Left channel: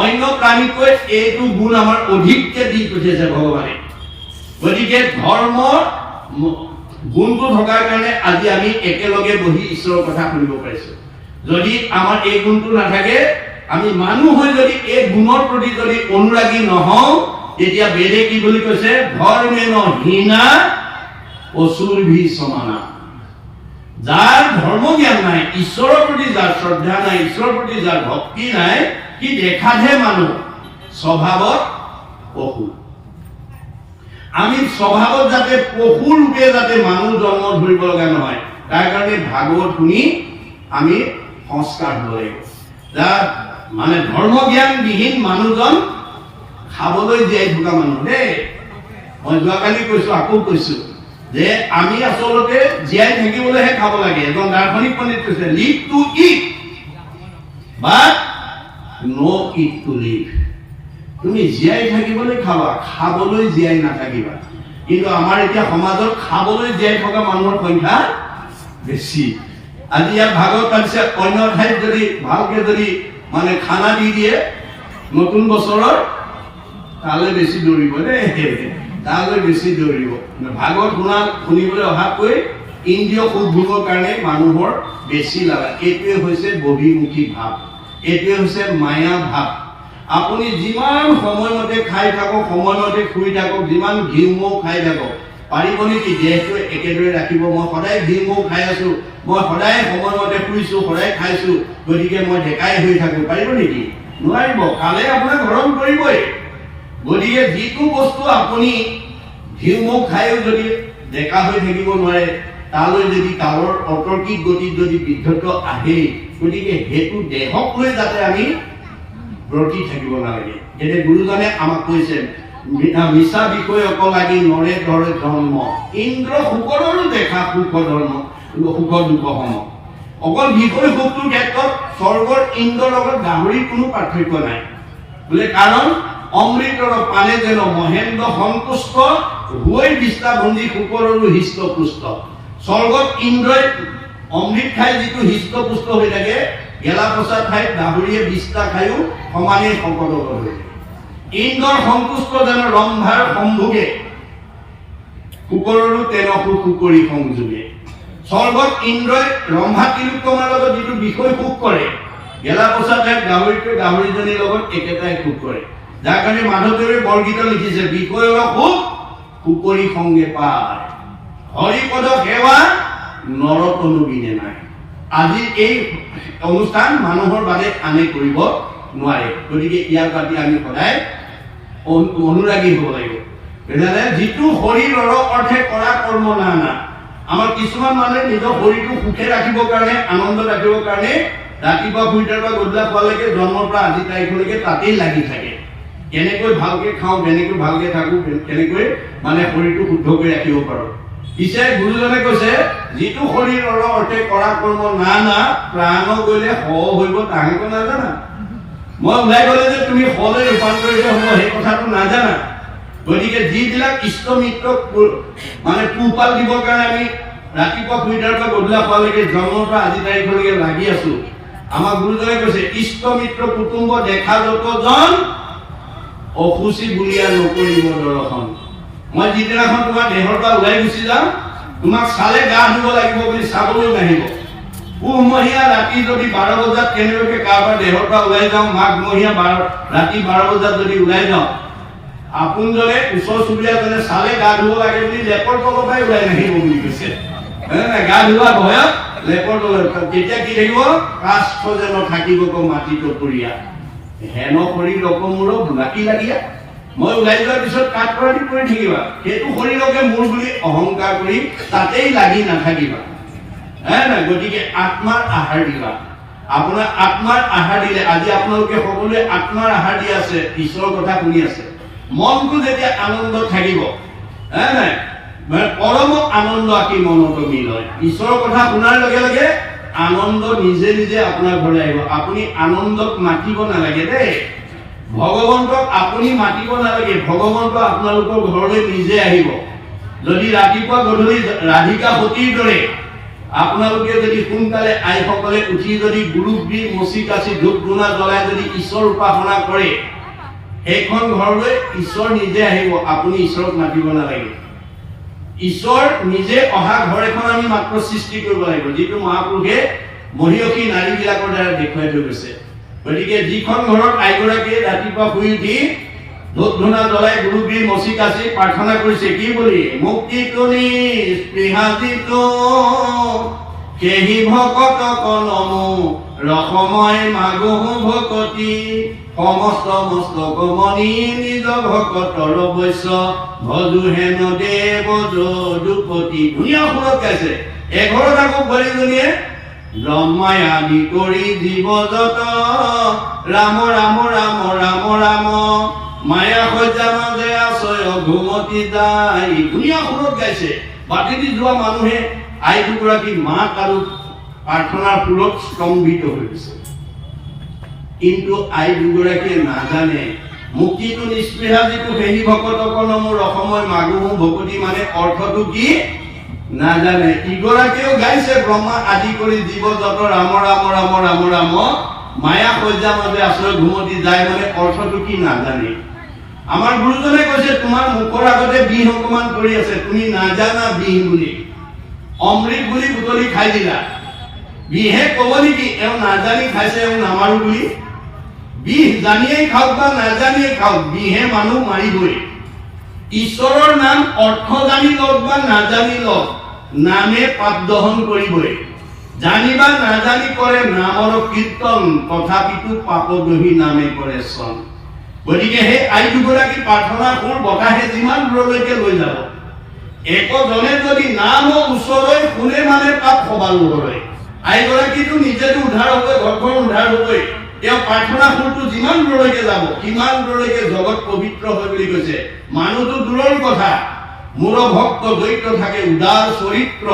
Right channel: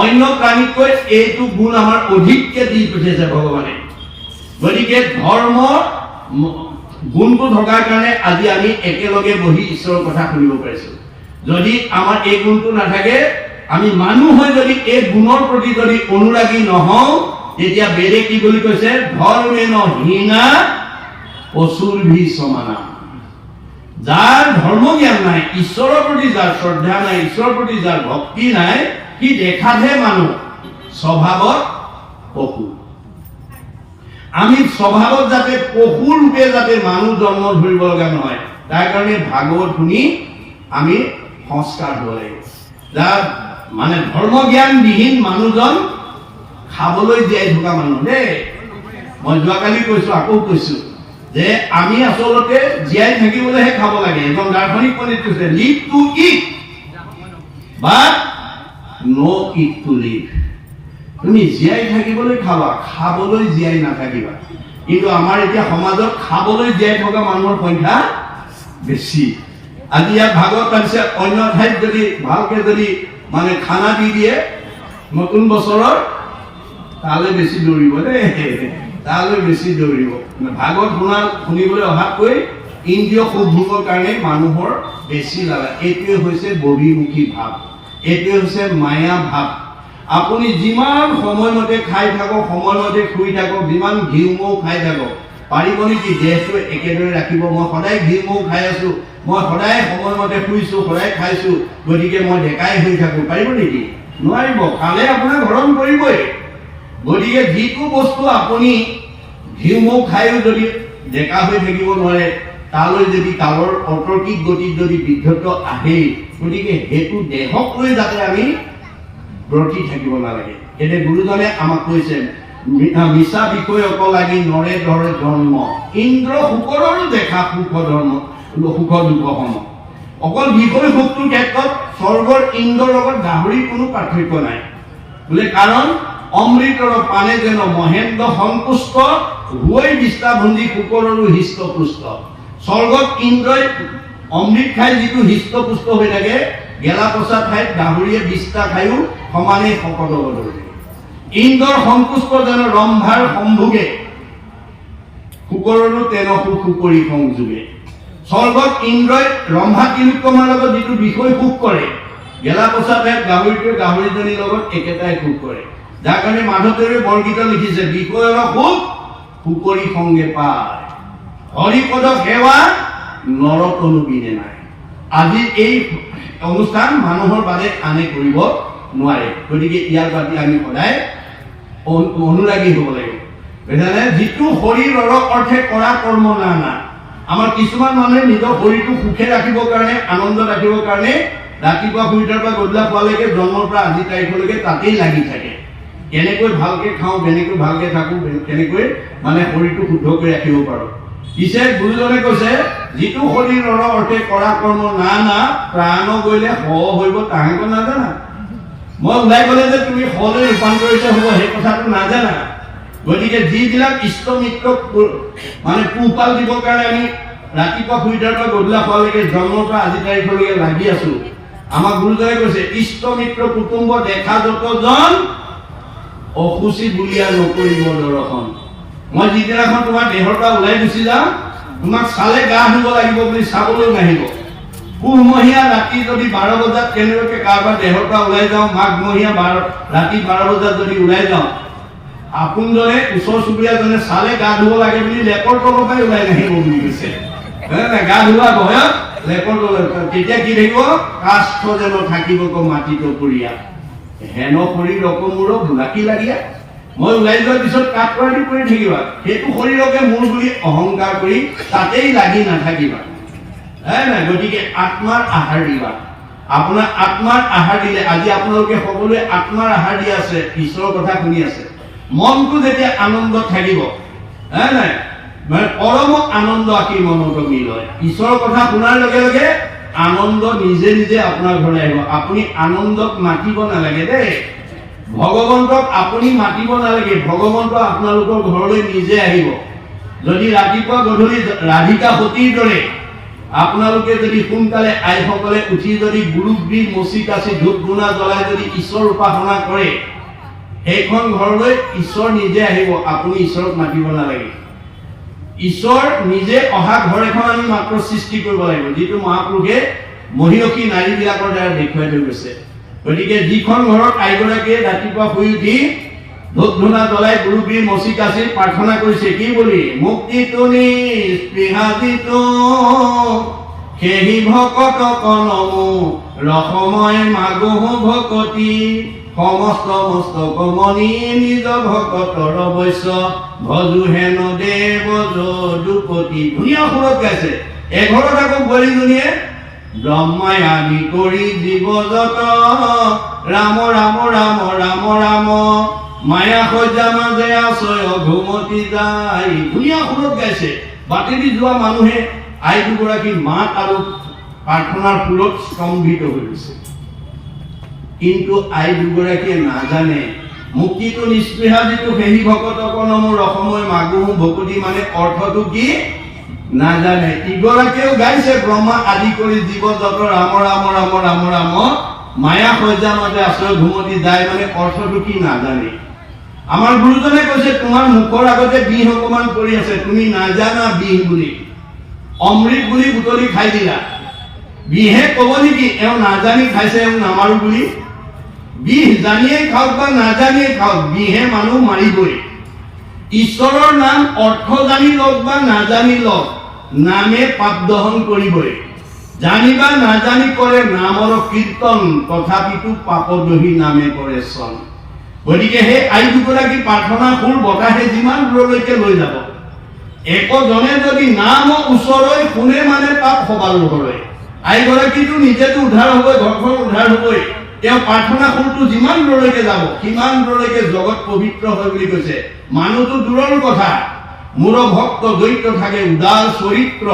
অন্য প্ৰাণীতকৈ এইটো গুণ আমাৰ অধিককে দি পঠিয়াইছে ভগৱানে। গতিকে ধৰ্ম গুণটো থকাৰ কাৰণে আজি আমি একেলগে বহি ঈশ্বৰৰ কথা শুনিব পাৰিছো। যদি আমাৰ এই গুণটো নাথাকে, আমি মানুহ হৈ যদি এই গুণৰ প্ৰতি যদি অনুৰাগী নহওঁ, তেতিয়া বেদে কি বুলি কৈছে? ধৰ্মেন হীনা অসুৰভি সমানা। যাৰ ধৰ্ম জ্ঞান নাই, ঈশ্বৰৰ প্ৰতি যাৰ শ্ৰদ্ধা নাই, ঈশ্বৰৰ প্ৰতি যাৰ ভক্তি নাই, সি দেখাতহে মানুহ, স্বভাৱত পশু। আমি স্বভাৱত যাতে পশু ৰূপে যাতে মানুহ জন্ম ধৰিব লগা নহয়, তাৰ কাৰণে ভাগৱত শুনি আমি সংস্কাৰ হ'ব লাগিব। যাৰ মানে ধৰ্ম জ্ঞান বিহীন মানুহজন খাবলৈ জীয়াই থকা মানুহ দেই। মই যোৱাকালি কৈছো, আকৌ কৈছো যে আমি আচলতে জীয়াই থাকিবলৈহে খাব লাগে। এজন দাৰ্শনিক পণ্ডিত কৈছে, live to eat but no eat to live. তুমি জীয়াই থাকিবলৈ খাবা, খাবলৈ জীয়াই নাথাকিবা। কিন্তু আমাৰ এতিয়া সমাজত খাবলৈ জীয়াই থকা মানুহৰ সংখ্যা বেছি। আজি ইয়াত ভাগৱত পাইছে, অন্য ঠাইত যদি ভালকে যদি মানে খানা দি দিয়ে নতুন বছৰৰ, তালৈ বেছি দৌৰিব দেই, তালৈ বেছি দৌৰিব। ভাগৱত শুনিবলৈ অহাতকৈ ইন্দ্ৰিয় সুখ ভোগৰ কাৰণে মানুহৰ বেছি লাগে। এইটোৱে হৈছে বহিমুখী ভাৱ, এইটোৱে হৈছে মায়া ভাৱ। আপুনি যিমান সময়মতে খাই থাকক, সময়মতে শুই থাকক, যিমান ঘিউ মৌ খাই থাকক, পাৰিব নেকি দেহটো একেদৰে ৰাখিব? মই সদায় ঘিউ মৌ খাই আছো, মই সদায় সময়মতে শুইছো, সদায় খাইছো, গতিকে মই ডেকাই হৈ থাকো, পাৰিব নেকি? নোৱাৰিব। কালে আপোনাক হৰণ কৰিবই। গতিকে যিটো বস্তু আপুনি ঘিউ মৌ খায়ো যদি ডেকা হৈ থাকিব নোৱাৰে, তালৈ যদি কালৰ অতৰ্কিক গতিত যদি বৃদ্ধত্ব আহে, গতিকে সেইটো দেহক লৈ যাতে আমি ব্ৰতি থাকিব নালাগে। এতিয়া গুৰুজনে আমাক কৈছে, মিছা বিষয় অকলাগি নৰে ধৰে জন্ম, ইন্দ্ৰ সুখৰো দেখা সুখ ধৰ্ম, সুখৰ দুখ সম। অকল বিষয় সুখটোৰ ক্ষেত্ৰত স্বৰ্গৰ ইন্দ্ৰৰ লগত গাহৰিৰ কোনো পাৰ্থক্য নাই বোলে। কাৰণ অমৃতৰ পানে যেন মহেন্দ্ৰ সন্তুষ্ট, হৈ বিস্তাভণ্ডী কুকৰৰো হৃষ্ট পুষ্ট। স্বৰ্গত ইন্দ্ৰই অমৃত খাই যিটো হৃষ্ট পুষ্ট হৈ থাকে, গেলা পচা ঠাইত গাহৰিয়ে বিস্তা খায়ো সমানে শকত হ'ব ধৰে। ইন্দ্ৰৰ সন্তুষ্ট যেন ৰম্ভাৰ সম্ভোগে, কুকৰৰো তেৰসু কুকৰি সংযোগে। স্বৰ্গত ইন্দ্ৰই ৰম্ভা তিলোত্তমাৰ লগত যিটো বিষয় সুখ কৰে, গেলা পচা ঠাইত গাহৰিটোৱে গাহৰিজনীৰ লগত একেটাই সুখ কৰে। যাৰ কাৰণে মাধৱদেৱে বৰগীত লিখিছে, বিষয়ৰ সুখ কুকৰি সংগে পায়, হৰিপদ সেৱা নৰতনু বিনে নাই। আজি এই অনুষ্ঠান মানুহৰ বাদে আনে কৰিব নোৱাৰে। গতিকে ইয়াৰ প্ৰতি আমি সদায় অনুৰাগী হ'ব লাগিব। যিটো শৰীৰৰ অৰ্থে কৰা কৰ্ম নানা। আমাৰ কিছুমান মানুহে নিজৰ শৰীৰটো সুখে ৰাখিবৰ কাৰণে, আনন্দ ৰাখিবৰ কাৰণে ৰাতিপুৱা শুই উঠাৰ পৰা গধূলা পোৱালৈকে, জন্মৰ পৰা আজি তাৰিখলৈকে তাতেই লাগি থাকে। কেনেকৈ ভালকে খাওঁ, কেনেকৈ ভালকে থাকো, কেনেকৈ মানে শৰীৰটো শুদ্ধ কৰি ৰাখিব পাৰো। পিছে গুৰুজনে কৈছে, যিটো শৰীৰৰ অৰ্থে কৰা কৰ্ম নানা, প্ৰাণ গ'লে হ হইব তাহাঁতে নাজানা। মই ওলাই গ'লে যে তুমি হলৈ ৰূপান্তৰিত হ'ব, সেই কথাটো নাজানা। গতিকে যিবিলাক ইষ্ট মিত্ৰক মানে পোহপাল দিবৰ কাৰণে আমি ৰাতিপুৱা শুই উঠাৰ পৰা গধূলা পোৱালৈকে, জন্মৰ পৰা আজি তাৰিখলৈকে লাগি আছো, আমাক গুৰুজনে কৈছে, ইষ্ট মিত্ৰ কুটুম্ব দেখা যতজন, অসুচি বুলিয়া নকৰিব দৰ্শন। মই যিদিনাখন তোমাৰ দেহৰ পৰা ওলাই গুচি যাওঁ, তোমাক চালে গা ধুব লাগিব বুলি চাবলৈ নাহিব। পুহমহীয়া ৰাতি যদি 12 বজাত কেনেবাকৈ কাৰোবাৰ দেহৰ পৰা ওলাই যাওঁ, মাঘমহীয়া ৰাতি 12 বজাত যদি ওলাই যাওঁ, আপোনজনে ওচৰ চুবুৰীয়াজনে চালে গা ধুব লাগে বুলি লেপৰ তলৰ পৰাই ওলাই নাহিব বুলি কৈছে। গা ধোৱা ভয়ত লেপৰ তলৰ, তেতিয়া কি থাকিব? কাষ্ঠ যেন থাকিব মাটিটো পুৰীয়া, হেন শৰীৰ অকমূৰক মাটি লাগিয়া। মই ওলাই যোৱাৰ পিছত কাঠ কৰাটো কৰি থাকিবা, সেইটো শৰীৰকে মোৰ বুলি অহংকাৰ কৰি তাতেই লাগি নাথাকিবা। গতিকে আত্মাৰ আহাৰ দিবা। আপোনাৰ আত্মাৰ আহাৰ দিলে, আজি আপোনালোকে সকলোৱে আত্মাৰ আহাৰ দি আছে, ঈশ্বৰৰ কথা শুনি আছে, মনটো যেতিয়া আনন্দ থাকিব, মানে পৰম আনন্দ আঁকি মনত মিল হয়। ঈশ্বৰৰ কথা শুনাৰ লগে লগে আনন্দ নিজে নিজে আপোনাৰ ঘৰলৈ আহিব। আপুনি আনন্দক মাতিব নালাগে দেই, ভগৱন্তক আপুনি মাতিব নালাগে, ভগৱন্ত আপোনালোকৰ ঘৰলৈ নিজে আহিব। যদি ৰাতিপুৱা গধূলি ৰাধিকা সতীৰ দৰে আপোনালোকে যদি সোনকালে আইসকলে উঠি যদি গুৰুগ্ৰী মচি কাচি ধূপ ধূনা জ্বলাই যদি ঈশ্বৰ উপাসনা কৰে, সেইখন ঘৰলৈ ঈশ্বৰ নিজে আহিব, আপুনি ঈশ্বৰক মাতিব নালাগে। ঈশ্বৰ নিজে অহা ঘৰ এখন আমি মাত্ৰ সৃষ্টি কৰিব লাগিব, যিটো মহাপুৰুষে মহিয়সী নাৰীবিলাকৰ দ্বাৰা দেখুৱাই থৈ গৈছে। গতিকে যিখন ঘৰত আইগৰাকীয়ে ৰাতিপুৱা শুই উঠি ধূপ ধূনা জ্বলাই গুৰুগ্ৰী মচি কাচি প্ৰাৰ্থনা কৰিছে কি বুলি, মুক্তিটো নিস্পৃহাজিতো সেহি ভকত কনমু ৰসময় মাগুহ ভকতি সমস্ত মস্তক মণি নিজ ভকতৰ বৈশ্য ভজু হেন দেৱ যদুপতি। ধুনীয়া সুৰত গাইছে। এঘৰত আকৌ বোৱাৰীজনীয়ে ব্ৰহ্মাই আদি কৰি জীৱ যত ৰাম ৰাম ৰাম ৰাম ৰাম মায়া সজ্জা মাজে আছয় ঘুমতি যায়। ধুনীয়া সুৰত গাইছে। বাটি দি যোৱা মানুহে আই দুগৰাকী মাত আৰু প্ৰাৰ্থনাৰ সুৰত স্তম্ভিত হৈ গৈছে। কিন্তু আই দুগৰাকীয়ে নাজানে মুক্তিটো নিস্পৃহা যিটো সেহি ভকত কনমুৰ অসময় মাগুহ ভকতি মানে অৰ্থটো কি নাজানে। ইগৰাকীয়েও গাইছে ব্ৰহ্মা আদি কৰি জীৱ যত ৰাম ৰাম ৰাম ৰাম ৰাম মায়া সজ্জা মাজে আছয় ঘুমতি যায় মানে অৰ্থটো কি নাজানে। আমাৰ গুৰুজনে কৈছে তোমাৰ মুখৰ আগতে বিহ অকমান পৰি আছে, তুমি নাজানা বিহ বুলি, অমৃত বুলি বুটলি খাই দিলা। বিহে কব নেকি এওঁ নাজানি খাইছে এওঁ নামাৰো বুলি? বিহ জানিয়েই খাওক বা নাজানিয়ে খাওক, বিহে মানুহ মাৰিবই। ঈশ্বৰৰ নাম অৰ্থ জানি লওক বা নাজানি লওক, নামে পাপ দহন কৰিবই। জানিবা নাজানি কৰে নামৰ কীৰ্তন, তথাপিতো পাপদহী নামে কৰে চন। গতিকে সেই আই দুগৰাকী প্ৰাৰ্থনা সুৰ বতাহে যিমান দূৰলৈকে লৈ যাব, একজনে যদি নাম ওচৰলৈ শুনে মানে পাপ সবালো কৰে। আইগৰাকীটো নিজেতো উদ্ধাৰ হ'বই, ঘৰখন উদ্ধাৰ হ'বই, তেওঁ প্ৰাৰ্থনা সুৰটো যিমান দূৰলৈকে যাব সিমান দূৰলৈকে জগত পবিত্ৰ হয় বুলি কৈছে। মানুহটো দূৰৰ কথা, মোৰ ভক্ত দৈত্য থাকে উদাৰ চৰিত্ৰ,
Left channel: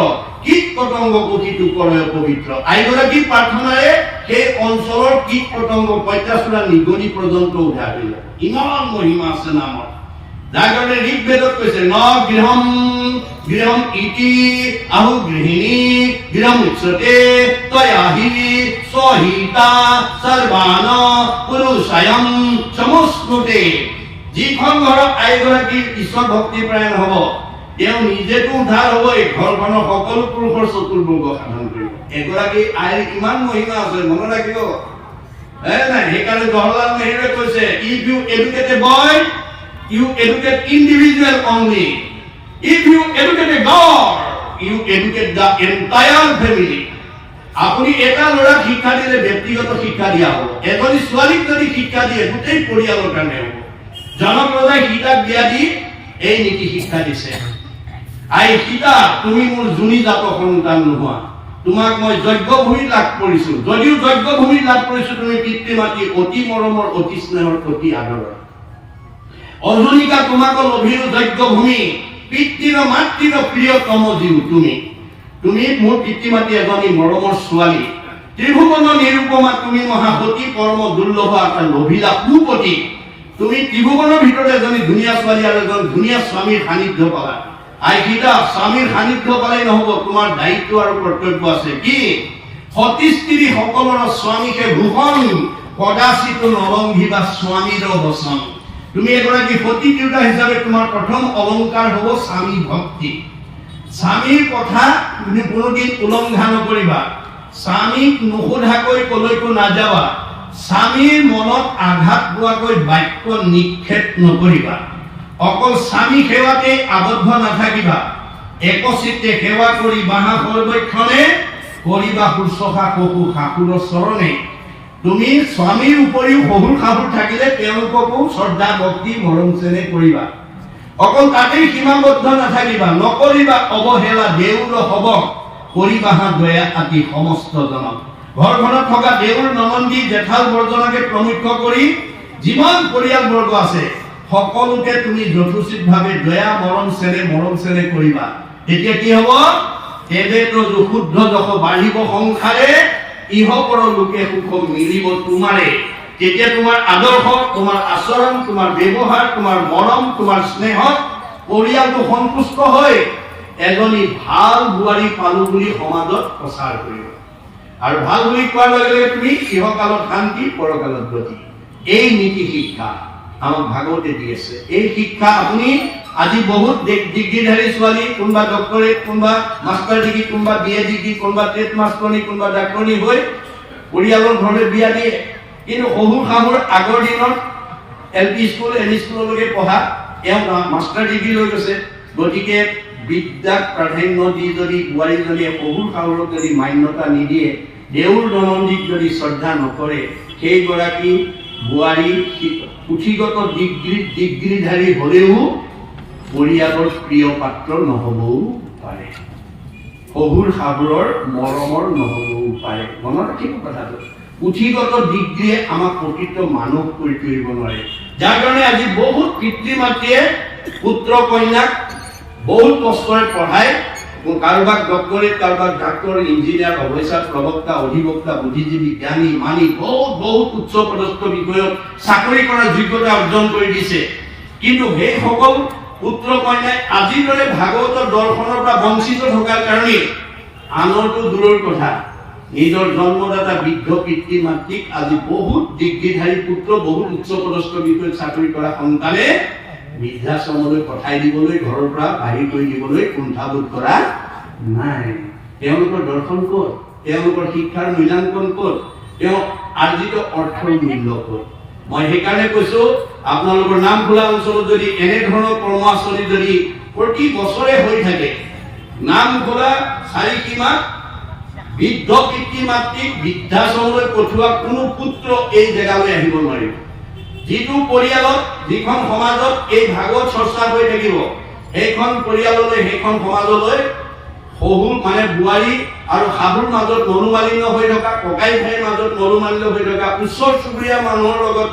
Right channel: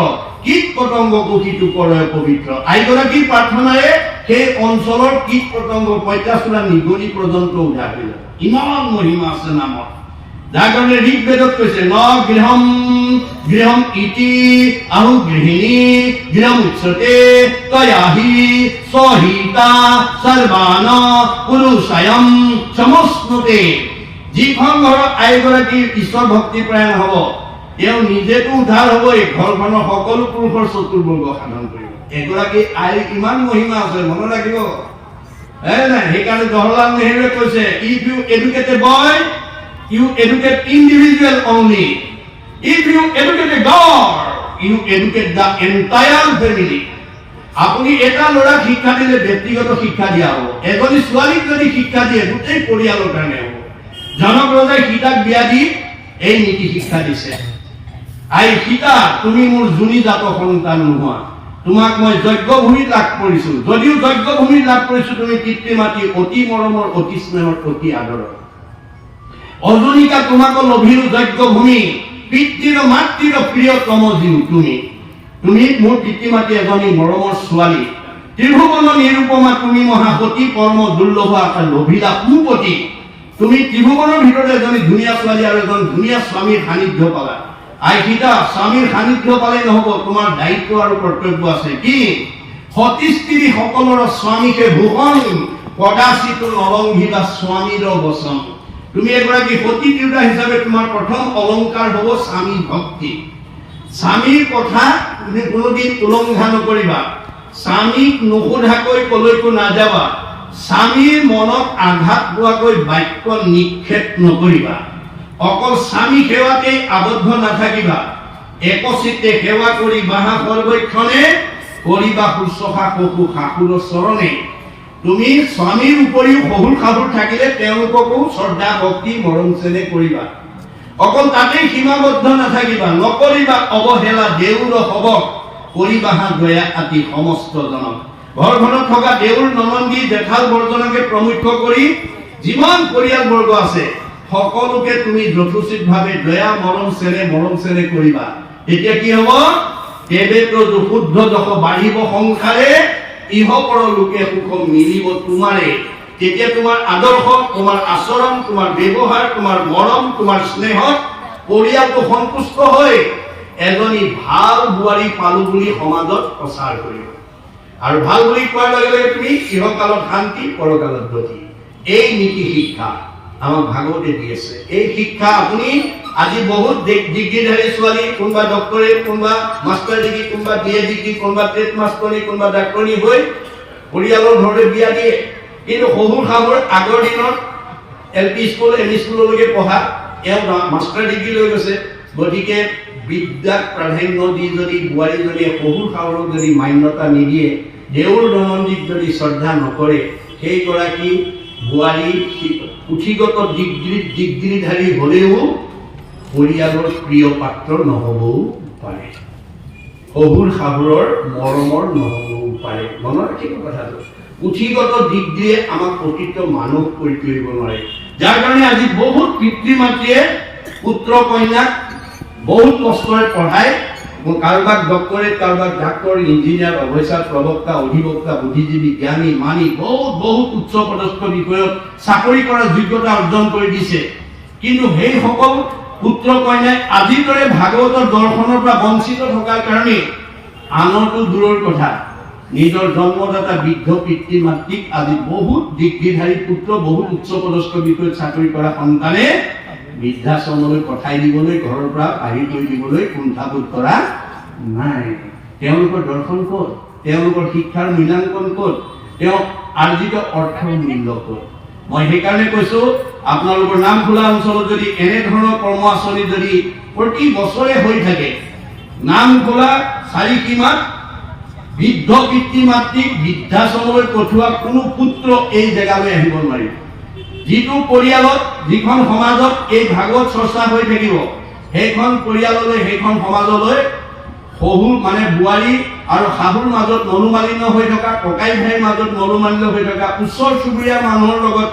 কীট পতংগ কীটো কৰে পবিত্ৰ। আইগৰাকী প্ৰাৰ্থনাৰে সেই অঞ্চলৰ কীট পতংগ পঁইতাচোৰা নিগনি পৰ্যন্ত উদ্ধাৰ হৈ যায়। ইমান মহিমা আছে নামৰ। যাৰ কাৰণে ঋগ্বেদত কৈছে ন গৃহম গৃহম ইতি আহু গৃহিণী গৃহম উচ্চতে তয়াহি সহিতা সৰ্বান পুৰুষায়ম সমস্নুতে। যিখন ঘৰত আইগৰাকী ঈশ্বৰ ভক্তিপৰায়ণ হ'ব, তেওঁ নিজেতো উদ্ধাৰ হ'বই, ঘৰখনৰ সকলো পুৰুষৰ চতুৰ্বৰ্গ সাধন কৰিব। এগৰাকী আইৰ ইমান মহিমা আছে, মনত ৰাখিব। সেইকাৰণে জৱাহৰলাল নেহৰুৱে কৈছে if you educate a boy you educate individual only. If you educate a God, you educate the entire family. আপুনি এটা ল'ৰাক শিক্ষা দিলে ব্যক্তিগত শিক্ষা দিয়া হ'ব, এজনী ছোৱালীক যদি শিক্ষা দিয়ে গোটেই পৰিয়ালৰ কাৰণে হ'ব। জনক ৰজাই সীতাক বিয়া দি এই নীতি শিক্ষা দিছে, আই সীতা তুমি মোৰ জুনি জাত সন্তান নোহোৱা, তোমাক মই যজ্ঞভূমি লাভ কৰিছো। যদিও যজ্ঞভূমি লাভ কৰিছো, তুমি পিতৃ মাতৃ অতি মৰমৰ অতি স্নেহৰ অতি আদৰৰ। অজনিকা তোমাকো লভিৰো যজ্ঞভূমি, পিতৃৰ মাতৃৰ প্ৰিয়তম জীৱ তুমি। তুমি মোৰ পিতৃ মাতৃ এজনী মৰমৰ ছোৱালী, ত্ৰিভুৱন নিৰূপমা তুমি মহাপতি পৰম দুৰ্লভ লভিলা কুপতি। তুমি ত্ৰিভুৱনৰ ভিতৰতে এজনী ধুনীয়া ছোৱালী আৰু এজন ধুনীয়া স্বামীৰ সান্নিধ্য পালা। আই সীতা স্বামীৰ সান্নিধ্য পালে নহব, তোমাৰ দায়িত্ব আৰু কৰ্তব্য আছে। কি? সতী স্ত্ৰী সকলৰ স্বামীকে ভূষণ কদাচিত নলংঘিবা স্বামীৰ বচন। তুমি এগৰাকী সতী তিৰোতা হিচাপে তোমাৰ প্ৰথম অলংকাৰ হ'ব স্বামী ভক্তি। স্বামীৰ কথা তুমি কোনোদিন উলংঘা নকৰিবা, স্বামীক নোসোধাকৈ কলৈকো নাযাবা, স্বামীৰ মনত আঘাত পোৱাকৈ বাক্য নিক্ষেপ নকৰিবা, অকল স্বামী সেৱাতে আবদ্ধ নাথাকিবা, একচিত্তে সেৱা কৰি বাহা সৰ্বক্ষণে কৰিবা শুশ্ৰূষা শহু শাহুৰৰ চৰণে। তুমি স্বামীৰ উপৰিও শহুৰ শাহুৰ থাকিলে তেওঁলোককো শ্ৰদ্ধা ভক্তি মৰম চেনেহ কৰিবা, অকল তাতেই সীমাবদ্ধ নাথাকিবা, নকৰিবা অৱহেলা দেউৰ হবক, কৰিবা দয়া আতি সমস্ত জনক। ঘৰখনত থকা দেউৰ ননন্দী জেঠাল বৰ্জনকে প্ৰমুখ্য কৰি যিমান পৰিয়ালবৰ্গ আছে সকলোকে তুমি যথোচিতভাৱে দয়া মৰম চেনেহ কৰিবা। তেতিয়া কি হব? এবেতো শুদ্ধ যশ বাঢ়িব সংসাৰে, ইহপৰ লোকে সুখ মিলিব তোমাৰে। তেতিয়া তোমাৰ আদৰ্শ, তোমাৰ আচৰণ, তোমাৰ ব্যৱহাৰ, তোমাৰ মৰম, তোমাৰ স্নেহত পৰিয়ালটো সন্তুষ্ট হৈ এজনী ভাল বোৱাৰী পালো বুলি সমাজত প্ৰচাৰ কৰিব আৰু ভাল বুলি কোৱাৰ লগে লগে তুমি ইহকালত শান্তি পৰকালত গতি এই নীতি শিক্ষা আমাক ভাগৱতে দি আছে এই শিক্ষা আপুনি আজি বহুত ডিগ্ৰীধাৰী ছোৱালী কোনোবা ডক্টৰেট কোনোবা মাষ্টাৰ ডিগ্ৰী কোনোবা বিএ ডিগ্ৰী কোনোবা টেট মাষ্টৰণী কোনোবা ডাক্তৰণী হৈ পৰিয়ালৰ ঘৰলৈ বিয়া দিয়ে কিন্তু শহুৰ শাহুৰ আগৰ দিনত এলপি স্কুল এম ই স্কুললৈকে পঢ়া এওঁ মাষ্টাৰ ডিগ্ৰী লৈ গৈছে গতিকে বিদ্যাক প্ৰাধান্য দি যদি বোৱাৰীজনীয়ে শহুৰ শাহুৰক যদি মান্যতা নিদিয়ে দেউৰ দনন্দীক যদি শ্ৰদ্ধা নকৰে সেইগৰাকী বোৱাৰী পুথিগত ডিগ্ৰীধাৰী হলেও পৰিয়ালৰ প্ৰিয় পাত্ৰ নহবও পাৰে শহুৰ শাহুৰৰ মৰমৰ নহবও পাৰে মনত ৰাখিব কথাটো পুথিগত ডিগ্ৰীয়ে আমাক প্ৰকৃত মানুহ কৰি তুলিব নোৱাৰে যাৰ কাৰণে আজি বহুত পিতৃ মাতৃয়ে পুত্ৰ কন্যাক বহুত কষ্টৰে পঢ়ায় কাৰোবাক ডক্টৰেট কাৰোবাক ডাক্তৰ ইঞ্জিনিয়াৰ অফিচাৰ প্ৰবক্তা অধিবক্তা বুদ্ধিজীৱী জ্ঞানী মানি বহুত উচ্চ পদস্থ বিষয়ত চাকৰি কৰাৰ যোগ্যতা অৰ্জন কৰি দিছে কিন্তু সেই সকল পুত্ৰ কন্যাই আজিৰ দৰে ভাগৱতৰ দৰ্শনৰ পৰা বঞ্চিত থকাৰ কাৰণে আনৰটো দূৰৰ কথা নিজৰ জন্মদাতা বৃদ্ধ পিতৃ মাতৃক আজি বহুত ডিগ্ৰীধাৰী পুত্ৰ বহুত উচ্চ পদস্থ বিষয়ত চাকৰি কৰা সন্তানে বৃদ্ধাশ্ৰমলৈ পঠাই দিবলৈ ঘৰৰ পৰা বাহিৰ কৰি দিবলৈ কুণ্ঠাবোধ কৰা নাই তেওঁলোকৰ দৰ্শন ক'ত তেওঁলোকৰ শিক্ষাৰ মূল্যাংকন ক'ত তেওঁ আৰ্জিত অৰ্থৰ মূল্য ক'ত মই সেইকাৰণে কৈছো আপোনালোকৰ নামখোলা অঞ্চলত যদি এনেধৰণৰ কৰ্ম আঁচনি যদি প্ৰতি বছৰে হৈ থাকে নামখোলা চাৰিসীমাত বৃদ্ধ পিতৃ মাতৃক বৃদ্ধাশ্ৰমলৈ পঠোৱা কোনো পুত্ৰ এই জেগালৈ আহিব নোৱাৰিব যিটো পৰিয়ালত যিখন সমাজত এই ভাগৱত চৰ্চা হৈ থাকিব সেইখন পৰিয়াললৈ সেইখন সমাজলৈ শহুৰ মানে বোৱাৰী আৰু শাহুৰ মাজত মনোমালিন্য হৈ থকা ককাই ভাইৰ মাজত মনোমালিন্য হৈ থকা ওচৰ চুবুৰীয়া মানুহৰ লগত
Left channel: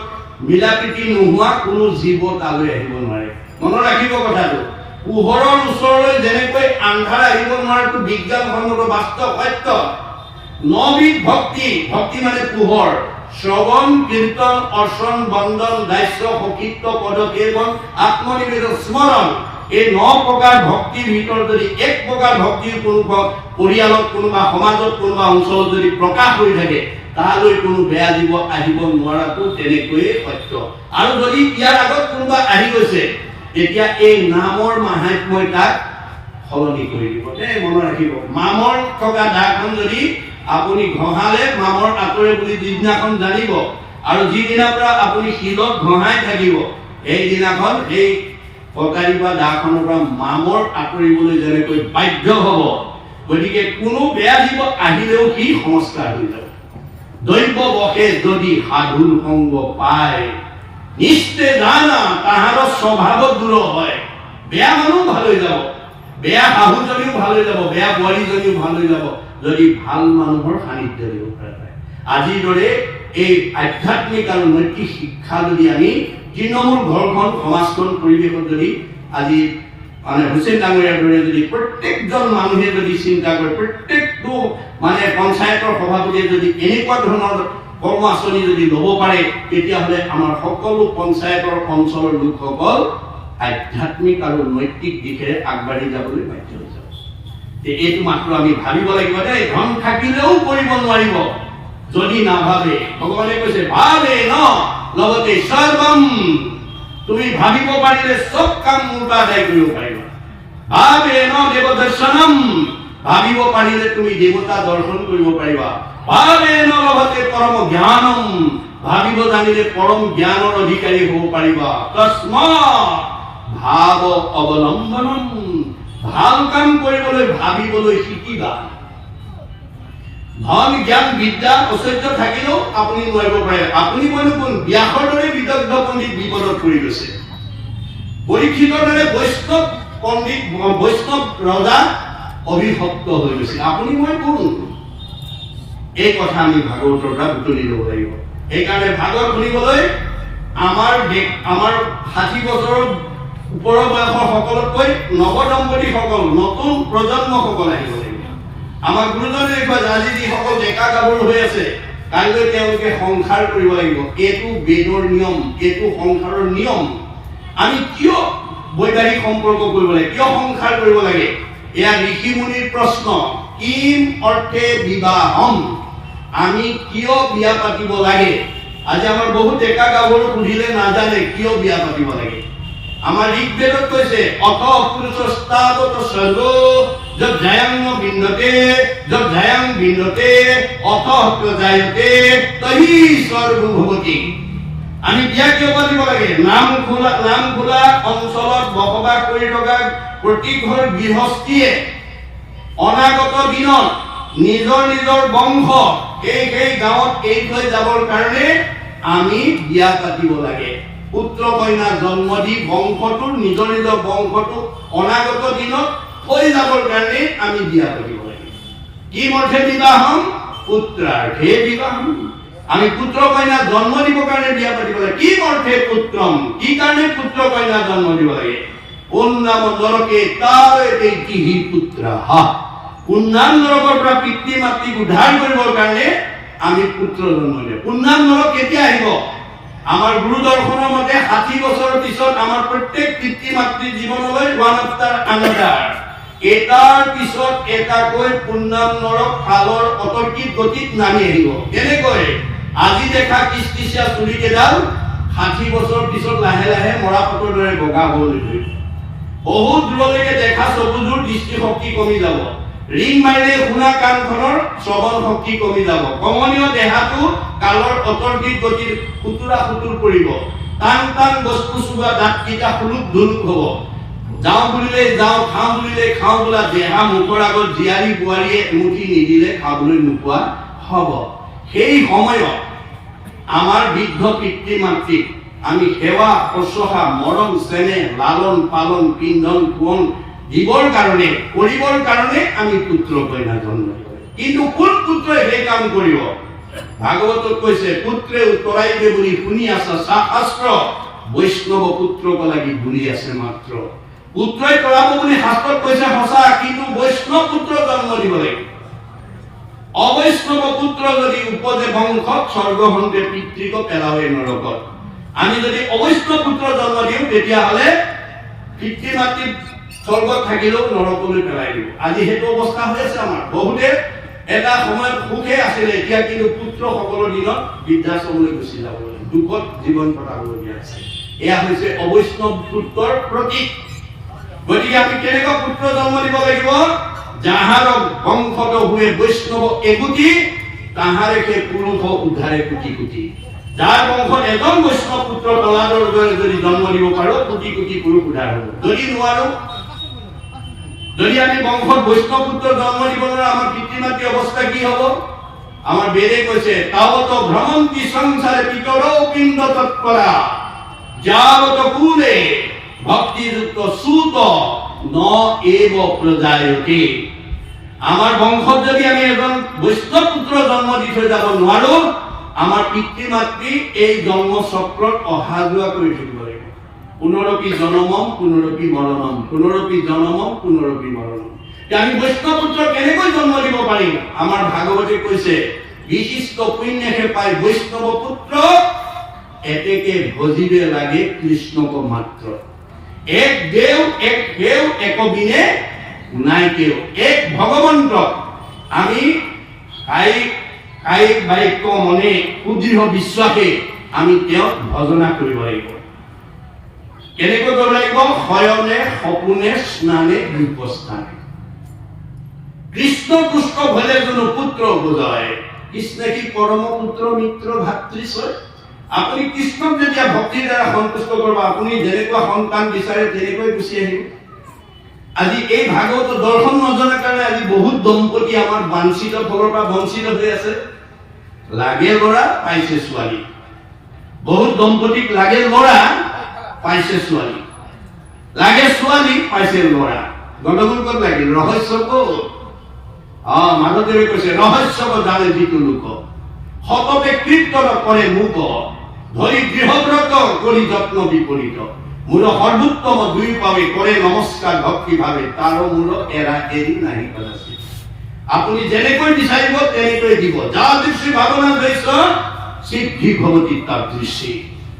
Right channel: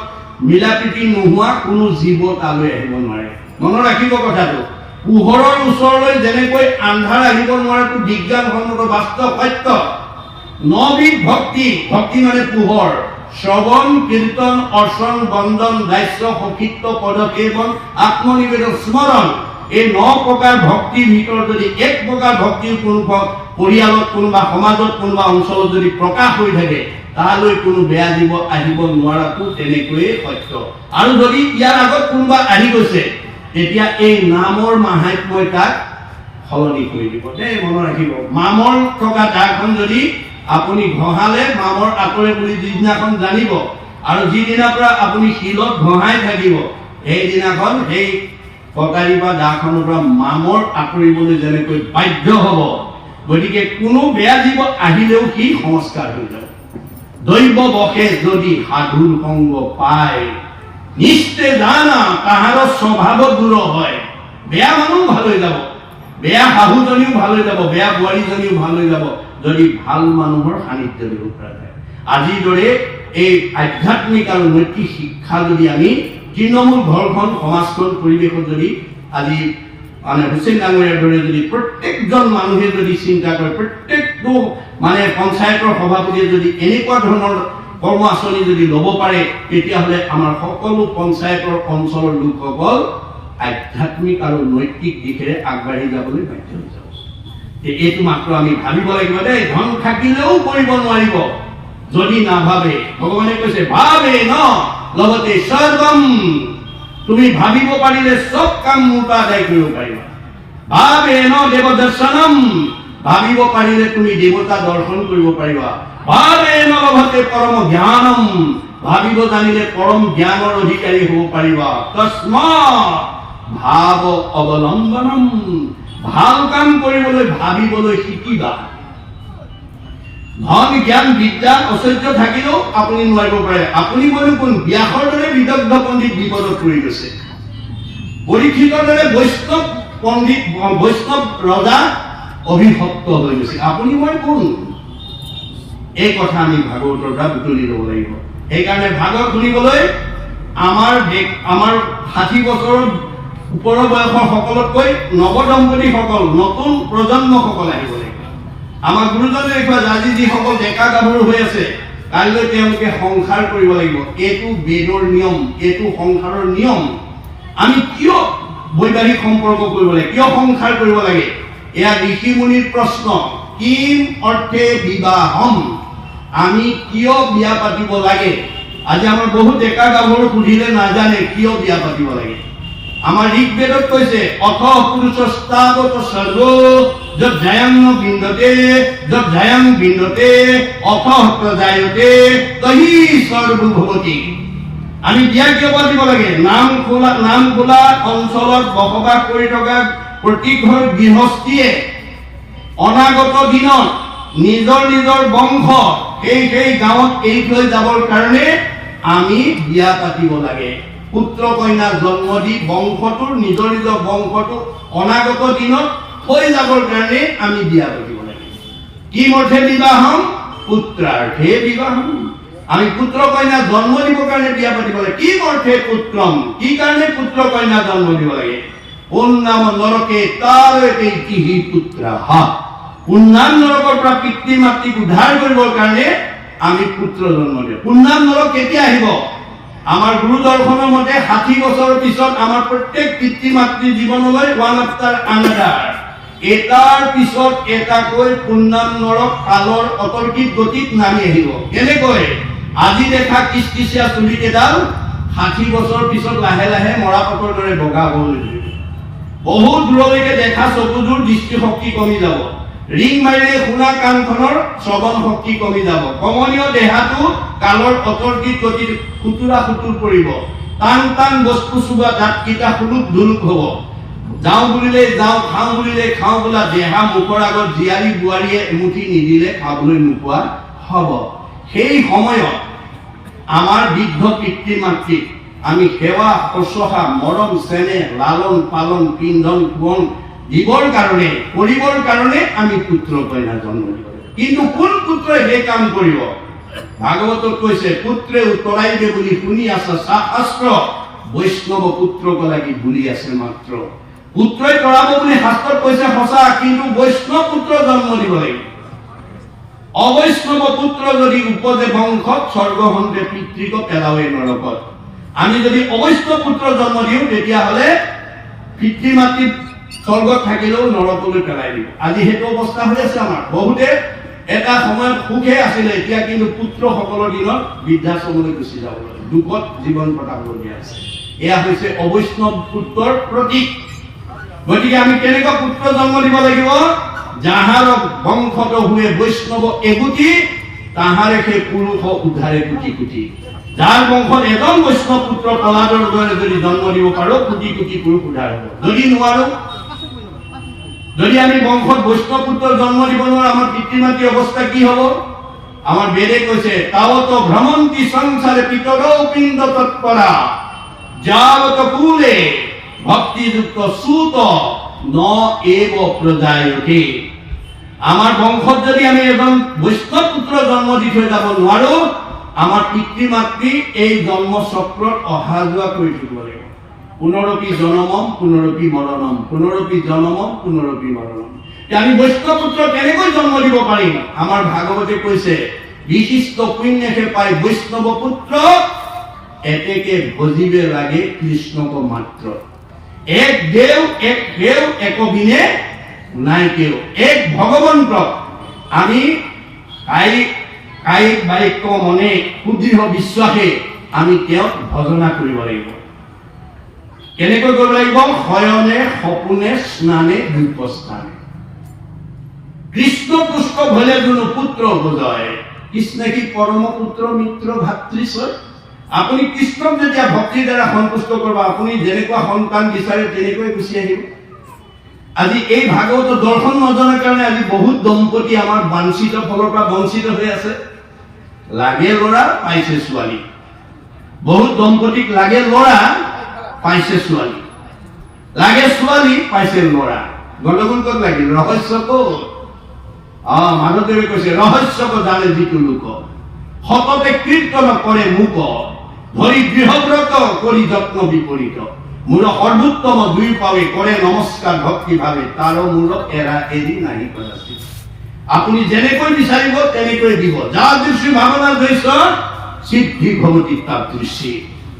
মিলা প্ৰীতি নোহোৱা কোনো জীৱ তালৈ আহিব নোৱাৰে মনত ৰাখিব কথাটো পোহৰৰ ওচৰলৈ যেনেকৈ আন্ধাৰ আহিব নোৱাৰাটো বিজ্ঞানসন্মত বাস্তৱ সত্য নবিধ ভক্তি ভক্তি মানে পোহৰ শ্ৰৱণ কীৰ্তন অৰ্চন বন্দন দাস্য সখিত্ব পদক্ষেপন আত্মনিবেদন স্মৰণ এই 9 প্ৰকাৰ ভক্তিৰ ভিতৰত যদি এক প্ৰকাৰ ভক্তিৰ কোনোবা পৰিয়ালত কোনোবা সমাজত কোনোবা অঞ্চলত যদি প্ৰকাশ হৈ থাকে তালৈ কোনো বেয়া জীৱ আহিব নোৱাৰাটো তেনেকৈয়ে সত্য আৰু যদি ইয়াৰ আগত কোনোবা আহি গৈছে তেতিয়া এই নামৰ মাহাত্ম্যই তাক সলনি কৰি দিব দেই মনত ৰাখিব মামৰ থকা দাখন যদি আপুনি ঘঁহালে মামৰ আঁতৰে বুলি যিদিনাখন জানিব আৰু যিদিনাৰ পৰা আপুনি শিলত ঘঁহাই থাকিব সেইদিনাখন সেই কটাৰী বা দাখনৰ পৰা মামৰ আঁতৰিবলৈ যেনেকৈ বাধ্য হ'ব গতিকে কোনো বেয়া জীৱ আহিলেও সি সংস্কাৰ হৈ যাব দৈৱ বসে যদি সাধুৰ সংগ পায় নিশ্চয় জানা তাহাৰ স্বভাৱত দূৰ হয় বেয়া মানুহ ভাল হৈ যাব বেয়া শাহুজনীও ভাল হৈ যাব বেয়া বোৱাৰীজনীও ভাল হৈ যাব যদি ভাল মানুহৰ সান্নিধ্য দিব পৰা যায় আজিৰ দৰে এই আধ্যাত্মিক আৰু নৈতিক শিক্ষা যদি আমি তৃণমূল ঘৰখন সমাজখন পৰিৱেশত যদি আজি মানে হুছেইন ডাঙৰীয়াৰ দৰে যদি প্ৰত্যেকজন মানুহে যদি চিন্তা কৰে প্ৰত্যেকটো মানে পঞ্চায়তৰ সভাপতিয়ে যদি এনেকুৱা ধৰণৰ কৰ্ম আঁচনি যদি ল'ব পাৰে তেতিয়াহ'লে আমাৰ সকলো পঞ্চায়তৰ অঞ্চলৰ লোকসকল আধ্যাত্মিক আৰু নৈতিক দিশেৰে আগবাঢ়ি যাবলৈ বাধ্য হৈ যাব এইটো মাত্ৰ আমি ভাবিব লাগিব দেই ধন থাকিলেও কৰিব নোৱাৰিব যদি নাভাবে ভগৱানে কৈছে ভাবে ন লগতে সৰ্বম তুমি ভাবিব পাৰিলে সব কাম মুটা আদায় কৰিব পাৰিবা ভাবে ন দেৱ দৰ্শনম ভাবিব পাৰিলে তুমি দেৱতা দৰ্শন কৰিব পাৰিবা ভাবে ন লভতে পৰম জ্ঞানম ভাবিব জানিলে পৰম জ্ঞানৰ অধিকাৰী হ'ব পাৰিবা তস্মাৎ ভাৱ অৱলম্বনম ভাল কাম কৰিবলৈ ভাবিবলৈ শিকিবা ধন জ্ঞান বিদ্যা ঐশ্বৰ্য থাকিলেও আপুনি নোৱাৰিব পাৰে আপুনি মই কোন ব্যাসৰ দৰে বিদগ্ধ পণ্ডিত বিপদত পৰি গৈছে পৰীক্ষিতৰ দৰে বৈষ্ণৱ পণ্ডিত বৈষ্ণৱ ৰজা অভিভক্ত হৈ গৈছে আপুনি মই কোন এই কথা আমি ভাগৱতৰ পৰা বুটলি ল'ব লাগিব সেইকাৰণে ভাগৱত শুনিবলৈ আমাৰ 60 বছৰৰ ওপৰৰ বয়সৰ সকলতকৈ নৱদম্পতীসকল নতুন প্ৰজন্মসকল আহিব লাগিব আমাৰ গুৰুজনে দেখুৱা আজি যিসকল ডেকা গাভৰু হৈ আছে কাইলৈ তেওঁলোকে সংসাৰ কৰিব লাগিব এইটো বেদৰ নিয়ম এইটো সংসাৰৰ নিয়ম আমি কিয় বৈবাহিক সম্পৰ্ক কৰিব লাগে কিয় সংসাৰ কৰিব লাগে এয়া ঋষি মুনিৰ প্ৰশ্ন, কিম অৰ্থে বিবাহম, আমি কিয় বিয়া পাতিব লাগে? আজি আমাৰ বহুত ডেকা গাভৰু সুধিলে নাজানে কিয় বিয়া পাতিব লাগে। আমাৰ ঋগ্বেদত কৈছে অথ পুৰুষস্তাৱত সৰ্গ যজ্ঞায়ং বিন্দতে অথ প্ৰজায়তে তহি সৰ্ব ভৱতি। আমি বিয়া কিয় পাতিব লাগে? নাম খোলা অঞ্চলত বসবাস কৰি থকা প্ৰতি ঘৰ গৃহস্থীয়ে অনাগত দিনত নিজৰ বংশ সেই গাঁৱত এৰি থৈ যাবৰ কাৰণে আমি বিয়া পাতিব লাগে। পুত্ৰ কন্যা জন্ম দি বংশটো নিজৰ বংশটো অনাগত দিনত থৈ যাবৰ কাৰণে আমি বিয়া পাতিব লাগে। কি অৰ্থে বিবাহম? পুত্ৰাৰ্থে বিবাহম। আমি পুত্ৰ কন্যা জন্ম দিবৰ কাৰণে বিয়া পাতিব লাগে। কি অৰ্থে পুত্ৰম, কি কাৰণে পুত্ৰ কন্যা জন্ম দিব লাগে? পুণ্যাম নৰকে তাৰতে তিহি পুত্ৰাহ। পুণ্যাম নৰকৰ পৰা পিতৃ মাতৃক উদ্ধাৰ কৰিবৰ কাৰণে আমি পুত্ৰ জন্ম দিওঁ। পুণ্যাম নৰক কেতিয়া আহিব? আমাৰ গুৰু দৰ্শনৰ মতে 60 বছৰৰ পিছত আমাৰ প্ৰত্যেক পিতৃ মাতৃ জীৱনলৈ ওৱান আফটাৰ আনাদাৰ এটাৰ পিছত এটাকৈ পুণ্যাম নৰক কালৰ অতৰ্কিত গতিত নামি আহিব। কেনেকৈ? আজি দেখা কিচকিচিয়া চুলি কেইডাল 60 বছৰ পিছত লাহে লাহে মৰাপাতৰ দৰে বগা হ'বলৈ ধৰিব। বহুত দূৰলৈকে দেখা চকুযোৰ দৃষ্টিশক্তি কমি যাব। ৰিং মাৰিলে শুনা কাণখনৰ শ্ৰৱণ শক্তি কমি যাব। কমনীয় দেহাটো কালৰ অতৰ্কিত গতিত খুতুৰা পৰিব। টান বস্তু চুবা দাঁতকেইটা সুলুক ধুলুক হ'ব। যাওঁ বুলিলে যাওঁ, খাওঁ বুলিলে খাওঁ বোলা দেহা মুখৰ আগত জীয়াৰী বোৱাৰীয়ে এমুঠি নিদিলে খাবলৈ নোপোৱা হ'ব। সেই সময়ত আমাৰ বৃদ্ধ পিতৃ মাতৃক আমি সেৱা শুশ্ৰূষা মৰম চেনেহ লালন পালন পিন্ধন পোষণ দিবৰ কাৰণে কৰিবৰ কাৰণে আমি পুত্ৰ কন্যা জন্ম দিব। কিন্তু কোন পুত্ৰই সেই কাম কৰিব? ভাগৱতত কৈছে পুত্ৰে উত্তৰাইবে বুলি শুনি আছে শাস্ত্ৰ, বৈষ্ণৱ পুত্ৰক লাগি ভুলি আছে মাত্ৰ। পুত্ৰই কৰাব বুলি শাস্ত্ৰত কৈছে সঁচা, কিন্তু বৈষ্ণৱ পুত্ৰ জন্ম দিব লাগিব। অবৈষ্ণৱ পুত্ৰ যদি উপজে বংশত স্বৰ্গভন্তে পিতৃক পেলাৱে নৰকত। আমি যদি অবৈষ্ণৱ পুত্ৰ জন্ম দিওঁ তেতিয়াহ'লে পিতৃ মাতৃ স্বৰ্গত থাকিলেও নৰকলৈ পেলাই দিব। আজি সেইটো অৱস্থা হৈ আছে আমাৰ। বহুতে এটা সময়ত সুখে আছিলে, এতিয়া কিন্তু পুত্ৰসকলৰ দিনত বৃদ্ধাশ্ৰমলৈ গুচি যাব লাগে, দুখত জীৱন কটাবলগীয়া আছে। এয়া হৈছে অবৈষ্ণৱ পুত্ৰৰ প্ৰতীক। গতিকে আমি কেনেকুৱা পুত্ৰ জন্ম দিব লাগিব? যাহাৰ বংশত হুৱে বৈষ্ণৱ এগুটি, তাহাৰে সেই পুৰুষ উদ্ধাৰে কোটি কোটি। যাৰ বংশত এজন বৈষ্ণৱ পুত্ৰ তলাতৰ দৰে যদি জন্ম দিব পাৰো, কোটি কোটি পুৰুষ উদ্ধাৰ হ'ব। যদি নোৱাৰো, যদি আমি বংশত বৈষ্ণৱ পুত্ৰ জন্ম দিব নোৱাৰো, আমাৰ পিতৃ মাতৃৰ অৱস্থা কি হ'ব? আমাৰ বেদে কৈছে তাৱত ভ্ৰমন্তি সংসাৰে পিতৰৌ পিণ্ড তৎপৰা যাৱত কুলে ভক্তিযুক্ত সুত ন এব প্ৰজায়তে। আমাৰ বংশত যদি আমি এজন বৈষ্ণৱ পুত্ৰ জন্ম দি থৈ যাব নোৱাৰো, আমাৰ পিতৃ মাতৃ এই জন্ম চক্ৰত অহা যোৱা কৰি থাকিব লাগিব। পুনৰপি জনমম পুনৰপি মৰণম, পুনৰপি জনমম পুনৰপি মৰণম। আমি বৈষ্ণৱ পুত্ৰ কেনেকৈ জন্ম দিব পাৰিম? আমাৰ ভাগৱতে কৈছে বিশিষ্ট পুণ্যহে পায় বৈষ্ণৱ পুত্ৰ, এতেকে ভজিবে লাগে কৃষ্ণক মাত্ৰ। এক দেৱ এক দেৱ এক বিনে নাই কেউ। এক ভগৱন্ত আমি কায়িক বাক্য মনে সুদৃঢ় বিশ্বাসে আমি তেওঁক ভজনা কৰিব লাগিব। কেনেকৈ কৰিব লাগিব? শয়নে সপোনে স্নানে বিপস্থানে। কৃষ্ণ পুষ্প ভলে কোনো পুত্ৰ বুজয়, কৃষ্ণ কি পৰম পুত্ৰ মিত্ৰ ভাতৃশ্বয়। আপুনি কৃষ্ণক যেতিয়া ভক্তিৰ দ্বাৰা সন্তুষ্ট কৰিব, আপুনি যেনেকুৱা সন্তান বিচাৰে তেনেকৈ গুচি আহিব। আজি এই ভাগৱত দৰ্শন নজনাৰ কাৰণে আজি বহুত দম্পতি আমাৰ বাঞ্ছিত ফলৰ পৰা বঞ্চিত হৈ আছে। লাগে ল'ৰা পাইছে ছোৱালী, বহুত দম্পতিক লাগে ল'ৰা পাইছে ছোৱালী, লাগে ছোৱালী পাইছে ল'ৰা। গণ্ডগোল ক'ত লাগিল? ৰহস্য ক'ত? মাধৱদেৱে কৈছে ৰহস্য জানে যিটো লোক, সততে কীৰ্তন কৰে মুক, ধৰি দৃঢ়ব্ৰত কৰি যত্ন বিপৰীত। মূল সৰ্বোত্তম দুই পাৱে কৰে নমস্কাৰ ভক্তি ভাৱে, তাৰ মূল এৰা এৰি নাহি কদাচি। আপুনি যেনেকৈ বিচাৰিব তেনেকৈ দিব। যা দৃষ্টি ভাৱনা দৃশ্য সিদ্ধি ভৱতি তাৰ দৃষ্টি।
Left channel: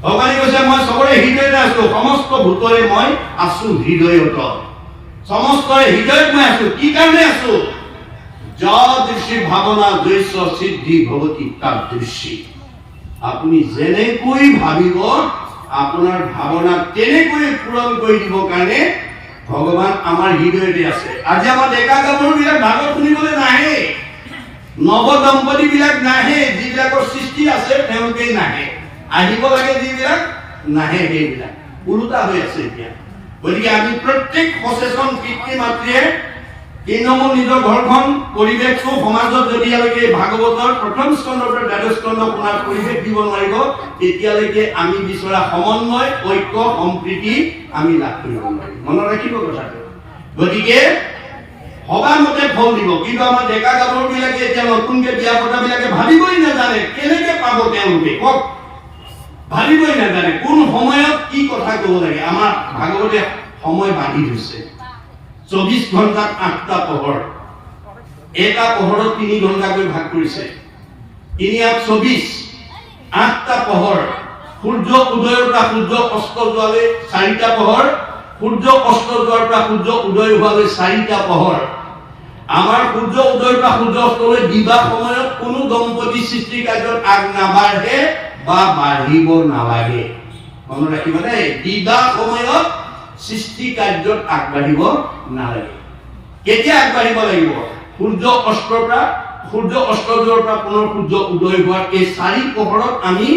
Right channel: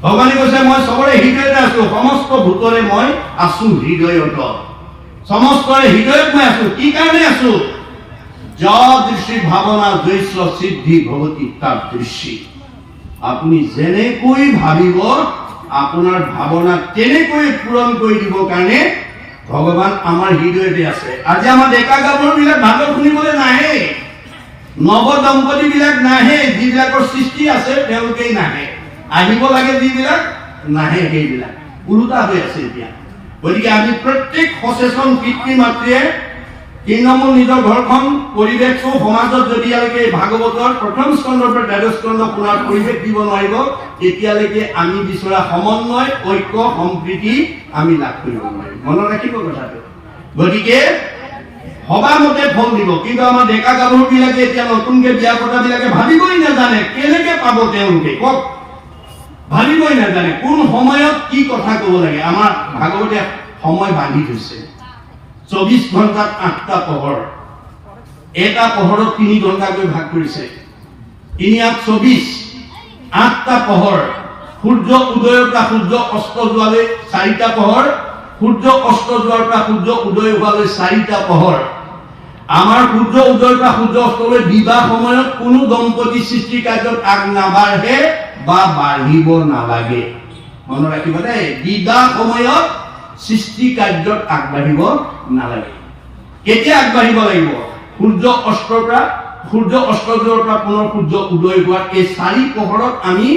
ভগৱানে কৈছে মই চবৰে হৃদয়তে আছো, সমস্ত ভূতৰে মই আছো হৃদয়ত। সমস্তৰে হৃদয়ত মই আছো। কি কাৰণে আছো? যদৃশি ভাৱনা দৈশ্য সিদ্ধি ভৱতি তাদৃশি। আপুনি যেনেকৈ ভাবিব আপোনাৰ ভাৱনা তেনেকৈ পূৰণ কৰি দিব কাৰণে ভগৱান আমাৰ হৃদয়তে আছে। আজি আমাৰ ডেকা গাভৰুবিলাক ভাগৱত শুনিবলৈ নাহে, নৱ দম্পতি বিলাক নাহে, যিবিলাকৰ সৃষ্টি আছে তেওঁলোকেই নাহে, আহিব লাগে যিবিলাক নাহে সেইবিলাক ওলোটা হৈ আছে এতিয়া। গতিকে আমি প্ৰত্যেক সচেতন পিতৃ মাতৃয়ে তৃণমূল নিজৰ ঘৰখন পৰিৱেশ সমাজত যদিলৈকে ভাগৱতৰ প্ৰথম স্কন্ধৰ পৰা দ্বাদশ স্কন্ধ শুনাৰ পৰিৱেশ দিব নোৱাৰিব তেতিয়ালৈকে আমি বিচৰা সমন্বয় ঐক্য সম্প্ৰীতি আমি লাভ কৰিব নোৱাৰিম। মনত ৰাখিব কথাটো। গতিকে ভবা মতে ফল দিব। কিন্তু আমাৰ ডেকা গাভৰুবিলাকে এতিয়া নতুনকে বিয়া পতাবিলাকে ভাবিবই নাজানে কেনেকে পাব তেওঁলোকে, কওক ভাবিবই নাজানে কোন সময়ত কি কথা ক'ব লাগে। আমাৰ ভাগৱতে সময় বান্ধি থৈছে 24 ঘণ্টাত 8টা পোহৰ, এটা পোহৰত 3 ঘণ্টাকৈ ভাগ কৰিছে। 3×24 8টা পোহৰ, সূৰ্য উদয়ৰ পৰা সূৰ্য অস্ত যোৱালৈ 4টা পোহৰ, সূৰ্য অস্ত যোৱাৰ পৰা সূৰ্য উদয় হোৱালৈ 4টা পোহৰ। আমাৰ সূৰ্য উদয়ৰ পৰা সূৰ্য অস্তলৈ বিবাহ সময়ত কোনো দম্পতি সৃষ্টি কাৰ্যত আগ নাবাঢ়ে বা বাঢ়িব নালাগে। মনত ৰাখিব দেই, বিবাহ সময়ত সৃষ্টি কাৰ্যত আগবাঢ়িব নালাগে। কেতিয়া আগবাঢ়িব লাগিব? সূৰ্য অস্তৰ পৰা সূৰ্য অস্ত যোৱাৰ পৰা পুনৰ সূৰ্য উদয় হোৱাৰ এই 4 পোহৰত আমি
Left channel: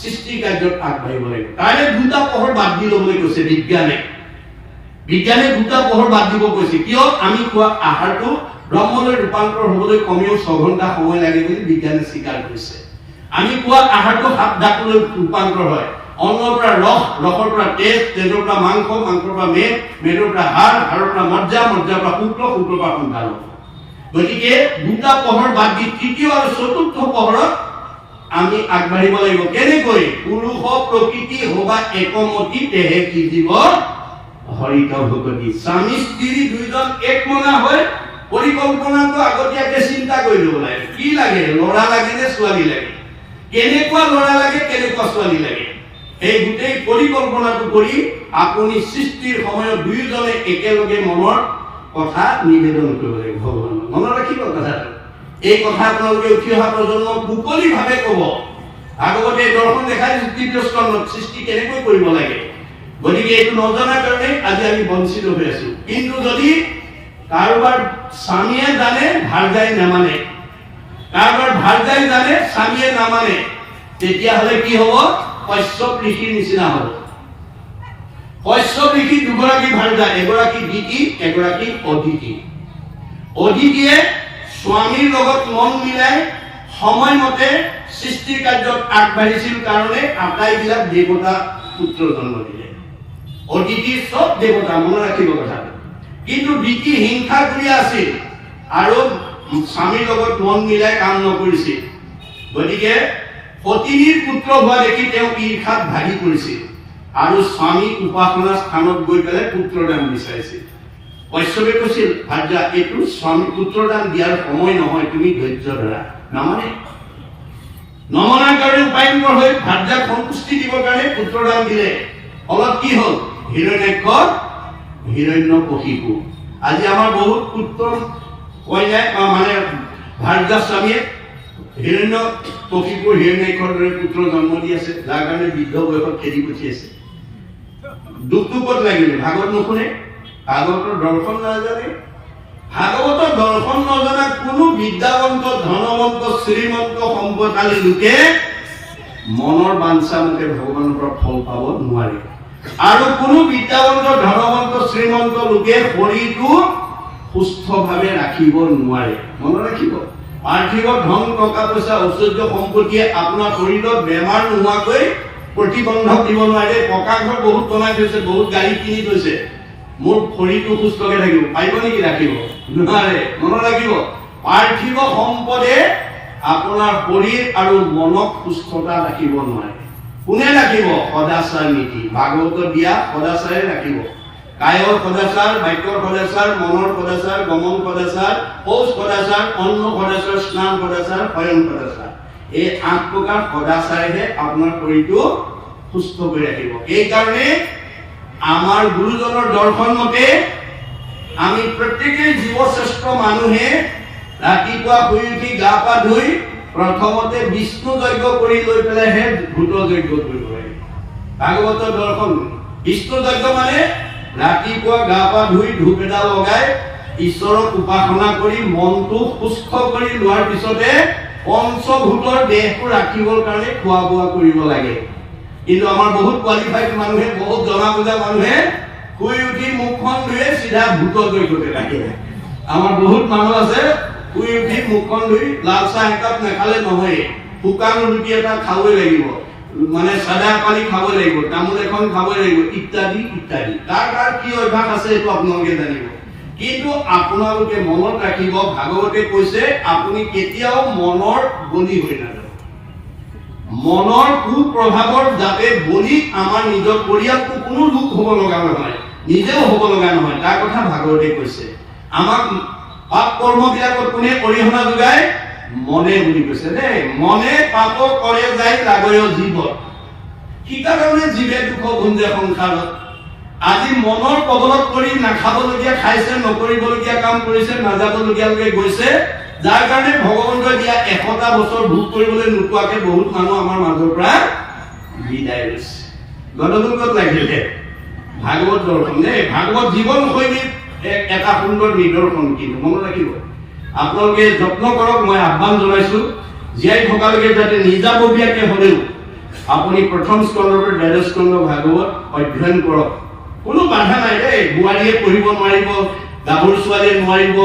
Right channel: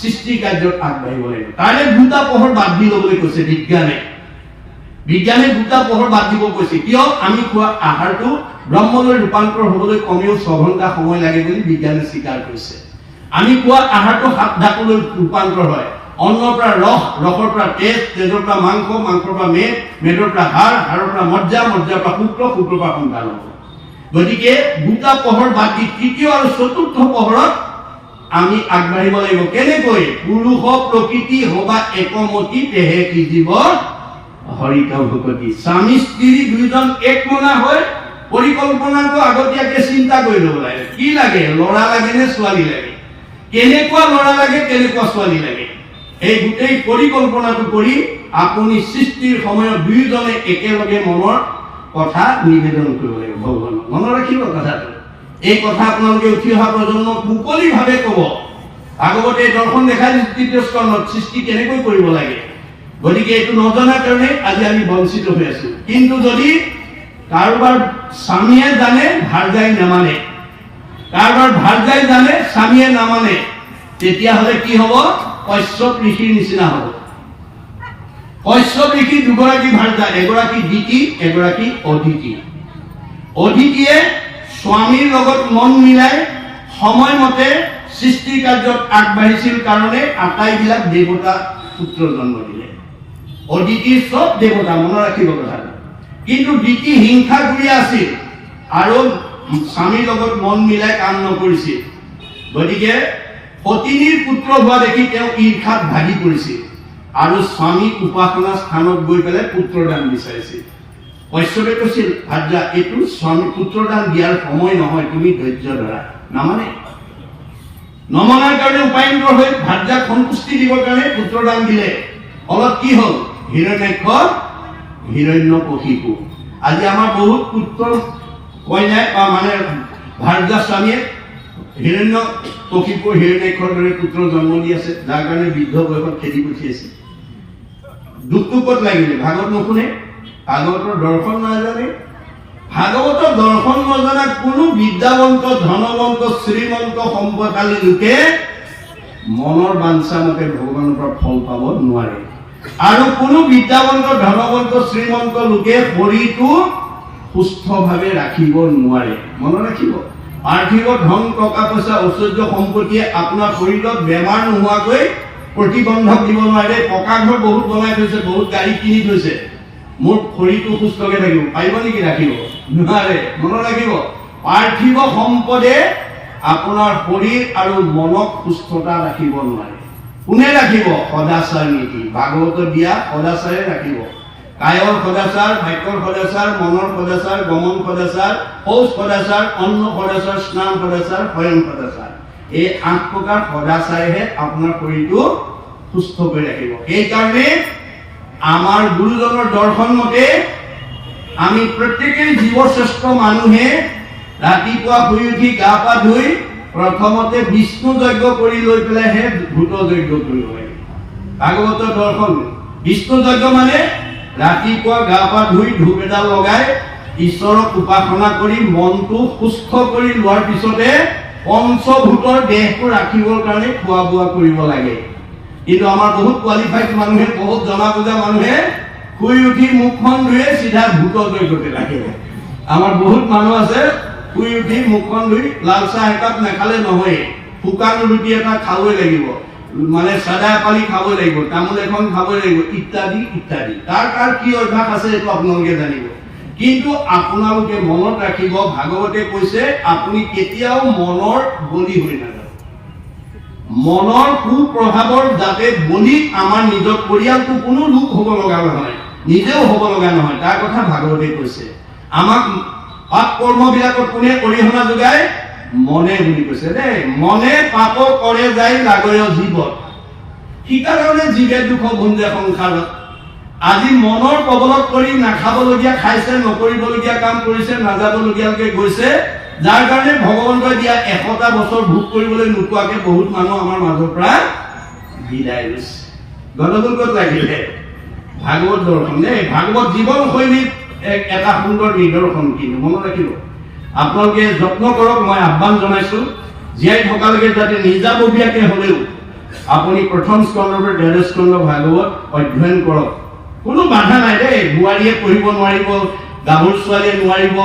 সৃষ্টি কাৰ্যত আগবাঢ়িব লাগিব। তাৰে 2টা পোহৰ বাদ দি ল'বলৈ কৈছে বিজ্ঞানে। বিজ্ঞানে 2টা পোহৰ বাদ দিব কৈছে। কিয়? আমি খোৱা আহাৰটো ব্ৰহ্মলৈ ৰূপান্তৰ হ'বলৈ কমেও 6 ঘণ্টা সময় লাগে বুলি বিজ্ঞানে স্বীকাৰ কৰিছে। আমি খোৱা আহাৰটো 7 ধাতুলৈ ৰূপান্তৰ হয়। অন্নৰ পৰা ৰস, ৰসৰ পৰা তেজ, তেজৰ পৰা মাংস, মাংসৰ পৰা মেদ, মেদৰ পৰা হাড়, হাড়ৰ পৰা মজ্জা, মজ্জাৰ পৰা শুক্ৰ, শুক্ৰৰ পৰা সন্তান হ'ব। গতিকে 2টা পোহৰ বাদ দি তৃতীয় আৰু চতুৰ্থ পোহৰত আমি আগবাঢ়িব লাগিব। কেনেকৈ? পুৰুষ প্ৰকৃতি হবা একমতি তেহে কি জীৱ হৰিত ভূপতি। স্বামী স্ত্ৰী দুইজন একমনা হৈ পৰিকল্পনাটো আগতীয়াকে চিন্তা কৰি ল'ব লাগে। কি লাগে? ল'ৰা লাগে নে ছোৱালী লাগে? কেনেকুৱা ল'ৰা লাগে, কেনেকুৱা ছোৱালী লাগে? এই গোটেই পৰিকল্পনাটো কৰি আপুনি সৃষ্টিৰ সময়ত দুয়োজনে একেলগে মনৰ কথা নিবেদন কৰিব লাগিব ভগৱানক। মনত ৰাখিব কথাটো। এই কথা আপোনালোকে উঠি অহা প্ৰজন্মক মুকলিভাৱে ক'ব। ভাগৱতে দৰ্শন দেখাই তৃতীয় স্কন্ধত সৃষ্টি কেনেকৈ কৰিব লাগে। গতিকে এইটো নজনাৰ কাৰণে আজি আমি বঞ্চিত হৈ আছো। কিন্তু যদি কাৰোবাৰ স্বামীয়ে জানে ভাৰ্যাই নামানে, কাৰোবাৰ ভাৰ্যাই জানে স্বামীয়ে নামানে, তেতিয়াহ'লে কি হ'ব? কশ্যপ ঋষিৰ নিচিনা হ'ব। কশ্যপ ঋষি দুগৰাকী ভাৰ্যা, এগৰাকী দিতি, এগৰাকী অদিতি। অদিতিয়ে স্বামীৰ লগত মন মিলাই সময়মতে সৃষ্টি কাৰ্যত আগবাঢ়িছিল কাৰণে আটাইবিলাক দেৱতা পুত্ৰ জন্ম দিলে। অদিতি চব দেৱতা, মনত ৰাখিব কথাটো। কিন্তু দিতি হিংসা কৰি আছিল আৰু স্বামীৰ লগত মন মিলাই কাম নকৰিছিল। গতিকে পত্নীৰ পুত্ৰ হোৱা দেখি তেওঁ ঈৰ্ষাত ভাগি পৰিছিল আৰু স্বামীক উপাসনা স্থানত গৈ পেলাই পুত্ৰদান বিচাৰিছিল। কশ্যপে কৈছিল, ভাৰ্যা এইটো স্বামী পুত্ৰদান দিয়াৰ সময় নহয়, তুমি ধৈৰ্য ধৰা। নমনাৰ কাৰণে উপায়ন্তৰ হৈ ভাৰ্যাক সন্তুষ্টি দিবৰ কাৰণে পুত্ৰদান দিলে। ফলত কি হ'ল? হিৰণ্যাক্ষ, হিৰণ্যকশিপু। আজি আমাৰ বহুত পুত্ৰ কন্যাই মানে ভাৰ্যা স্বামীয়ে হিৰণ্যকশিপু, হিৰণ্যাক্ষৰ দৰে পুত্ৰ জন্ম দি আছে, যাৰ কাৰণে বৃদ্ধ বয়সত খেদি পঠিয়াইছে। দুখটো ক'ত লাগিলে? ভাগৱত নুশুনে, ভাগৱতৰ দৰ্শন নাজানে। ভাগৱতৰ দৰ্শন নজনা কোনো বিদ্যাৱন্ত, ধনৱন্ত, শ্ৰীমন্ত, সম্পদশালী লোকে মনৰ বাঞ্ছা মতে ভগৱানৰ পৰা ফল পাব নোৱাৰে। আৰু কোনো বিদ্যাৱন্ত, ধনৱন্ত, শ্ৰীমন্ত লোকে শৰীৰটো সুস্থভাৱে ৰাখিব নোৱাৰে। মনত ৰাখিব, পাৰ্থিৱ ধন, টকা পইচা, ঐশ্বৰ্য সম্পত্তিয়ে আপোনাৰ শৰীৰত বেমাৰ নোহোৱাকৈ প্ৰতিবন্ধক দিব নোৱাৰে। পকা ঘৰ বহুত বনাই থৈছে, বহুত গাড়ী কিনি থৈছে, মোৰ শৰীৰটো সুস্থকে থাকিব, পাৰিব নেকি? ৰাখিব নোৱাৰে। মনত ৰাখিব, পাৰ্থিৱ সম্পদে আপোনাৰ শৰীৰ আৰু মনক সুস্থতা ৰাখিব নোৱাৰে। কোনে ৰাখিব? সদাচাৰ নীতি, ভাগৱত দিয়া সদাচাৰে ৰাখিব। কায়ৰ সদাচাৰ, বাক্যৰ সদাচাৰ, মনৰ সদাচাৰ, গমন সদাচাৰ, শৌচ সদাচাৰ, অন্ন সদাচাৰ, স্নান সদাচাৰ, শয়ন সদাচাৰ। এই 8 প্ৰকাৰ সদাচাৰেহে আপোনাৰ শৰীৰটো সুস্থ কৰি ৰাখিব। সেইকাৰণে আমাৰ গুৰুজনৰ দৰ্শন মতে আমি প্ৰত্যেকেই জীৱশ্ৰেষ্ঠ মানুহে ৰাতিপুৱা শুই উঠি গা পা ধুই প্ৰথমতে বিষ্ণু যজ্ঞ কৰি লৈ পেলাইহে ভূত যজ্ঞ কৰিব লাগে। ভাগৱতৰ দৰ্শন বিষ্ণু যজ্ঞ মানে ৰাতিপুৱা গা পা ধুই ধূপ এডাল লগাই ঈশ্বৰক উপাসনা কৰি মনটো সুস্থ কৰি লোৱাৰ পিছতে পঞ্চভূতৰ দেহটো ৰাখিবৰ কাৰণে খোৱা বোৱা কৰিব লাগে। কিন্তু আমাৰ বহুত কোৱালিফাইড মানুহে, বহুত জনা বুজা মানুহে শুই উঠি মুখখন ধুই চিধা ভূত যজ্ঞতে লাগে। আমাৰ বহুত মানুহ আছে শুই উঠি মুখখন ধুই লাল চাহ একাপ নাখালে নহয়, শুকান ৰুটি এটা খাবই লাগিব, মানে চাদা পানী খাবই লাগিব, তামোল এখন খাবই লাগিব, ইত্যাদি ইত্যাদি। তাৰ কি অভ্যাস আছে এইটো আপোনালোকে জানিব। কিন্তু আপোনালোকে মনত ৰাখিব, ভাগৱতে কৈছে আপুনি কেতিয়াও মনৰ বলি হৈ নাযায়। মনৰ কুপ্ৰভাৱৰ যাতে বলি আমাৰ নিজৰ পৰিয়ালটো কোনো লোক হ'ব লগা নহয়, নিজেও হ'ব লগা নহয়, তাৰ কথা ভাগৱতে কৈছে। আমাক পাপ কৰ্মবিলাকত কোনে অৰিহণা যোগায়? মনে বুলি কৈছে দেই। মনে পাপ কৰে যায় লাগয় জীৱত, সেইকাৰণে জীৱে দুখ ভুঞ্জে সংসাৰত। আজি মনৰ কবলত কৰি নাখাবলগীয়া খাইছে, নকৰিবলগীয়া কাম কৰিছে, নাযাবলগীয়ালৈকে গৈছে, যাৰ কাৰণে ভগৱন্তই দিয়া 100টা বছৰ ভোগ কৰিবলৈ নোপোৱাকে বহুত মানুহ আমাৰ মাজৰ পৰা বিদায় লৈছে। গণতন্ত্ৰ ক'ত লাগিলে? ভাগৱত দৰ্শন দেই। ভাগৱত জীৱন শৈলীত এটা সুন্দৰ নিদৰ্শন। কিন্তু মনত ৰাখিব, আপোনালোকে যত্ন কৰক। মই আহ্বান জনাইছো, জীয়াই থকালৈকে যাতে নিজাববীয়াকে হ'লেও আপুনি প্ৰথম স্কন্ধৰ পৰা দ্বাদশ স্কন্ধ ভাগৱত অধ্যয়ন কৰক। কোনো বাধা নাই দেই। বোৱাৰীয়ে পঢ়িব নোৱাৰিব, গাভৰু ছোৱালীয়ে নোৱাৰিব,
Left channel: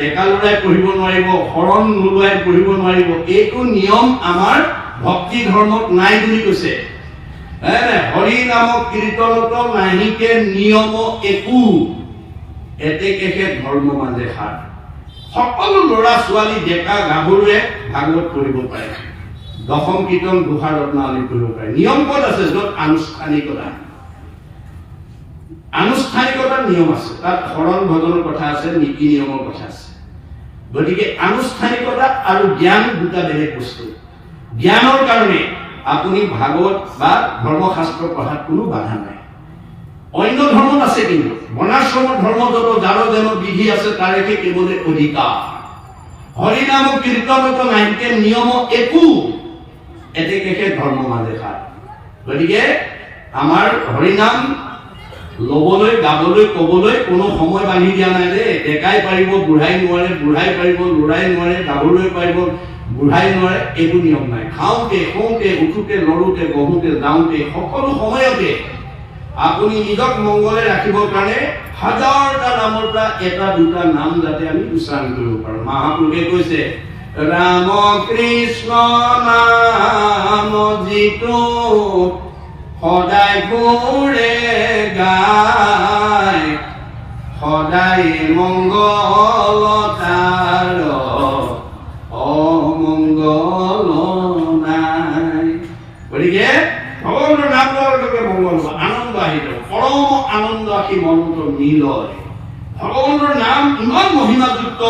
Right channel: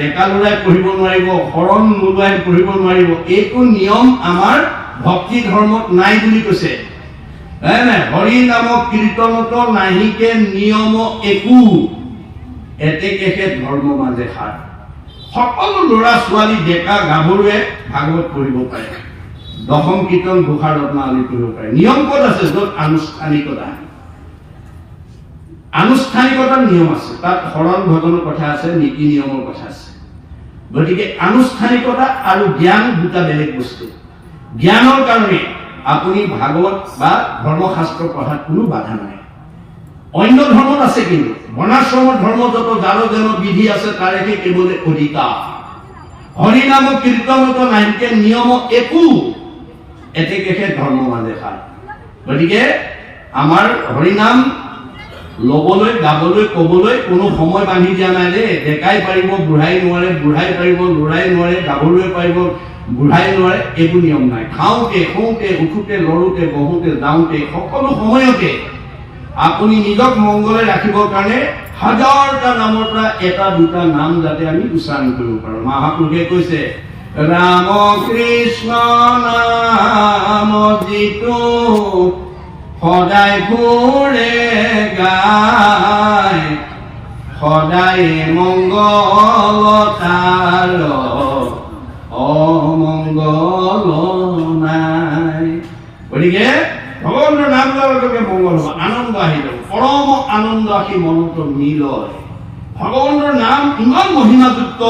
ডেকা ল'ৰাই পঢ়িব নোৱাৰিব, শৰণ নোলোৱাই পঢ়িব নোৱাৰিব। এইটো নিয়ম আমাৰ ভক্তি ধৰ্মত নাই বুলি কৈছে। হৰি নাম কীৰ্তনত নাহিকে নিয়ম একো, এতেকেহে ধৰ্ম মাজে সাৰ। সকলো ল'ৰা ছোৱালী ডেকা গাভৰুৱে ভাগৱত পঢ়িব পাৰে, দশম কীৰ্তন ঘোষা ৰত্নাৱলী পঢ়িব পাৰে। নিয়ম ক'ত আছে? য'ত আনুষ্ঠানিকতা, আনুষ্ঠানিকতাৰ নিয়ম আছে, তাত শৰণ ভজনৰ কথা আছে, নীতি নিয়মৰ কথা আছে। গতিকে আনুষ্ঠানিকতা আৰু জ্ঞান দুটা বেলেগ বস্তু। জ্ঞানৰ কাৰণে আপুনি ভাগৱত বা ধৰ্মশাস্ত্ৰ পঢ়াত কোনো বাধা নাই। অন্য ধৰ্মত আছে, কিন্তু বৰ্ণাশ্ৰমৰ ধৰ্ম যত যাৰ যেন বিধি আছে তাৰেহে কেৱল অধিকাৰ। হৰি নাম কীৰ্তনত নাহিকে নিয়ম একো, এতেকেহে ধৰ্ম মাজে সাৰ। গতিকে আমাৰ হৰিনাম লবলৈ, গাবলৈ, কবলৈ কোনো সময় বান্ধি দিয়া নাই দেই। ডেকাই পাৰিব, বুঢ়াই নোৱাৰে, বুঢ়াই পাৰিব, ল'ৰাই নোৱাৰে, গাভৰুৱে পাৰিব, বুঢ়াই নোৱাৰে, একো নিয়ম নাই। খাওঁতে, শুওঁতে, উঠোতে, লৰোতে, বহোতে, যাওঁতে, সকলো সময়তে আপুনি নিজক মংগলে ৰাখিবৰ কাৰণে হাজাৰটা নামৰ পৰা এটা দুটা নাম যাতে আমি উচ্চাৰণ কৰিব পাৰোঁ। মহাপুৰুষে কৈছে, ৰাম কৃষ্ণ নাম যিটো সদায় ঘূৰে গায়, সদায় মংগল তাৰ অমংগল নাই। গতিকে ভগৱানৰ নাম লোৱাৰ লগে মংগল হ'ব, আনন্দ আহি যাব, পৰম আনন্দ আহি মনটো নিলয়। ভগৱানৰ নাম ইমান মহিমাযুক্ত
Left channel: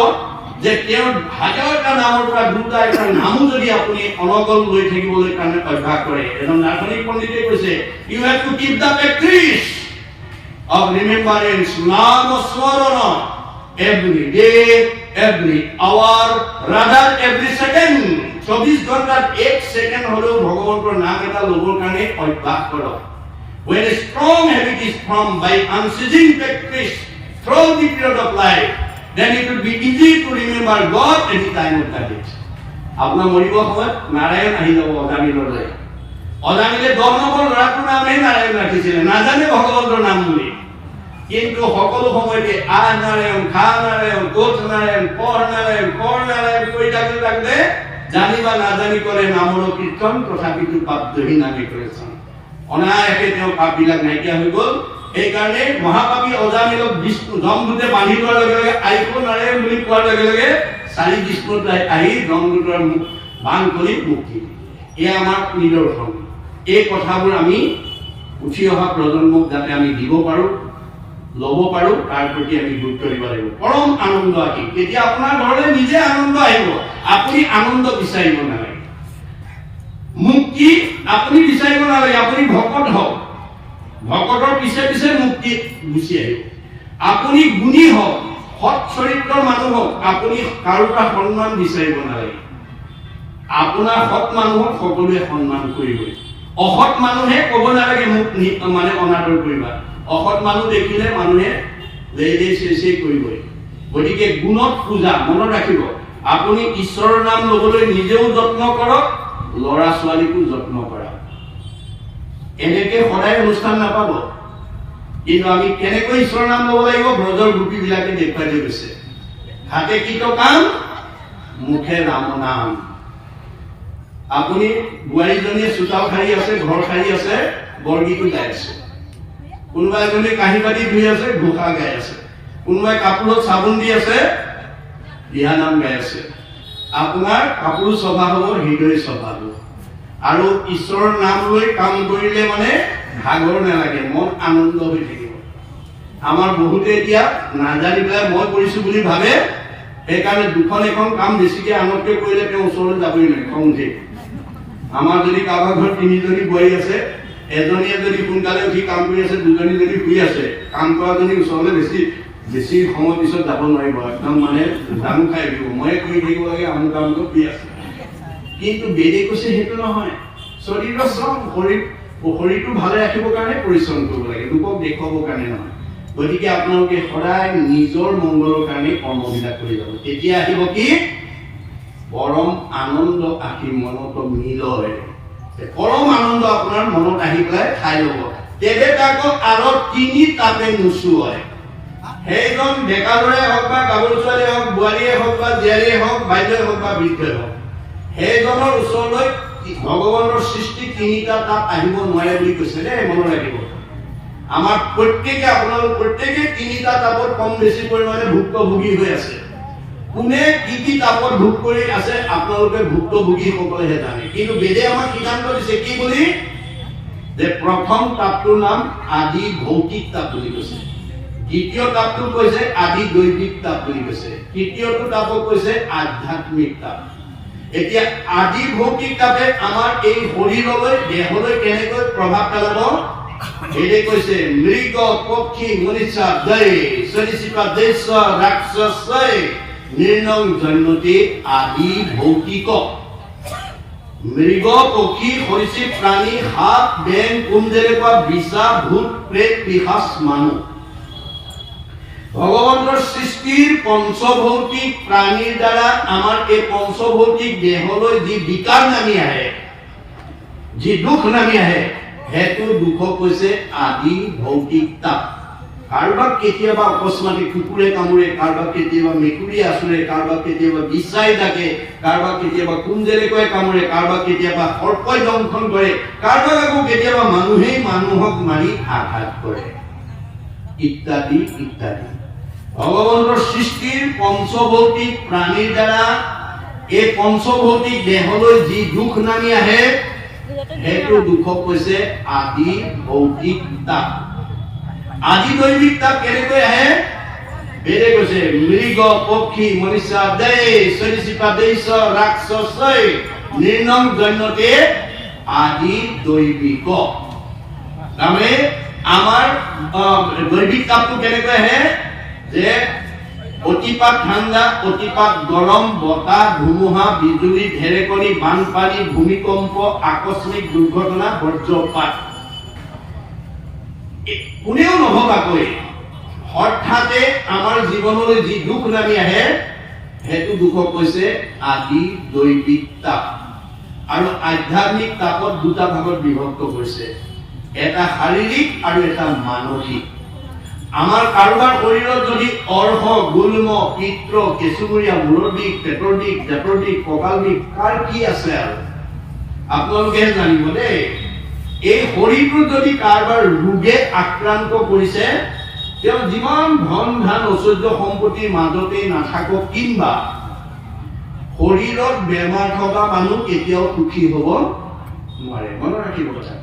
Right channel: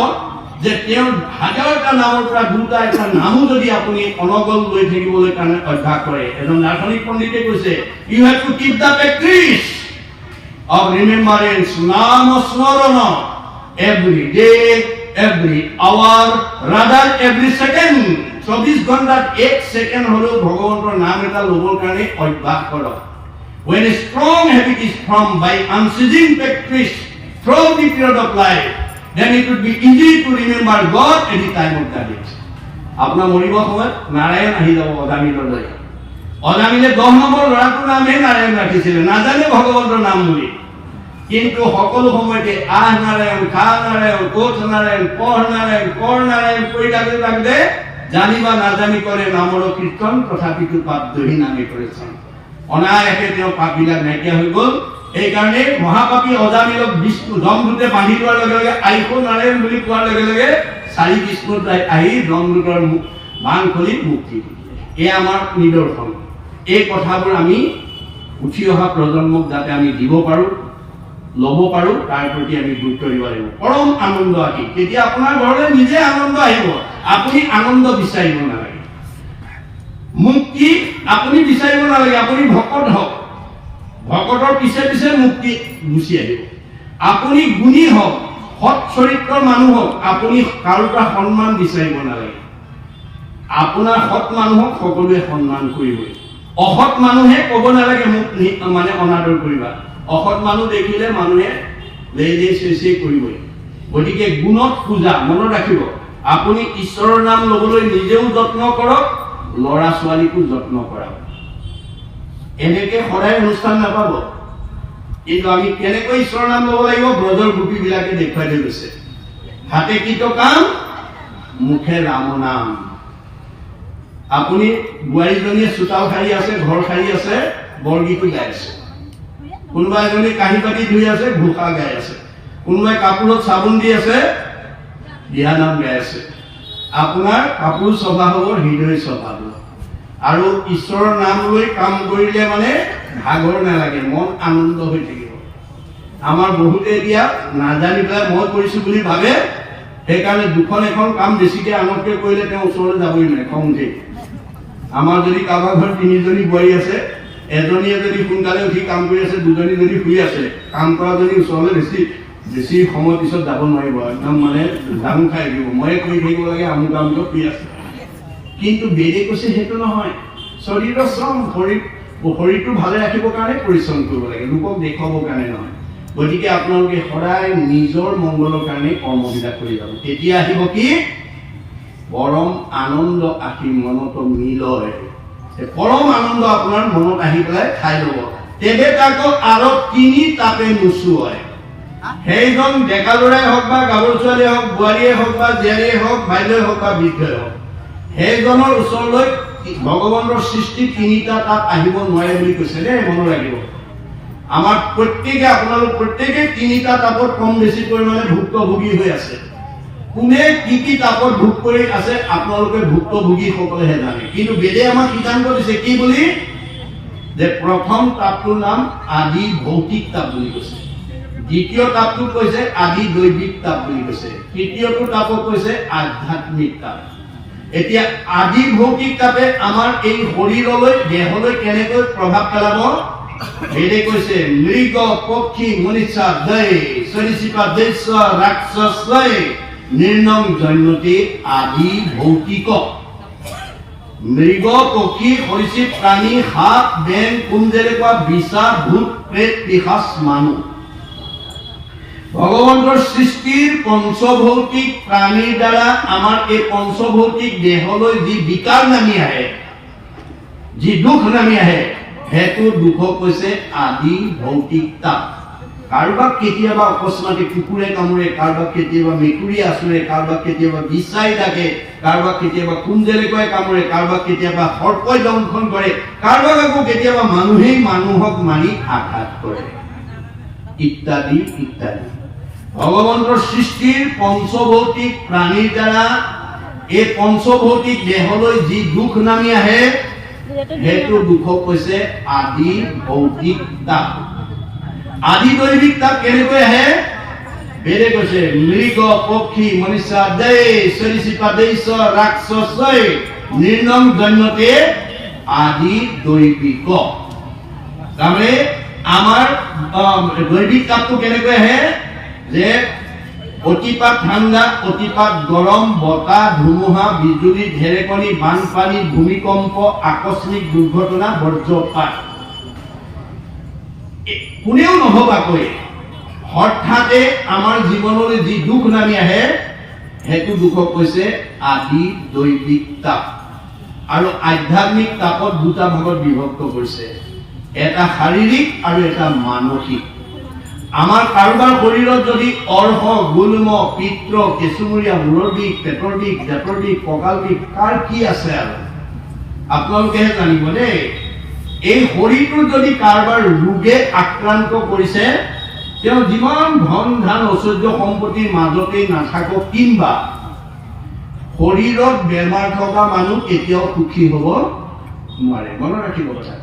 যে তেওঁৰ হাজাৰটা নামৰ পৰা দুটা এটা নামো যদি আপুনি অনগল লৈ থাকিবলৈ কাৰণে অভ্যাস কৰে। এজন দাৰ্শনিক পণ্ডিতে কৈছে, you have to keep the practice of remembrance, নাম স্মৰণ, every day, every hour, rather every second. 24 ঘণ্টাত 1 ছেকেণ্ড হলেও ভগৱন্তৰ নাম এটা ল'বৰ কাৰণে অভ্যাস কৰক। When a strong habit is formed by unceasing practice throughout the period of life, then it would be easy to remember God at the time of the death. আপোনাৰ মৰিব সময়ত নাৰায়ণ আহি যাব অজামিললৈ। অজামিলে 10 নম্বৰ ল'ৰাটোৰ নামহে নাৰায়ণ ৰাখিছিলে, নাজানে ভগৱন্তৰ নাম বুলি। কিন্তু সকলো সময়তে আহ নাৰায়ণ, খা নাৰায়ণ, কোচ নাৰায়ণ, পঢ় নাৰায়ণ, কৰ নাৰায়ণ কৈ থাকোঁতে জানি বা নাজানি কৰে নামৰ কীৰ্তন, তথাপিতো পাপ দহি নামে কৰিছে। অনায়াসে তেওঁ পাপবিলাক নাইকিয়া হৈ গ'ল। সেইকাৰণে মহাপাপী অজামিলক বিষ্ণু যমদূতে বান্ধি লোৱাৰ লগে লগে আইস নাৰায়ণ বুলি কোৱাৰ লগে লগে 4 বিষ্ণু আহি যমদূতৰ বান খুলি মুক্তি দিলে। এয়া আমাৰ নিদৰ্শন। এই কথাবোৰ আমি উঠি অহা প্ৰজন্মক যাতে আমি দিব পাৰোঁ, ল'ব পাৰোঁ, তাৰ প্ৰতি আমি গুৰুত্ব দিব লাগিব। পৰম আনন্দ আহি তেতিয়া আপোনাৰ ঘৰলৈ নিজে আনন্দ আহিব। আপুনি আনন্দ বিচাৰিব নালাগে, মুক্তি আপুনি বিচাৰিব নালাগে। আপুনি ভকত হওক, ভকতৰ পিছে পিছে মুক্তি গুচি আহিব। আপুনি গুণী হওক, সৎ চৰিত্ৰৰ মানুহ হওক, আপুনি কাৰোটা সন্মান বিচাৰিব নালাগে। আপোনাৰ সৎ মানুহক সকলোৱে সন্মান কৰিবই। অসৎ মানুহে ক'ব নালাগে মোক মানে অনাদৰ কৰিবা। অসৎ মানুহ দেখিলে মানুহে লে চেচে কৰিবই। গতিকে গুণত পূজা, মনত ৰাখিব। আপুনি ঈশ্বৰৰ নাম ল'বলৈ নিজেও যত্ন কৰক, ল'ৰা ছোৱালীকো যত্ন কৰক। এনেকে সদায় অনুষ্ঠান নাপাব। কিন্তু আমি কেনেকৈ ঈশ্বৰৰ নাম ল'ব লাগিব, ব্ৰজৰ গোপীবিলাকে দেখুৱাই দি গৈছে। হাতে কীট কাম, মুখে ৰাম নাম। আপুনি বোৱাৰীজনীয়ে চোতাল সাৰি আছে, ঘৰ সাৰি আছে, বৰগীতো গাই আছে। কোনোবা এজনী কাঁহী বাতি ধুই আছে, ঘোষা গাই আছে। কোনোবাই কাপোৰত চাবোন দি আছে, দিহানাম গাই আছে। আপোনাৰ কাপোৰ স্বভাৱ হ'ব, হৃদয় স্বভাৱ হ'ব। আৰু ঈশ্বৰৰ নাম লৈ কাম কৰিলে মানে ভাগৰ নালাগে, মন আনন্দ হৈ থাকিব। আমাৰ বহুতে এতিয়া নাজানি পেলাই মই কৰিছো বুলি ভাবে, সেইকাৰণে দুখন এখন কাম বেছিকে আনতকে কৰিলে তেওঁ ওচৰলৈ যাবই নোৱাৰে, খং উঠে। আমাৰ যদি কাৰোবাৰ ঘৰত 3জনী বোৱাৰী আছে, এজনীয়ে যদি সোনকালে উঠি কাম কৰি আছে, দুজনী যদি শুই আছে, কাম কৰাজনী ওচৰলৈ বেছি সময় পিছত যাব নোৱাৰিব, একদম মানে জাম খাই দিব। ময়ে কৰি থাকিব লাগে, আমুক আমুক শুই আছে। কিন্তু বেদে কৈছে সেইটো নহয়। শৰীৰৰ শ্ৰম, শৰীৰটো ভালে ৰাখিবৰ কাৰণে পৰিশ্ৰম কৰিব লাগে, লোকক দেখুৱাবৰ কাৰণে নহয়। গতিকে আপোনালোকে সদায় নিজৰ মংগলৰ কাৰণে কৰ্মবিলাক কৰি যাব। তেতিয়া আহিব কি? পৰম আনন্দ আহি মনত মিলয়। পৰম আনন্দ আপোনাৰ মনত আহি পেলাই খাই ল'ব। তেবে তাকো আৰু 3 তাপে নোচোৱায়। সেইজন ডেকা ল'ৰাই হওক বা গাভৰু ছোৱালীয়ে হওক, বোৱাৰীয়ে হওক বা জীয়াৰীয়ে হওক, বাইদেৱে হওক বা বৃদ্ধই হওক, সেইজনৰ ওচৰলৈ ভগৱানৰ সৃষ্টি 3টা তাপ আহিব নোৱাৰে বুলি কৈছে দেই, মনত ৰাখিব। আমাৰ প্ৰত্যেকে, আপোনালোক প্ৰত্যেকে 3টা তাপত কম বেছি পৰিমাণে ভুক্তভোগী হৈ আছে। কোনে কি তাপত ভোগ কৰি আছে আপোনালোকে ভুক্তভোগীসকলেহে জানে। কিন্তু বেদে আমাক সিদ্ধান্ত দিছে কি বুলি, যে প্ৰথম তাপটোৰ নাম আদি ভৌতিক তাপ বুলি কৈছে। দ্বিতীয় তাপটোক কৈছে আদি দৈবিক তাপ বুলি কৈছে। তৃতীয়টো তাপক কৈছে আধ্যাত্মিক তাপ। এতিয়া আদি ভৌতিক তাপে আমাৰ এই শৰীৰলৈ, দেহলৈ কেনেকৈ প্ৰভাৱ পেলাব? বেদে কৈছে মৃগ পক্ষী মনীষা দৈ সৰিসৃপা দেশ ৰাক্ষস লয় নিৰ্ণং জন্মতে আদি ভৌতিক। মৃগ পক্ষী সৰীসৃপ প্ৰাণী, সাপ বেং কুঞ্জেৰেপা বিছা ভূত প্ৰেত পিশাচ মানুহ। ভগৱানৰ সৃষ্টিৰ পঞ্চভৌতিক প্ৰাণীৰ দ্বাৰা আমাৰ এই পঞ্চভৌতিক দেহলৈ যি বিকাৰ নামি আহে, যি দুখ নামি আহে, সেইটো দুখক কৈছে আদি ভৌতিক তাপ। কাৰোবাক কেতিয়াবা অকস্মাতে কুকুৰে কামুৰে, কাৰোবাক কেতিয়াবা মেকুৰী আচুৰে, কাৰোবাক কেতিয়াবা বিচাই ডাকে, কাৰোবাক কেতিয়াবা কুঞ্জেৰেকৈ কামুৰে, কাৰোবাক কেতিয়াবা সৰ্পই দংশন কৰে, কাৰোবাক আকৌ কেতিয়াবা মানুহেই মানুহক মাৰি আঘাত কৰে, ইত্যাদি ইত্যাদি। ভগৱানৰ সৃষ্টিৰ পঞ্চভৌতিক প্ৰাণীৰ দ্বাৰা এই পঞ্চভৌতিক দেহলৈ যি দুখ নামি আহে, সেইটো দুখক কৈছে আদি ভৌতিক তাপ। আদি দৈবিক তাপ কেনেকৈ আহে? বেদে কৈছে মৃগ পক্ষী মনীষা দেশ সৰীসৃপা দেশ ৰাক্ষস নিৰ্ণং জন্মতে আদি দৈবিক। তাৰমানে আমাৰ দৈবিক তাপটো কেনেকৈ আহে? যে অতিপাত ঠাণ্ডা, অতিপাত গৰম, বতাহ, ধুমুহা, বিজুলী, ঢেৰেকনি, বানপানী, ভূমিকম্প, আকস্মিক দুৰ্ঘটনা, বজ্ৰপাত, কোনেও নভবাকৈ হঠাতে আমাৰ জীৱনলৈ যি দুখ নামি আহে, সেইটো দুখক কৈছে আদি দৈবিক তাপ। আৰু আধ্যাত্মিক তাপত 2টা ভাগত বিভক্ত কৰিছে, এটা শাৰীৰিক আৰু এটা মানসিক। আমাৰ কাৰোবাৰ শৰীৰত যদি অৰ্হ, গুল্ম, পিত্ত, কেঁচুমূৰীয়া, মূৰৰ বিষ, পেটৰ বিষ, দাঁতৰ বিষ, কঁকাল বিষ, কাৰ কি আছে আৰু আপোনালোকেহে জানিব দেই। এই শৰীৰটো যদি কাৰোবাৰ ৰোগে আক্ৰান্ত কৰিছে, তেওঁ যিমান ধন ধান ঐশ্বৰ্য সম্পত্তিৰ মাজতেই নাথাকক, কিংবা শৰীৰত বেমাৰ থকা মানুহ কেতিয়াও সুখী হ'ব নোৱাৰে। মনত ৰাখিব কথা।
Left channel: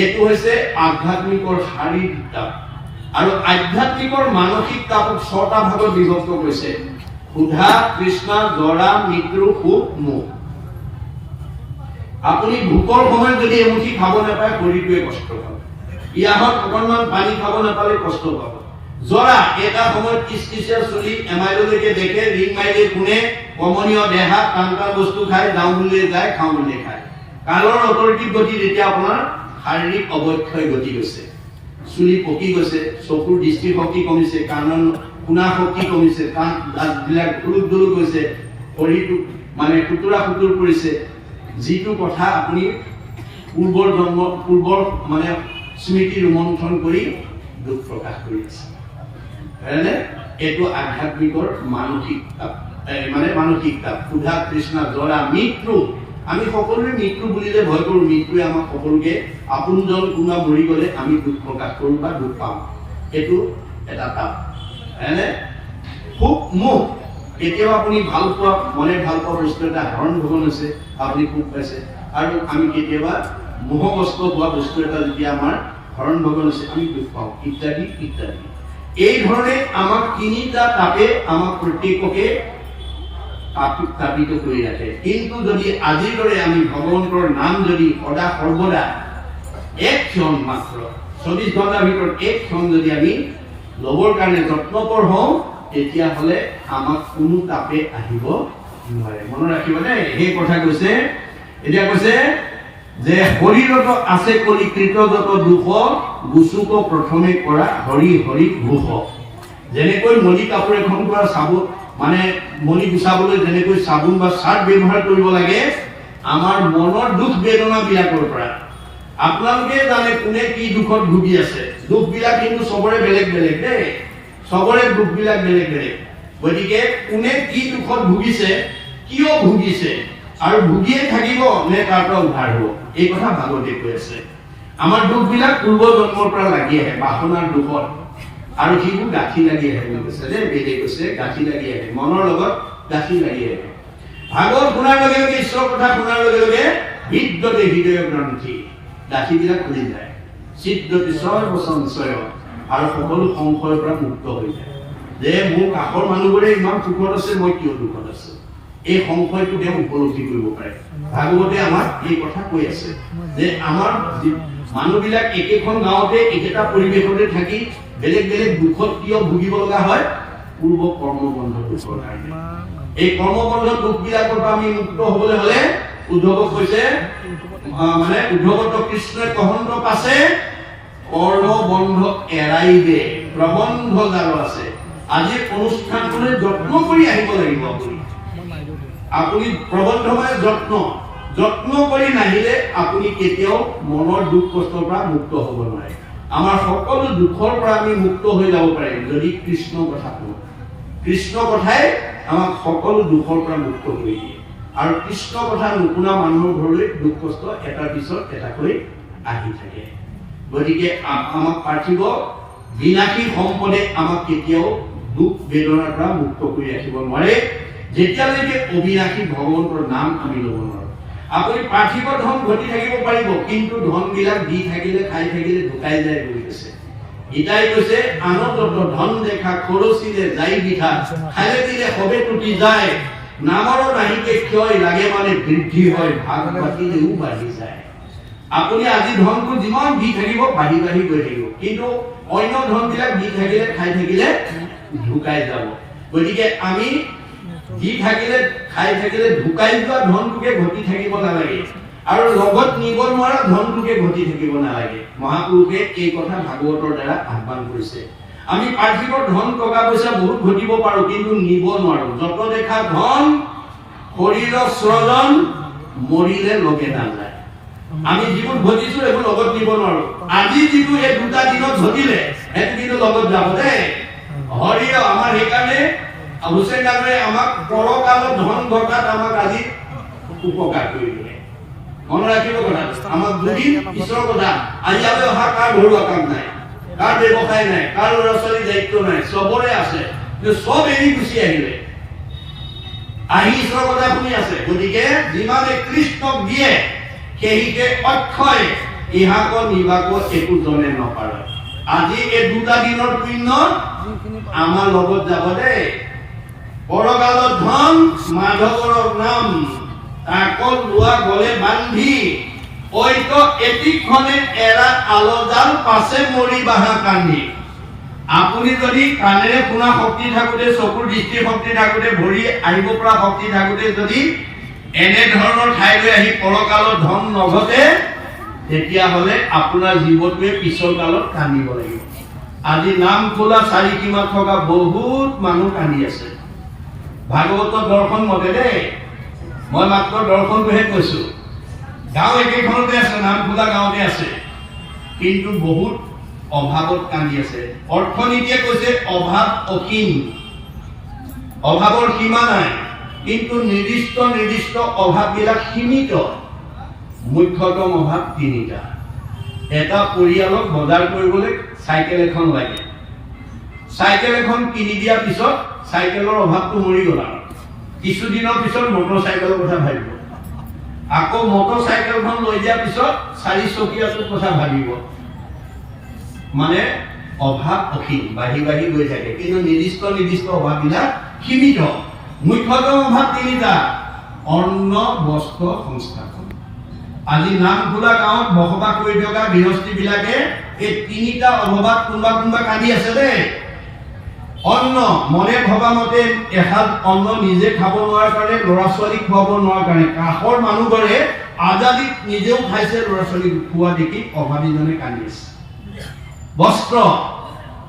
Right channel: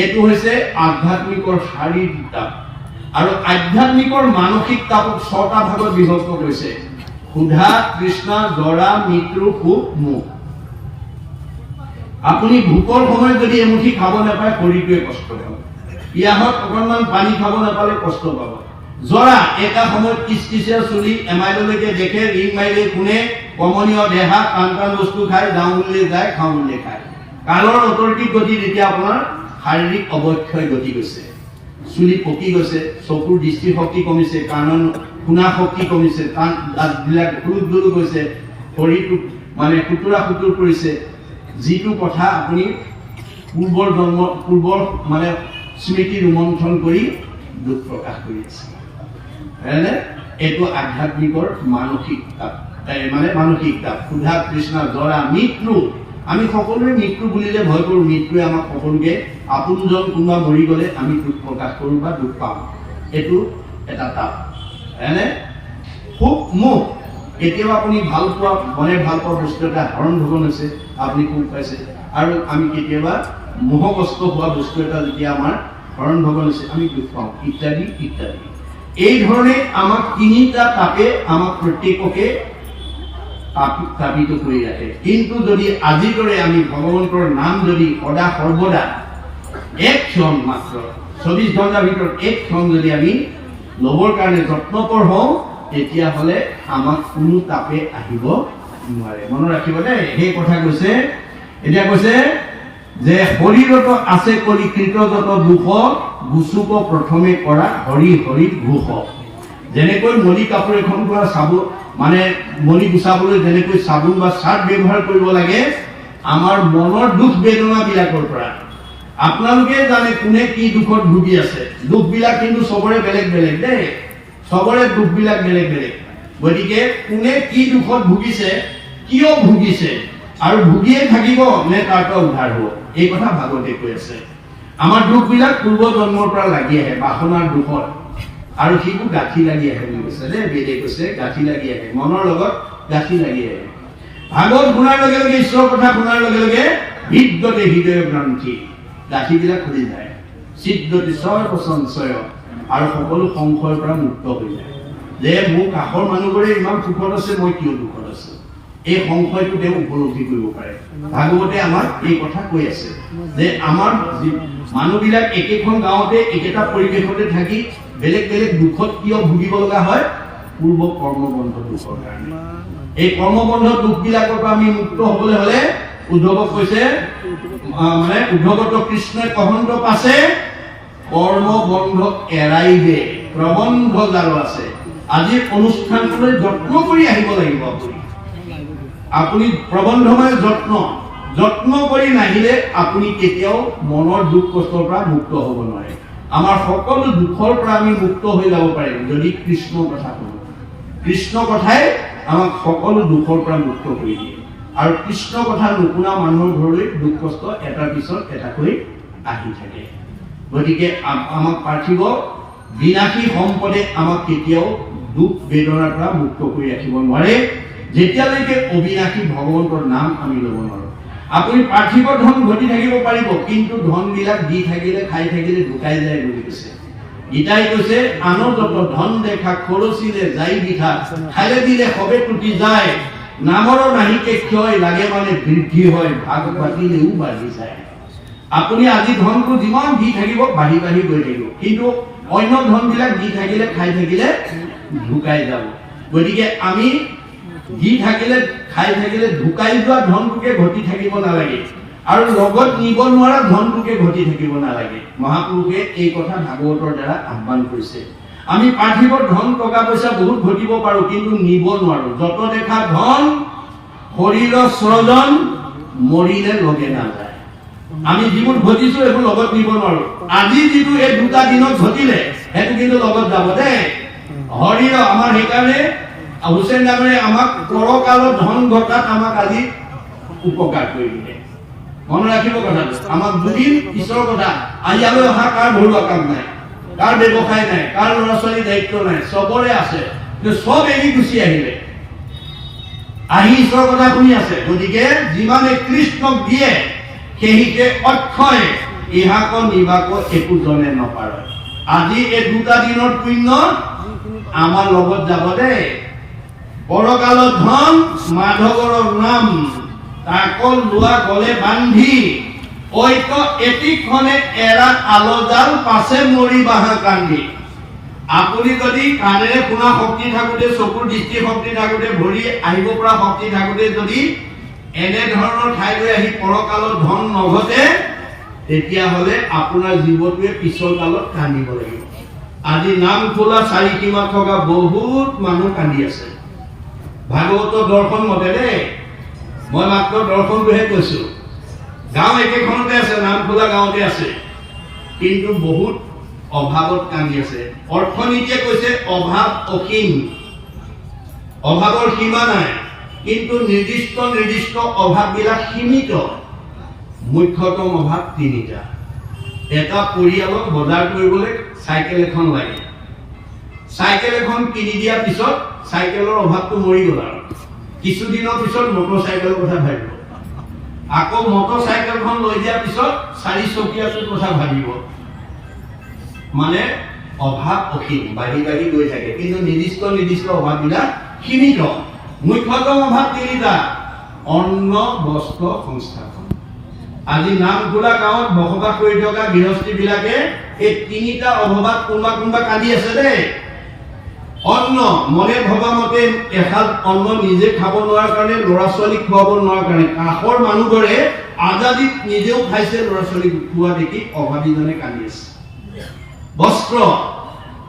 এইটো হৈছে আধ্যাত্মিকৰ শাৰীৰিক তাপ। আৰু আধ্যাত্মিকৰ মানসিক তাপক 6টা ভাগত বিভক্ত কৰিছে, ক্ষুধা, তৃষ্ণা, জৰা, মৃত্যু, সুখ, মুখ। আপুনি ভোকৰ সময়ত যদি এমুঠি খাব নাপায়, শৰীৰটোৱে কষ্ট পাব। পিয়াহত অকণমান পানী খাব নাপালে কষ্ট পাব। জৰা এটা সময়ত কিচকিচিয়া চলি এমাইললৈকে দেখে ৰিং মাৰিলে কোনে কমনীয় দেহা টান টান বস্তু খাই যাওঁ বুলিলে যায় খাওঁ বুলিলে খায় কালৰ অটৰিটিক গতি তেতিয়া আপোনাৰ শাৰীৰিক অৱক্ষয় গতি গৈছে চুলি পকি গৈছে চকুৰ দৃষ্টিশক্তি কমিছে কাণৰ শুনা শক্তি কমিছে কাণ দাঁতবিলাক দুলুক দুলুক গৈছে শৰীৰটো মানে কুটুৰা কুটুৰ কৰিছে যিটো কথা আপুনি পূৰ্বৰ মানে স্মৃতি ৰোমন্থন কৰি দুখ প্ৰকাশ কৰি আছে এইটো আধ্যাত্মিকৰ মানসিক তাপ মানে মানসিক তাপ ক্ষুধা তৃষ্ণা জৰা মৃত্যু আমি সকলোৱে মৃত্যু বুলিলে ভয় কৰোঁ মৃত্যুৱে আমাক সকলোকে আপোনজন কোনোবা মৰি গ'লে আমি দুখ প্ৰকাশ কৰোঁ বা দুখ পাওঁ এইটো এটা তাপ সুখ মুখ কেতিয়াবা আপুনি ভাল পোৱা মনে ভাল পোৱা বস্তু এটা হৰণ ভগন আছে আপুনি সুখ পাইছে আৰু আমি কেতিয়াবা মোহগ্ৰস্ত হোৱা বস্তু এটা যেতিয়া আমাৰ হৰণ ভগন আছে আমি দুখ পাওঁ ইত্যাদি ইত্যাদি এই ধৰণে আমাক তিনিটা তাপে আমাক প্ৰত্যেককে তাপিত কৰি ৰাখে কিন্তু যদি আজিৰ দৰে আমি ভগৱন্তৰ নাম যদি সদা সৰ্বদা এক ক্ষণ মাত্ৰ 24 ঘণ্টাৰ ভিতৰত এক ক্ষণ যদি আমি ল'বৰ কাৰণে যত্নপৰ হওঁ তেতিয়াহ'লে আমাক কোনো তাপে আহিব নোৱাৰে মনত ৰাখিব দেই সেই কথা কৈছে এতিয়া কৈছে যে শৰীৰত আছে কলিকৃত যত দুখ গুচুক প্ৰথমে কৰা হৰি হৰি ঘোষ যেনেকৈ নলী কাপোৰ এখন পৰা চাবোন মানে মলি গুচাবলৈ যেনেকৈ চাবোন বা চাৰ্ট ব্যৱহাৰ কৰিব লাগে আমাৰ মনৰ দুখ বেদনা বিলাকৰ পৰা আপোনালোকে জানে কোনে কি দুখত ভুগি আছে দুখবিলাক কিন্তু সবৰে বেলেগ বেলেগ দেই সবৰে দুখবিলাক বেলেগ বেলেগ গতিকে কোনে কি দুখত ভুগিছে কিয় ভুগিছে আৰু ভুগিয়ে থাকিব নে তাৰ পৰা উদ্ধাৰ হ'ব এই কথা ভাগৱতে কৈ আছে আমাৰ দুখবিলাক পূৰ্ব জন্মৰ পৰা লাগি আহে বাসনাৰ দুখত আৰু সেইটো গাঁঠি লাগি আহে বুলি কৈছে দেই বেদে কৈছে গাঁঠি লাগি আহে মনৰ লগত গাঁঠি লাগি আহে ভাগৱত শুনাৰ লগে লগে ঈশ্বৰৰ কথা শুনাৰ লগে লগে হৃদয়তে হৃদয় গ্ৰন্থি গাঁঠিবিলাক খুলি যায় চিদ্যতি সৰ্বসংশয় আৰু সকলো সংশয়ৰ পৰা মুক্ত হৈ যায় যে মোৰ কাষৰ মানুহবোৰে ইমান সুখত আছে মই কিয় দুখত আছো এই সংশয়টো তেওঁ উপলব্ধি কৰিব পাৰে ভাগৱতে আমাক এই কথা কৈ আছে যে আমাৰ মানুহবিলাক একেখন গাঁৱতে একেটা পৰিৱেশতে থাকি বেলেগ বেলেগ দুখত কিয় ভুগিব লগা হয় পূৰ্ব কৰ্মবন্ধ দুখৰ কাৰণে এই কৰ্মবন্ধ দুখবিলাকৰ পৰা আমি মুক্ত হ'বলৈ হ'লে উদ্ধৱক কৈছে মানে উদ্ধৱত কৃষ্ণই কহন্ত পাছে কৰ্মবন্ধ এৰাইবে প্ৰবন্ধ জাল আছে আজিৰ অনুষ্ঠানটোলৈ যত্ন কৰি আহিব লাগিব আপুনি প্ৰবন্ধময় যত্ন কৰি নাহিলে আপুনি কেতিয়াও মনৰ দুখ কষ্টৰ পৰা মুক্ত হ'ব নোৱাৰে আমাৰ সকলো দুখৰ পৰা আমি মুক্ত হৈ যাব পাৰিম যদি কৃষ্ণ কথা কওঁ কৃষ্ণ কথাই আমাক সকলো দুখৰ পৰা মুক্ত কৰি দিয়ে আৰু কৃষ্ণ কথা নুশুনা মানুহৰ ঘৰলৈ দুখ কষ্ট এটাৰ পিছত এটাকৈ আহি থাকে গতিকে আমাক পাৰ্থিব বিনাশী সম্পদে আমাক কেতিয়াও দুখ বেদনাৰ পৰা মুক্ত কৰি ৰাখিব নোৱাৰে যেতিয়ালৈকে অবিনাশী ভগৱন্তৰ নাম আমি ল'ব নোৱাৰো আপুনি পাৰ্থিব ধন ঘটি থাকিব পাৰিব কিন্তু ধনবিলাক দি থাকিলে খাই থাকিলে ঢুকাই যায় বুলি কৈছে গীতাই কৈছে আনন্দত ধন দেখা খৰচিলে যাই বিঘা খালে দিলে সবে টুটি যায় নামৰ নাহিকে ক্ষয় লাগে মানে বৃদ্ধি হয় ভাগ ভাগিলেও বাঢ়ি যায় আপুনি আজি ধনটো যিমান দি থাকিব বাঢ়ি বাঢ়ি গৈ থাকিব কিন্তু অন্য ধনবিলাক দি থাকিলে খাই থাকিলে ঢুকাই যাব গতিকে আমি দি থাকিলে খাই থাকিলে ঢুকাই যোৱা ধনটোকে ঘটি থাকিব নালাগে আৰু লগত নিব নোৱাৰা ধনটোকে ঘটি থাকিব নালাগে মহাপুৰুষে এই কথা ভাগৱতৰ দ্বাৰা আহ্বান কৰিছে আমি পাৰ্থিব ধন টকা পইচা বহুত ঘটিব পাৰো কিন্তু নিব নোৱাৰো যত দেখা ধন শৰীৰৰ স্ৰজন মৰিলে লগে নাযায় আমি যিবোৰ ঘটিছো এইবোৰ লগত নিব নোৱাৰো আজি যিটো এই দুটা দিনত ঘটিলে সেইটো কিন্তু লগত যাব দেই হৰিৰ আমাৰ সেইকাৰণে হুছেইন নামে আমাক পৰকালত ধন ঘটাত আমাক আজি উপকাৰ কৰিলে মনত ৰাখিব কথা আমাক দুদিন ঈশ্বৰৰ কথা আজি আমি অহা কাৰ ঘৰুৱা কাম নাই কাৰ ব্যৱসায় নাই কাৰ ল'ৰা ছোৱালী দায়িত্ব নাই চবৰে আছে কিন্তু চব এৰি গুচি আহিলে আহি ঈশ্বৰৰ কথা শুনি আছে গতিকে যিমানে কৃষ্ণক দিয়ে সেইকে অক্ষয় ইহাক নিবাক একো জনে নপাৰে আজি এই দুটা দিনৰ পুণ্য আমাৰ লগত যাব দেই পৰকালৰ ধন মাধৱৰ নাম তাকল লোৱা গলে বান্ধি ঐক্য এটিখনে এৰা আলজাল পাছে মৰি বাহা কান্ধি আপুনি যদি কাণেৰে শুনা শক্তি থাকোঁতে, চকুৰ দৃষ্টি শক্তি থাকোঁতে, ভৰি আহিব পৰা শক্তি থাকোঁতে যদি এনে ধৰণৰ ঠাইলৈ আহি পৰকালত ধন নঘটে, তেতিয়াহ'লে আপোনাৰ জীৱটোৱে পিছৰ কালত কান্দিব লাগিব। আজি নাম খোলা চাৰিসীমাত থকা বহুত মানুহ কান্দি আছে। ভাগৱতৰ দৰ্শন মতে দেই, মই মাত্ৰ দৰ্শনটোহে কৈছো। গাঁও একেখনতে আছে, নাম খোলা গাঁৱতে আছে, কিন্তু বহুত অভাৱত কান্দি আছে। অৰ্থনীতিয়ে কৈছে অভাৱ অসীম, অভাৱৰ সীমা নাই, কিন্তু নিৰ্দিষ্ট নিৰ্দিষ্ট অভাৱবিলাক সীমিত। মুখ্যতম অভাৱ তিনিটা। এটা পৰিয়ালক বজাৰ কৰিবলৈ চাইকেল এখন লাগে। চাইকেল এখন কিনি দিয়াৰ পিছত চাইকেলৰ অভাৱটো মৰি গ'ল আৰু কিছুদিনৰ পিছত মটৰ চাইকেলৰ কথা ভাবিব। আকৌ মটৰ চাইকেলখন লৈ দিয়াৰ পিছত চাৰিচকীয়াটোৰ কথা ভাবিব। মানে অভাৱ অসীম, বাঢ়ি বাঢ়ি গৈ থাকে, কিন্তু নিৰ্দিষ্ট নিৰ্দিষ্ট অভাৱবিলাক সীমিত। মুখ্যতম অভাৱ তিনিটা: অন্ন, বস্ত্ৰ, সংস্থাপন। আজি নামখোলা গাঁৱত বসবাস কৰি থকা গৃহস্থীবিলাকে এই তিনিটা অভাৱত কোনোবা কোনোবা কান্দি আছে দেই। অন্ন, মনে ভবা মতে এসাঁজ অন্ন নিজে খাব নোৱাৰাৰ কাৰণে, ল'ৰা ছোৱালীক খুৱাব নোৱাৰাৰ কাৰণে। কাষৰ মানুহবোৰে আজাদিত নিজেও খাইছে, ল'ৰা ছোৱালীক খোৱা দেখি অভাৱীজনে কান্দি আছে। বস্ত্ৰ,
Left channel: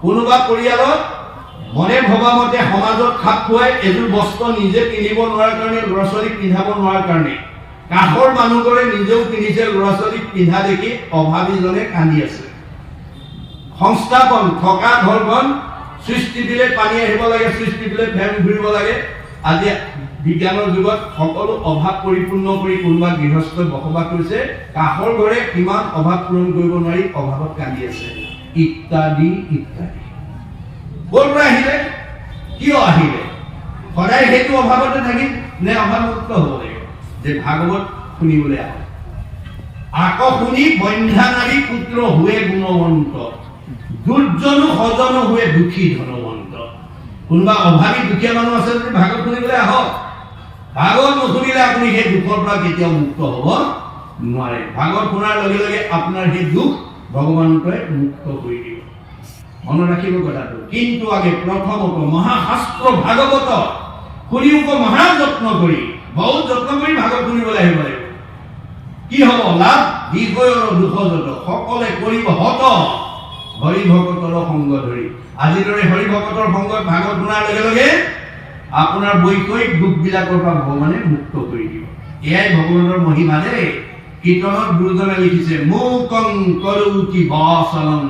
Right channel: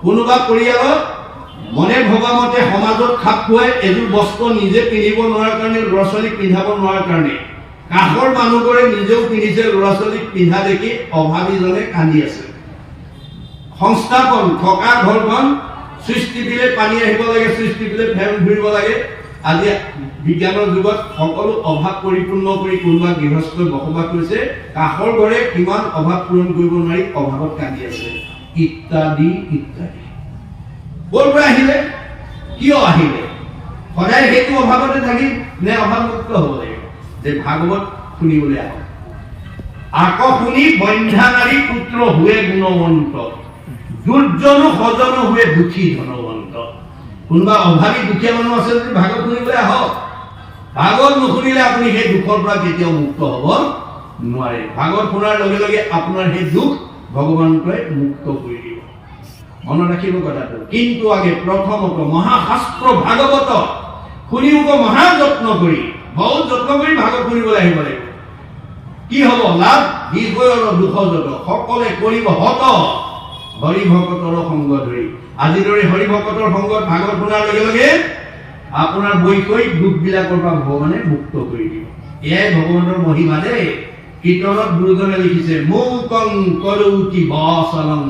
কোনোবা পৰিয়ালত মনে ভবা মতে সমাজত খাপ খুৱাই এযোৰ বস্ত্ৰ নিজে পিন্ধিব নোৱাৰাৰ কাৰণে, ল'ৰা ছোৱালীক পিন্ধাব নোৱাৰাৰ কাৰণে। কাষৰ মানুহবোৰে নিজেও পিন্ধিছে, ল'ৰা ছোৱালীক পিন্ধা দেখি অভাৱীজনে কান্দি আছে। সংস্থাপন, থকা ঘৰখন চুইচ টিপিলে পানী আহিব লাগে, চুইচ টিপিলে ফেন ঘূৰিব লাগে। আজি বিজ্ঞানৰ যুগত সকলো অভাৱ পৰিপূৰ্ণ কৰি কোনোবা গৃহস্থই বসবাস কৰিছে, কাষৰ ঘৰে কিমান অভাৱ পূৰণ কৰিব নোৱাৰি অভাৱত কান্দি আছে, ইত্যাদি ইত্যাদি। ক'ৰ পৰা আহিলে, কিয় আহিলে? সদায় সেইটো অভাৱতে থাকিম নে অভাৱমুক্ত হ'ব লাগিব? যে ভাগৱত শুনিবলৈ আহক। আকৌ শুনি বন্ধ্যা নাৰী পুত্ৰ হুৱে গুণৱন্ত, দুৰ্জনো সজন হুৱে দুখী ধনৱন্ত। কোনোবা অভাৱী দুখীয়া মানুহ আছে যদি ভাগৱত শুনিবলৈ আহক। ভাগৱত নুশুনিলে আপুনি সেই দুখৰ পৰা কেতিয়াও মুক্ত হ'ব নোৱাৰে। ভাগৱত শুনাৰ লগে লগে আপোনাৰ সেই দুখ ভগৱন্তই মুক্ত কৰি দিব। মনত ৰাখিব কথাটো। কিন্তু আগে প্ৰথমত মহাশাস্ত্ৰ ভাগৱত শুনিব মহা যত্ন কৰি, বহুত যত্ন কৰি ভাগৱত শুনিবলৈ আহিব লাগিব। কি হ'ব লাভ? বিষয়ৰ দুখ যত সকলে কৰিব হত হৰি ভকতৰ সংগ ধৰি। আজিৰ দৰে হৰি ভকতৰ সংগত ভাগৱত শুনাৰ লগে লগে আপোনাৰ বৈষয়িক দুখবিলাকৰ পৰা ভগৱানে মুক্ত কৰি দিব। এয়াই ভগৱানৰ মহিমা দেই। কীৰ্তনত গুৰুজনে লিখিছে, মুকং কৰৌতি বাসনং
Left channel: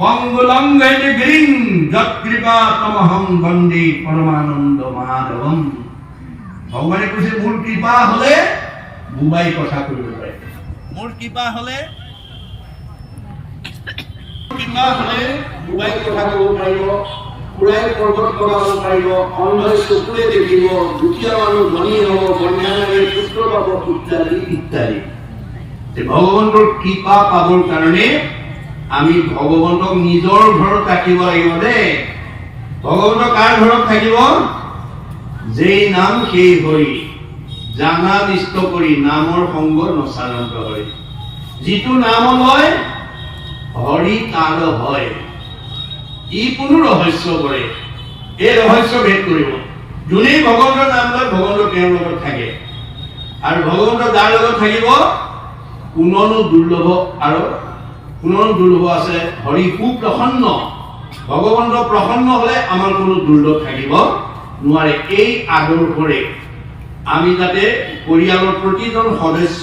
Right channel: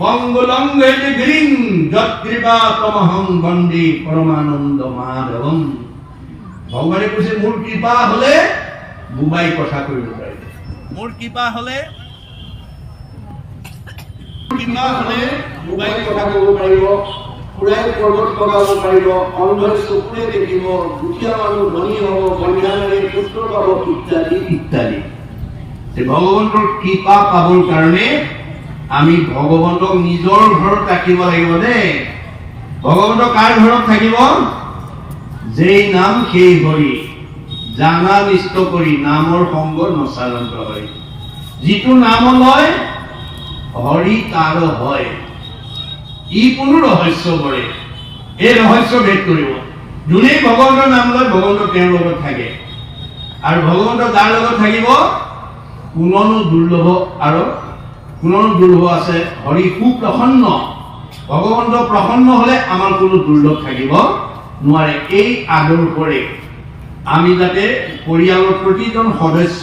পংগুলং ভেটি গিৰিং যৎকৃপা তমহং বন্দে পৰমানন্দ মাধৱম। ভগৱানে কৈছে, মোৰ কৃপা হলে বুবাই কথা কৰিব পাৰে। মোৰ কৃপা হলে বুবাই কথা ক'ব পাৰিব, ফুৰাই পৰ্বত বগাব পাৰিব, অন্ধই চকুৰে দেখিব, দুখীয়া মানুহ ধনী হ'ব, বন্যাৰে পুত্ৰ পাব, ইত্যাদি ইত্যাদি। ভগৱন্তৰ কৃপা পাবৰ কাৰণে আমি ভগৱন্তক নিজৰ ঘৰত ৰাখিব লাগিব দেই। ভগৱন্ত কাৰ ঘৰত থাকিব? যেই নাম সেই হৰি, জানা নিষ্ঠ কৰি নামৰ সংগ নচাৰন্ত হয়। যিটো নাম লয় হৰি তাৰ হয়। ই কোনো ৰহস্য কৰে, এই ৰহস্য ভেদ কৰিব। যোনেই ভগৱন্তৰ নাম লয় ভগৱন্ত তেওঁৰ লগত থাকে, আৰু ভগৱন্ত যাৰ লগত থাকিব কোননো দুৰ্লভ, আৰু কোননো দুৰ্লভ আছে হৰি সুপ্ৰসন্ন। ভগৱন্ত প্ৰসন্ন হলে আমাৰ কোনো দুৰ্লভ থাকিব নোৱাৰে। এই আদৰ্শৰে আমি যাতে পৰিয়ালৰ প্ৰতিজন সদস্য,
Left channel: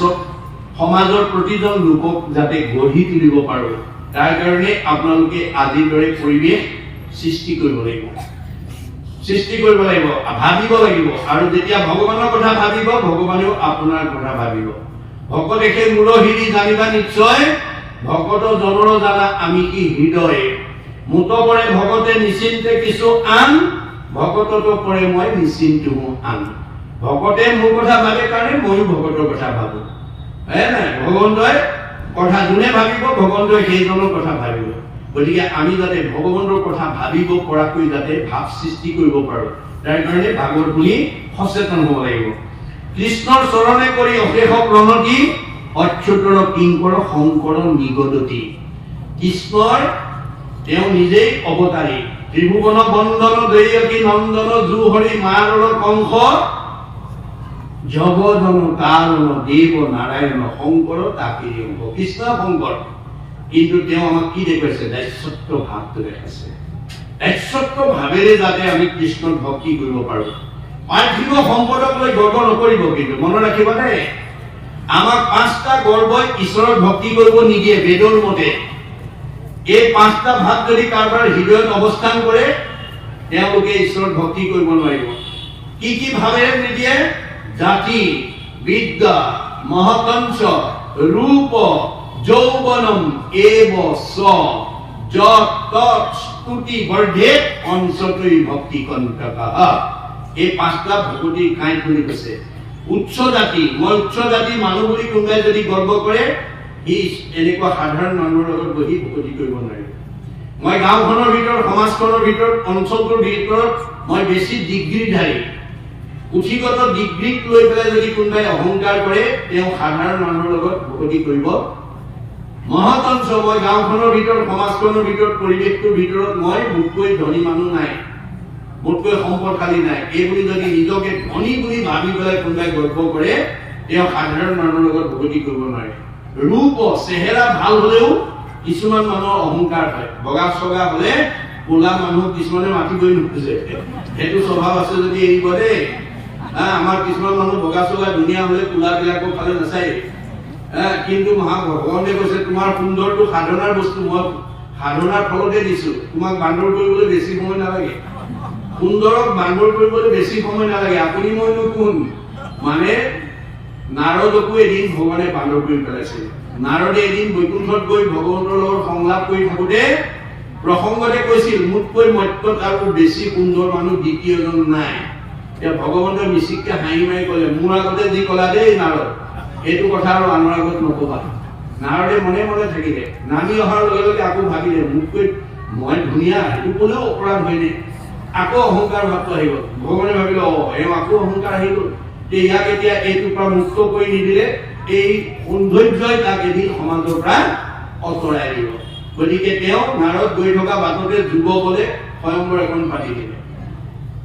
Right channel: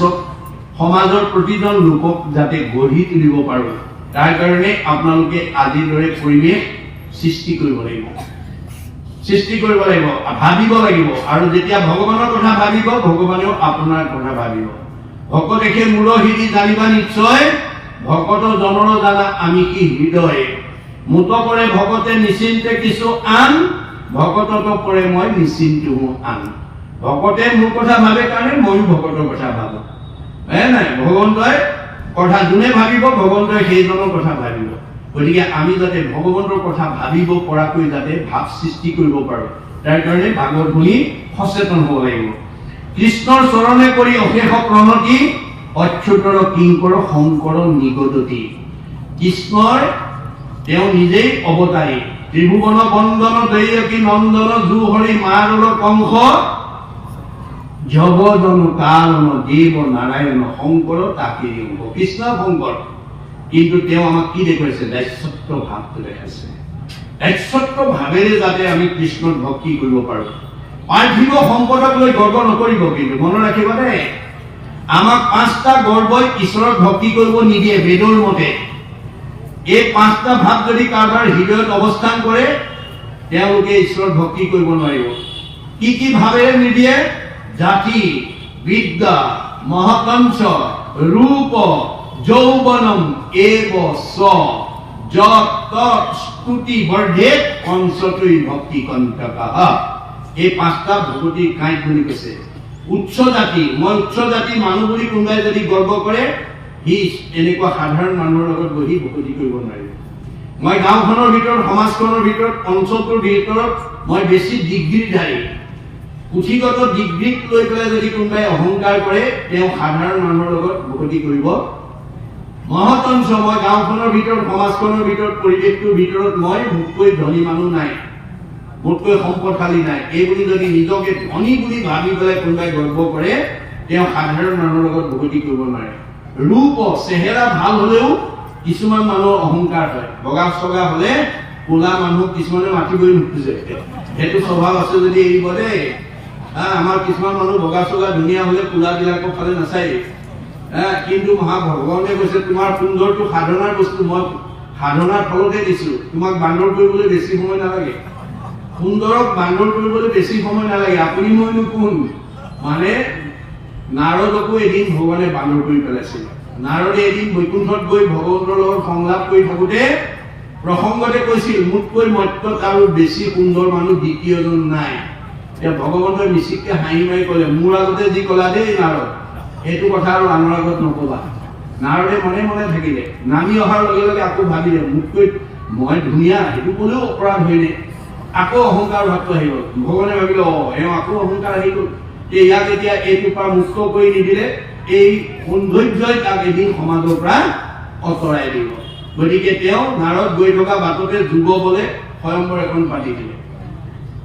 সমাজৰ প্ৰতিজন লোকক যাতে গঢ়ি তুলিব পাৰো, তাৰ কাৰণে আপোনালোকে আজিৰ দৰে পৰিৱেশ সৃষ্টি কৰিব লাগিব, ভাবিব লাগিব। আৰু যেতিয়া ভগৱানৰ কথা ভাবিব, ভগৱানেও আপোনাৰ কথা ভাবিব। ভকতে সেই মূলহিৰি জানিবা নিশ্চয়, ভকত জনৰ জানা আমি কি হৃদয়। মুত কৰে ভকতে নিশ্চিন্তে কিছু আন, ভকতত কৰে মই নিশ্চিন্ত আন। ভকতে মোৰ কথা ভাবে কাৰণে ময়ো ভকতৰ কথা ভাবো। নাই, ভগৱন্তই কথা যোনে ভাবিব ভগৱন্তই সেইজনৰ কথা ভাবিব। গতিকে আমি যাতে ভগৱন্তৰ কথা ভাবিব পৰাকৈ যাতে ভাৱ সৃষ্টি কৰিব পাৰো, তাৰ কাৰণে ভাগৱত শুনি সচেতন হ'ব লাগিব। কৃষ্ণৰ চৰণে কৰি অশেষ প্ৰণতি, অচ্যুতৰ কিংকৰ শংকৰ নিগদতি। কৃষ্ণৰ তেওঁ নিজেই অৱতাৰী। ত্ৰিভুৱন বন্দন দৈয়কী নন্দন জুহৰি মাৰৰ কংস জগজন কানন দেৱ নাৰায়ণ শংকৰ তাকেই অংক। কৃষ্ণ শংকৰ, কিন্তু তেওঁ আমাক কি দেখুৱাইছে? দাস্যত্ব ভাৱটো দেখাইছে। দাস্যত্ব ভাৱেৰে যাতে আমি কৃষ্ণক ভক্তি কৰিব পাৰোঁ। পাৰ্থিৱ সম্পদক লৈ গৰ্ব নকৰিব, কিন্তু মনত ৰাখিব দেই, আমাক 5টা গৰ্বই ঈশ্বৰক ভক্তি কৰিব নিদিয়ে বেদৰ মতে। এই 5টা ভাৱ যদি কাৰোবাৰ হৃদয়ত অৱস্থান কৰে, তেওঁলোকে ঈশ্বৰক ভক্তি কৰিব নোৱাৰিব। কি কি ভাৱেৰে নিদিয়ে? জাতি, বিদ্যা, মহকংস, ৰূপ, যৌৱনম এব স যত তৎ স্তুতি বৰ্ধেত অংশতৈ ভক্তি কণ্টকঃ। এই 5টা ভগৱতী কাঁইট বুলি কৈছে। উচ্চ জাতি, মই উচ্চ জাতি মানুহ বুলি কোনোবাই যদি গৰ্ব কৰে, সি এনেকুৱা সাধাৰণ মানুহৰ লগত বহি ভক্তি কৰিব নোৱাৰিব। মই গাঁওখনৰ ভিতৰত, সমাজখনৰ ভিতৰত, অঞ্চলটোৰ ভিতৰত মই বেছি ডিগ্ৰীধাৰী, পুথিগত ডিগ্ৰীক লৈ পেলাই যদি কোনোবাই অহংকাৰ কৰে, তেওঁ সাধাৰণ মানুহৰ লগত ভক্তি কৰিব। মহতংশ, মই গাঁওখনৰ ভিতৰত, সমাজখনৰ ভিতৰত, পৰিৱেশটোৰ ভিতৰত মই মোতকৈ ধনী মানুহ নাই, মোতকৈ সম্পদশালী নাই, এইবুলি যদি নিজকে ধনী বুলি ভাবি পেলাই কোনোবাই গৰ্ব কৰে, তেওঁ সাধাৰণ মানুহৰ লগত ভক্তি কৰিব নোৱাৰে। ৰূপ, চেহেৰা ভাল হলেও কিছুমান মানুহৰ অহংকাৰ হয়। বগা চগা হলে কোলা মানুহ কিছুমানে মাতিবই নোখোজে। সেইটো স্বভাৱ আছে যদি এৰিব দেই। আমাৰ কিছুমান মানুহ বগা চগা ধুনীয়া হলে কোলাবিলাকৰ ফালে নাচায়। কিন্তু ভগৱানে কৈছে তোমাৰ সুন্দৰটো সাধনাৰ বস্তু, মই সাধনাৰ ফলতে দিছো, তোমাক বান্দৰ কৰিবলৈ বেছি সময় নালাগে। সুন্দৰক বান্দৰ কৰিবলৈ বেছি সময় নালাগে। আপুনি মইনো কোন? মানে নাৰদকো এদিন ভগৱানে বান্দৰ কৰি পেলাইছিল। নাৰদে এদিন বৈকুণ্ঠত গৈ ভগৱন্তৰ লগত সংলাপ কৰি থাকোতে প্ৰসংগতে কৈছিল, মোতকৈ মত্যত আৰু বেছি সুন্দৰ মানুহ দ্বিতীয়জন নাই। এতিয়া ভগৱন্তই মিচিককে হাঁহি মাৰি ক'লে, মোৰ আগতে যি ক'লা দেই নাৰদ, এইটো কথা আৰু আনৰ আগত নকবা। নাৰদে মনে মনে থাকিলে। নামি অহাৰ লগে লগে আকৌ ভাবিলে, মোতকৈ মই ধুনীয়া, সেইটো ক'লেও অপৰাধ হয়নে? আকৌ অহংকাৰ ভাৱটো আহি গ'ল। ভগৱানে ভাবিলে, আকৌ অহংকাৰ আহি গ'ল, ইয়াক এতিয়া এইটোৰ পৰা মুক্ত কৰি নিদিলে এই সৌন্দৰ্যই তাক এদিন সমাজৰ পৰা আঁতৰাই দিব। গতিকে তেওঁ নাৰদ গৈ থকা বাটতে যুৱ বলে স্বয়ম্বৰ এখন পাতি দিলে।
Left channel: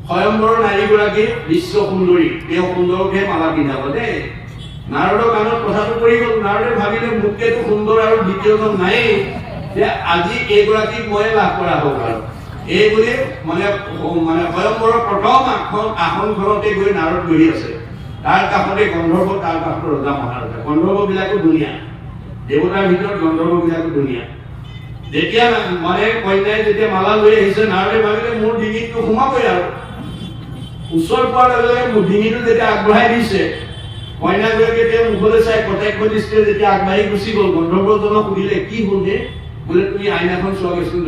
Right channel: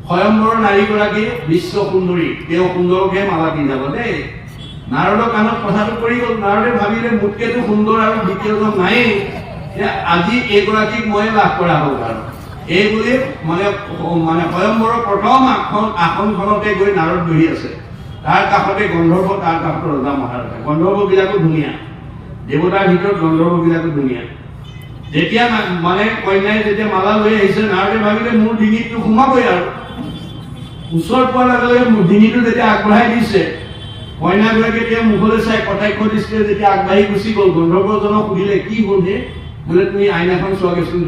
স্বয়ম্বৰ নাৰীগৰাকী বিশ্ব সুন্দৰী, তেওঁ সুন্দৰকে মালা পিন্ধাব দেই। নাৰদৰ কাণত কথাটো পৰি গ'ল। নাৰদে ভাবিলে, মোতকেতো সুন্দৰ আৰু দ্বিতীয়জন নায়েই, যে আজি এইগৰাকীক মই লাভ কৰা হ'ল। আৰু এইবুলি মানে স্বয়ম্বৰৰ প্ৰথম আসনখনতে গৈ নাৰদ বহি আছে। তাৰ কাষতে গন্ধৰ্ব, তাৰ কাষতে ৰজা মহাৰজা। গন্ধৰ্ব বিলাকো ধুনীয়া, দেৱতাৰ ভিতৰত গন্ধৰ্ব বিলাকো ধুনীয়া। যেতিয়া মানে কন্যাই যেতিয়া মালা লৈ আহিছে, নাৰদে ভাবিলে মোৰ ডিঙিটো সোমাবই। আৰু ওচৰত পোৱাৰ লগে লগে মোৰ ডিঙিটো যেতিয়া আগবঢ়াই দিছে, কন্যাগৰাকীয়ে তেওঁ মুখলৈ চাই কটাক্ষ দৃষ্টিৰে যেতিয়া আগবাঢ়ি গুচি গ'ল, গন্ধৰ্বজনক সুধিলে, কি হ'ল হে? বোলে তুমি আইনাখন চোৱাগেচোন।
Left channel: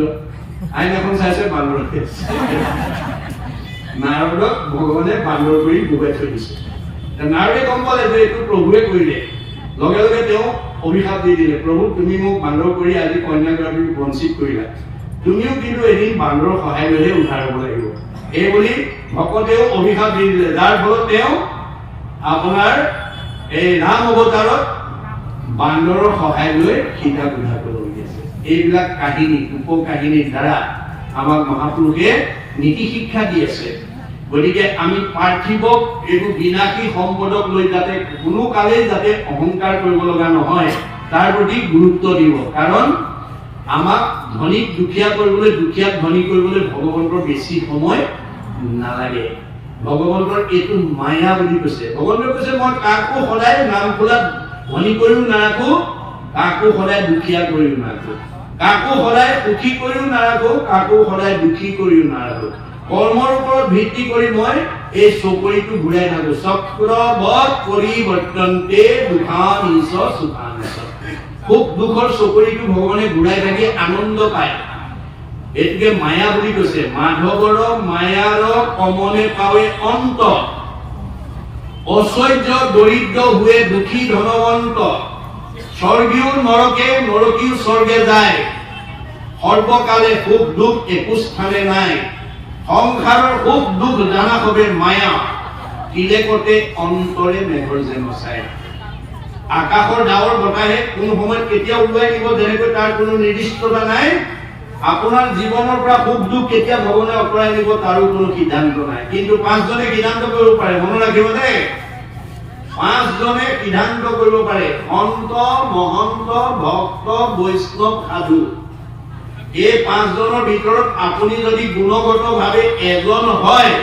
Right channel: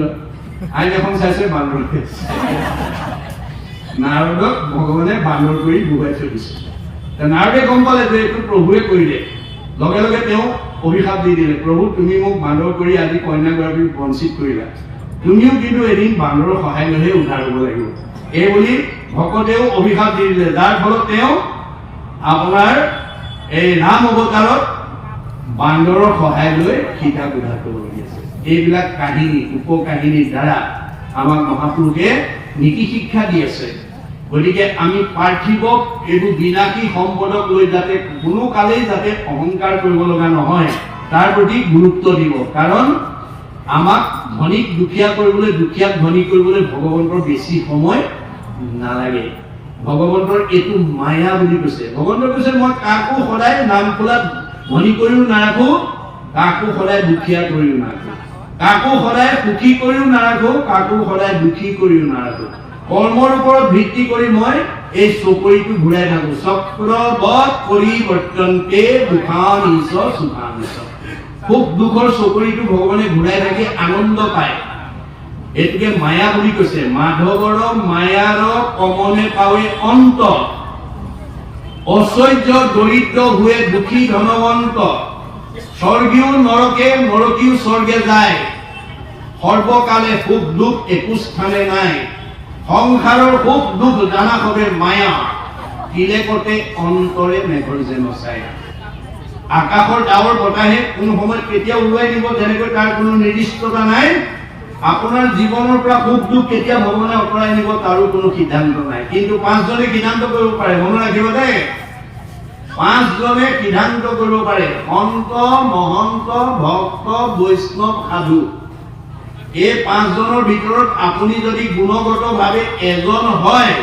আইনাখন চাইছে বান্দৰকে। নাৰদক ভগৱানে বান্দৰ কৰি বুজাই থৈ দিছে। নাৰদে গম পালে যে এইটো প্ৰভুৱে কৰিলে। লগে লগে তেওঁ অভিশাপ দি দিলে, প্ৰভু তুমি মোক বান্দৰ কৰি আজি কন্যাগৰাকীক বঞ্চিত কৰিলা, তুমিও কিন্তু এদিন বান্দৰৰ সহায় লৈহে উদ্ধাৰ হ'ব লাগিব। এইবুলি ভকতেও অভিশাপ দি দিলে, যাৰ ফলত তেওঁ আপোনাৰ এই ৰাম অৱতাৰত বান্দৰৰ সহায় লৈ সীতাক উদ্ধাৰ কৰিবলগীয়া আছে। এইবিলাক কাহিনী, উপকাহিনীৰ দ্বাৰা আমাক মহাপুৰুষে নীতি শিক্ষা দি আছে। গতিকে আমি পাৰ্থিৱক এইবোৰ বিনাশী সম্পদক লৈ যাতে কোনো কালেই যাতে অহংকাৰ কৰিব লগা নহয়, তাৰ প্ৰতি গুৰুত্ব দিব। কাৰণ আমাক ধনীক দুখীয়া কৰিবলৈ, দুখীয়াক ধনী কৰিবলৈ ভগৱন্তৰ বেছি সময় নালাগে। ভগৱন্তৰ এইটো মায়া বুলি কৈছে। ভগৱন্তে কৈছে, মই কাকো সদায় নাম খোলাত ধনী কৰিও নাৰাখো, কাকো সদায় দুখীয়া কৰিও নাৰাখো, কাকো সদায় সুখী কৰিও নাৰাখো, কাকো সদায় দুখী কৰিও নাৰাখো। কৰ্মৰ ওপৰত ভিত্তি কৰি মই এই চকৰিটো ঘূৰাই থাকো। চক্ৰবৎ পৰিৱৰ্তন্তে দুখান ইছ সুখান ইছ। সুখ দুখৰ চকৰিটো ভগৱানে ঘূৰাই থাকি আনন্দ পায়। এইটোকে মায়া বুলি কৈছে। মাধৱৰ মায়াৰ কমনে পাৱে অন্ত, ঐশ্বৰ্য দৰিদ্ৰ হুৱে দুখী ধনৱন্ত। স্বৰ্গীয় নৰকে, নৰকীও স্বৰ্গে যায়, সৰ্বকালে সুখ দুখ একো স্থানে নাই। সংসাৰৰ সুখ দুখ জানা সবে মায়া, তিলেকতে অন্তৰে মেঘৰ যে মচায়। আকাশৰ ডাৱৰ বতাহে কোন সময়ত কেতিয়া উৰুৱাই দিব, যেনেকৈ তাৰ কোনো নিৰ্দিষ্টতা নাই। আপোনাৰ জীৱনৰ পৰা সুখ দুখ কেতিয়া ভগৱানে আঁতৰাই নিব তাৰো কোনো সিদ্ধান্ত নাই, কিন্তু 5 জনে সিদ্ধান্ত কৰিব পাৰে। মনত ৰাখিব দেই, 5 জনে সিদ্ধান্ত কৰিব পাৰে, সন্ত, মহন্ত, ভক্ত, বৈষ্ণৱ, সাধু। এই 5 জনৰ ভিতৰত আপুনি যদি গুণগতভাৱে এজন হয়,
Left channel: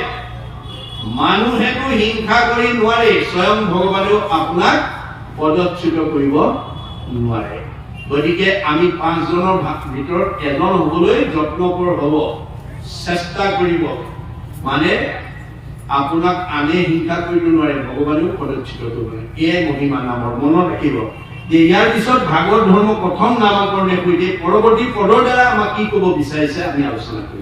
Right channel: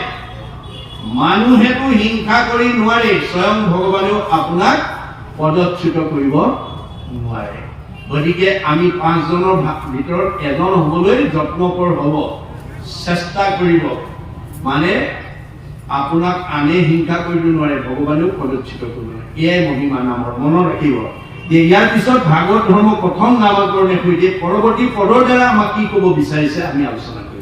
মানুহেতো হিংসা কৰি নোৱাৰে, স্বয়ং ভগৱানেও আপোনাক পদচ্যুত কৰিব নোৱাৰে। গতিকে আমি 5 জনৰ ভিতৰত এজন হ'বলৈ যত্নকৰ হ'ব, চেষ্টা কৰিব। মানে আপোনাক আনে হিংসা কৰিব নোৱাৰে, ভগৱানেও পদচ্যুত কৰিব নোৱাৰে। এয়াই মহিমা নামৰ। মনত ৰাখিব যে ইয়াৰ পিছত ভাগৱত ধৰ্ম প্ৰথম নামকৰণৰ সৈতে পৰৱৰ্তী পদৰ দ্বাৰা আমাক কি ক'ব বিচাৰিছে আমি আলোচনা কৰিম।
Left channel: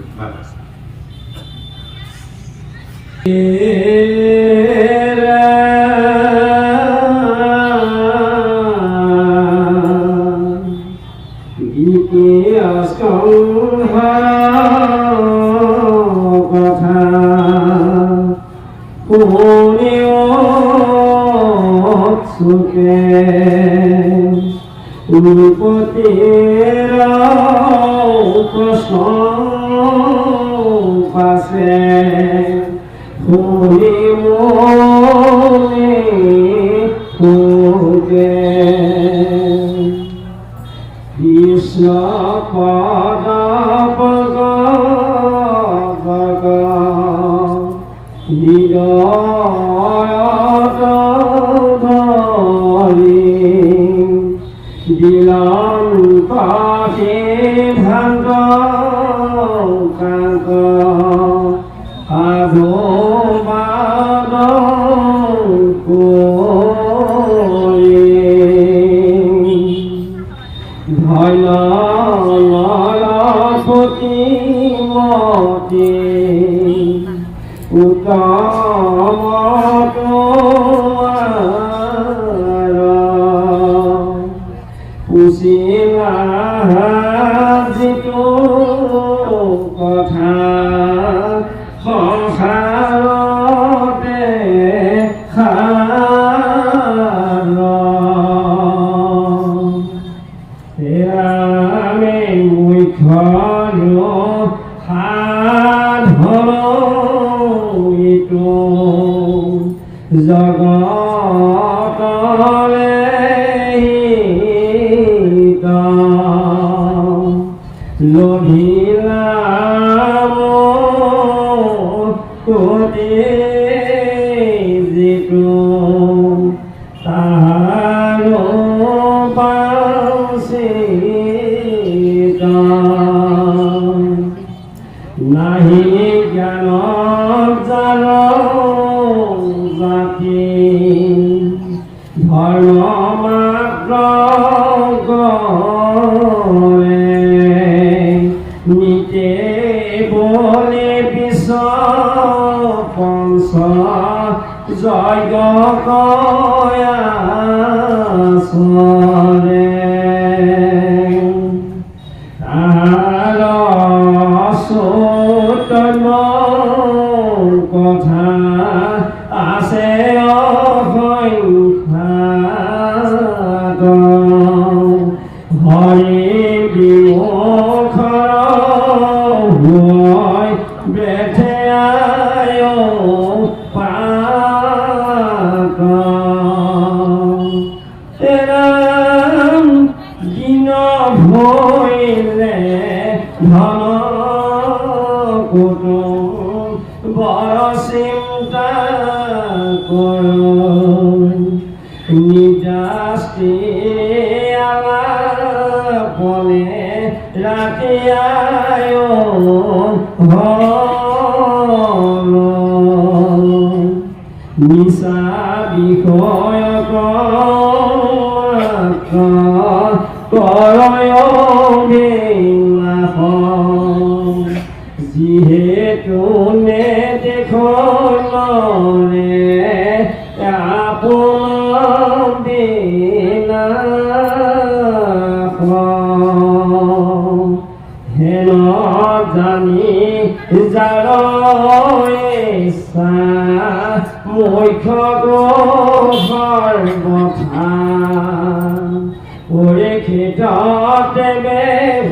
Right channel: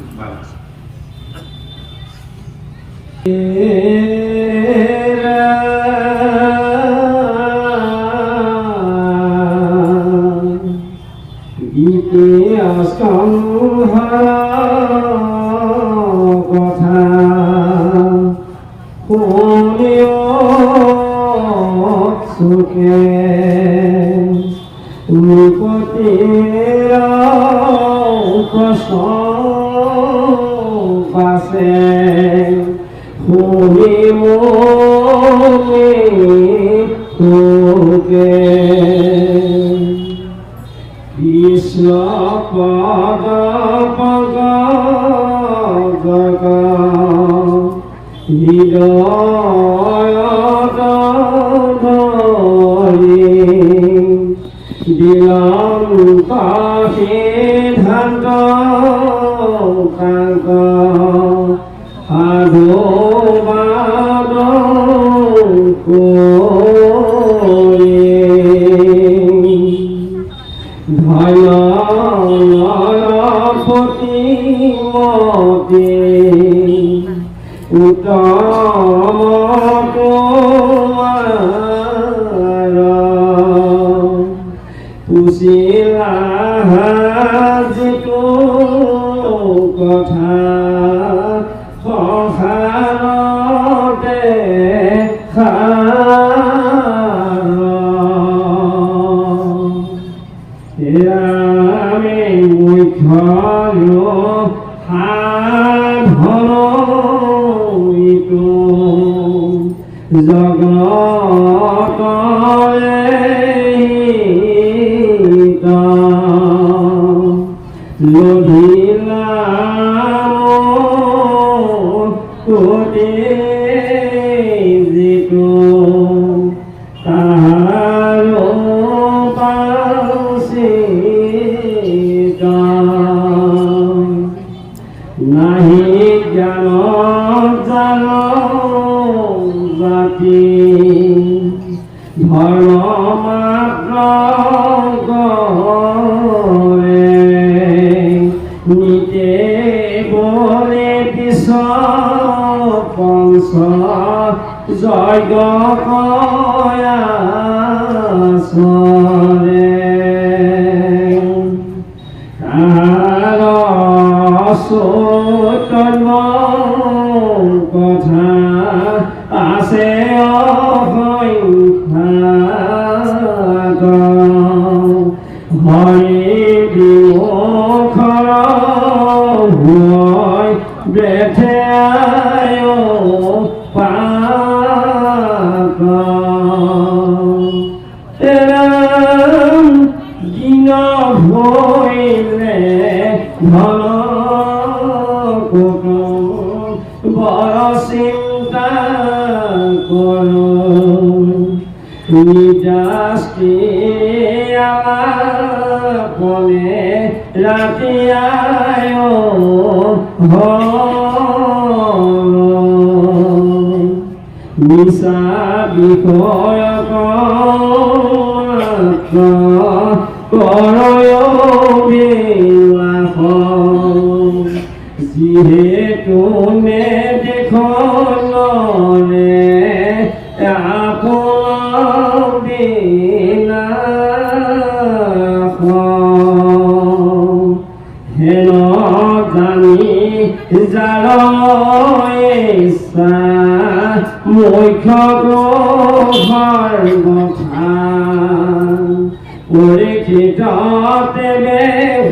Ore kitate be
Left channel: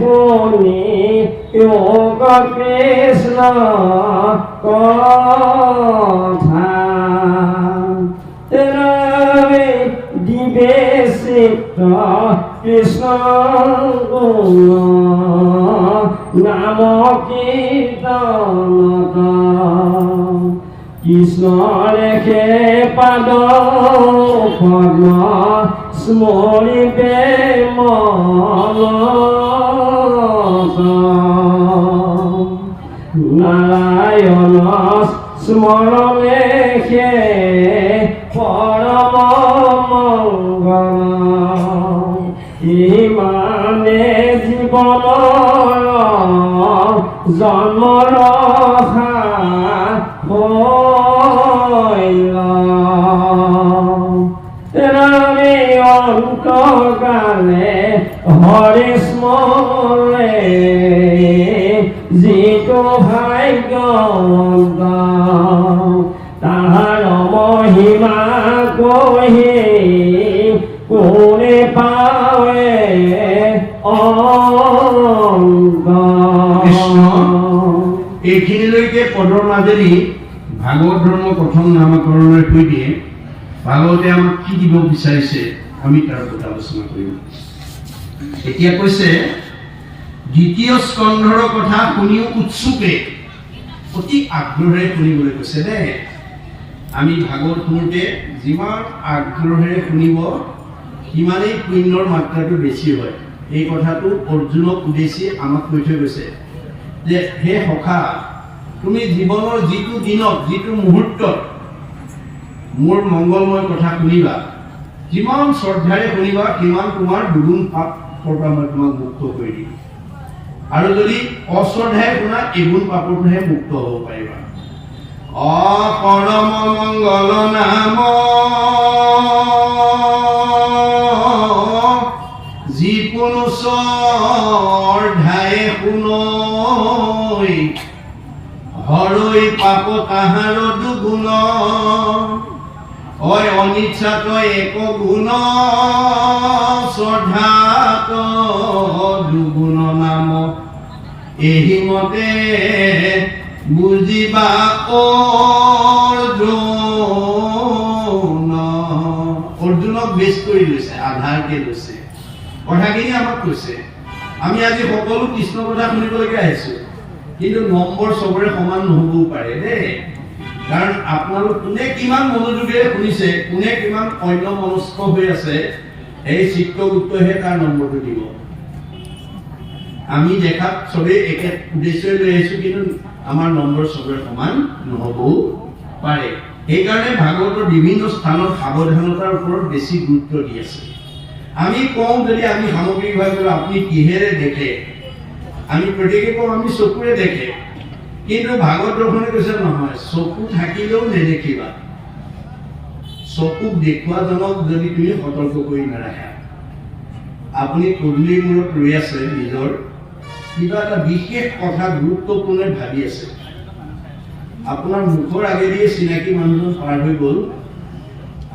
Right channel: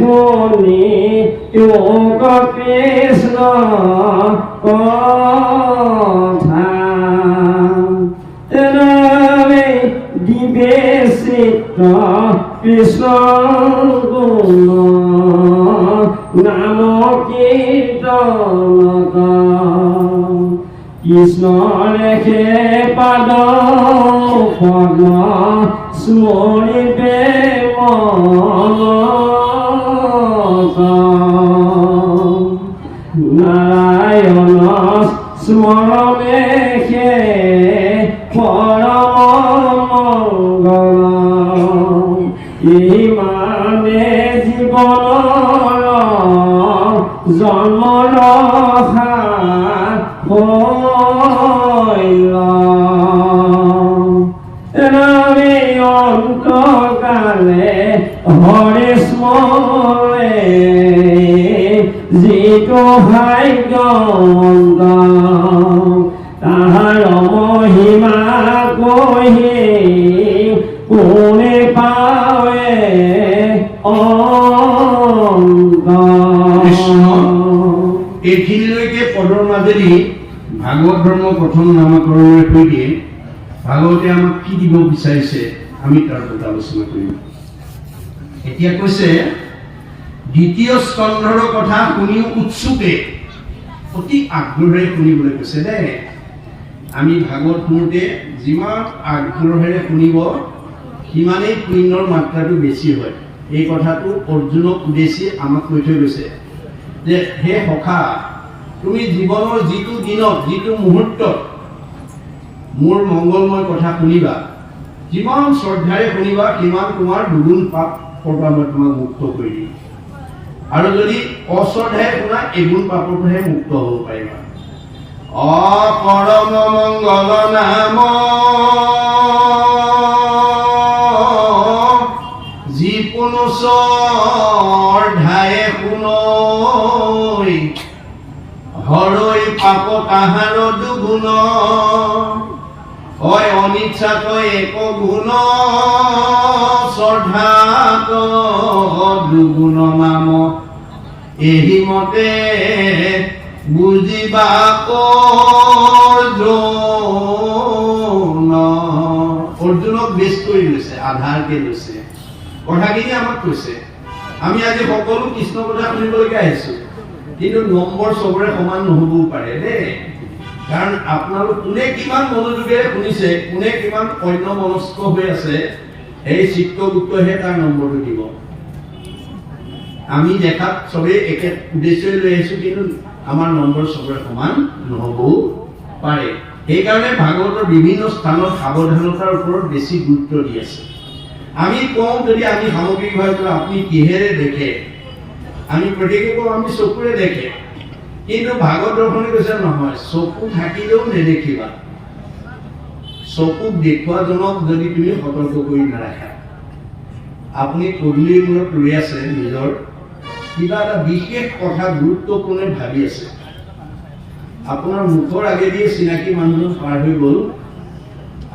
honi নাম কীৰ্তন কৃষ্ণ লেখে পাদ পদ্ম স্মৰিবে নাৰায়ণ স্মৰণে পৰম মংগল ইমানে জীৱনৰ জন্ম ৰখা ৰামে অন্তকালে হৰে স্মৰে যিটো ভাগ্য তাহাৰ মহিমা কহি কোনে পাৱে এইখিনিলৈকে পদৰ মাজেদি ভাগৱত ধৰ্ম প্ৰথম নামকৰণৰ সৈতে ভাগৱতে আমাক কি দিব বিচাৰিছে আমি তাৰ ওপৰত আলোচনা কৰিম। এতিয়া কৈছে দ্বিতীয় স্কন্ধৰ কথা শুনিও উৎসুকে অতি আগ্ৰহেৰে শুনিবলৈ কৈছে দেই। আমি ভাগৱত শুনোতে যিমান আগ্ৰহেৰে শুনিব সিমানেই পুণ্যৰ মাত্ৰাটো বেছি হয়। এই কথাটো অৰ্জুনক উদ্দেশ্যি আমাক কৈ থৈ গৈছে যে হে সখা, তুমি জীৱনৰ যিটো দিনত যিটো মুহূৰ্তত মোৰ মংগলময় কথা শুনিবা, যিমান শ্ৰদ্ধাৰে শুনিবা সিমান তোমাৰ দুগুণ পাপৰ পৰা মই তোমাক মুক্ত কৰি দিম। আৰু যদি অশ্ৰদ্ধাৰে শুনা এগুণ পাপৰ পৰাহে মুক্ত হ'ব পাৰিবা। পৰম মংগল নাম যিকোনো শ্ৰদ্ধাৰে শুনৈ হৰৈ পাপ তাহাৰ দুগুণ অনিচ্ছাত এক গুণ শ্ৰদ্ধাত দুগুণ নাম এহি মতে বুজিবা অৰ্জুনক বেছ কৰি লৈছে, আধাৰকে লৈছে। কথাখিনি আমাক কৈছে আমি আজি সকলো কৃষ্ণ কথা শুনিবলৈকে আহিছো, কিন্তু নম্বৰ চবৰে সমান নহবও পাৰে দেই। কাৰণ আপোনালোক কোনে কিমান মনোযোগেৰে শুনিছে, কোনে কিমান অন্য মনস্ক হৈ আছে, এই চিত্ৰগুপ্তহে তাৰ নম্বৰটো দিব। আমি দেখাত চবেই একে উদ্দেশ্য লৈ আহিছো, কিন্তু আমাৰ নম্বৰ চবৰে সমান নহবও পাৰে। সেইকাৰণে ভাগৱতৰ বিভিন্ন স্থানত সাৱধানতাৰ ওপৰত বেছি গুৰুত্ব দি আছে। আমি কওঁ যদি আমি সামগ্ৰিকভাৱে আপুনি কিহেৰে দেখে, আমি প্ৰত্যেকে কওঁ আমি চকুৰে দেখে, কিন্তু ভাগৱত দৰ্শনে কৈছে নহয়, চকু থাকিলেও নেদেখিবা। চকুক দেখুৱাজনক যদি তুমি সতৰ্ক কৰি নাৰাখা, আপুনি পদূলিৰ মূৰত ৰৈ আছে, নিজৰ কিবা এটা বিশেষ কথা গুৰুত্বপূৰ্ণ ভাবি আছে, আপোনাৰ মুখৰ আগেদি চিনাকি মানুহজন পাৰ হৈ গ'ল,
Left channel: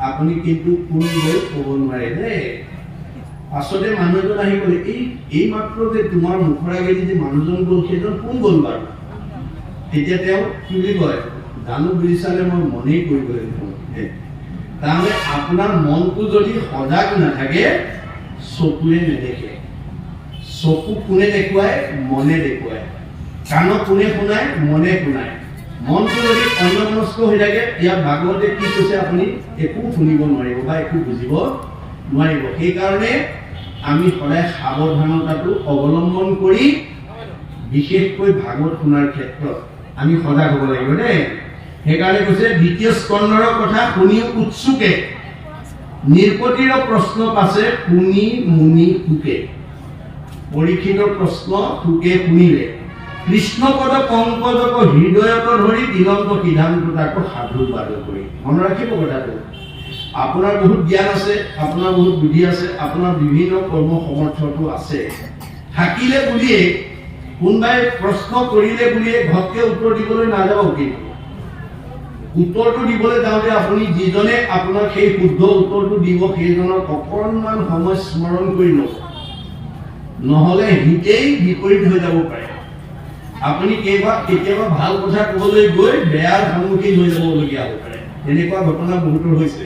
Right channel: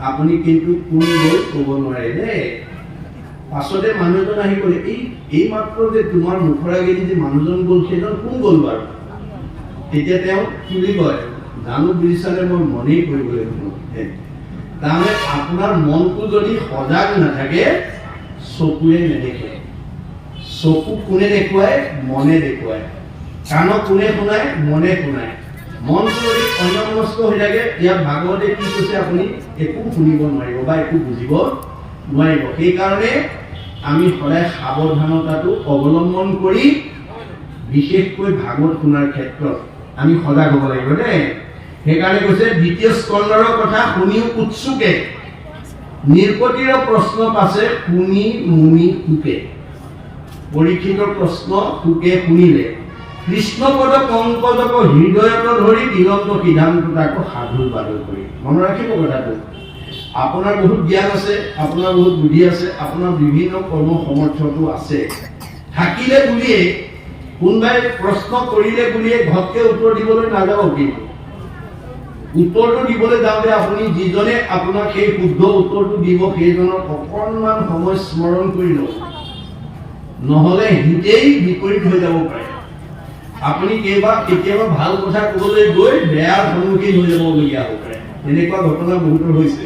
আপুনি কিন্তু কোন গ'ল ক'ব নোৱাৰে দেই। পাছতে মানুহ এজন আহি গ'ল, এই মাত্ৰ যে তোমাৰ মুখৰ আগেদি যে মানুহজন গ'ল সেইজন কোন গ'ল বাৰু? তেতিয়া তেওঁ কি বুলি কয়, জানো বুলি চালে মই মনেই কৰিবলৈ তাৰমানে আপোনাৰ মনটো যদি সজাগ নাথাকে চকুৱে নেদেখে। চকু কোনে দেখুৱায়? মনে দেখুৱায়। কাণক কোনে শুনায়? মনে শুনায়। মনটো যদি অন্যমনস্ক হৈ থাকে, ইয়াত ভাগৱতে কি কৈছে আপুনি একো শুনিব নোৱাৰিব বা একো বুজিব নোৱাৰিব। সেইকাৰণে আমি সদায় সাৱধানতাটো অৱলম্বন কৰি বিশেষকৈ ভাগৱত শুনাৰ ক্ষেত্ৰত আমি সজাগ হ'ব লাগিব দেই। সেইকাৰণে কৈছে দ্বিতীয় স্কন্ধৰ কথা শুনিও উৎসুকে নিৰ্পতিৰ প্ৰশ্ন পাছে শুনি মুনি সুকে। পৰীক্ষিতৰ প্ৰশ্ন সুকে শুনিলে কৃষ্ণপদ পংকজক হৃদয়ত ধৰি দিগন্ত সিদ্ধান্ত তাকো সাধু বাদ কৰি। মনত ৰাখিব কথাটো, আপোনাৰ বহুত জ্ঞান আছে, আপোনাৰ বহুত বুদ্ধি আছে, আপোনাৰ বিভিন্ন কৰ্ম সমৰ্থটো আছে, থাকিলে বুলিয়ে কোনোবাই প্ৰশ্ন কৰিলে বুলিয়ে ঘপকে উত্তৰ দিবলৈ নাযাব। কিন্তু উত্তৰটো দিবলৈ যাওঁতে আপুনি যিজনে আপোনাক সেই শুদ্ধ উত্তৰটো দিব সেইজনক অকণমান সময় স্মৰণ কৰি লওক, নহ'লে হিতেই বিপৰীত হৈ যাব পাৰে। আপুনি কেতিয়াবা ভাল কথা ক'বলৈ গৈ বেয়াৰ সন্মুখীন হৈ যাবলগীয়া হ'ব পাৰে। এনেকুৱা ঘটনা বহুতৰ হৈছে।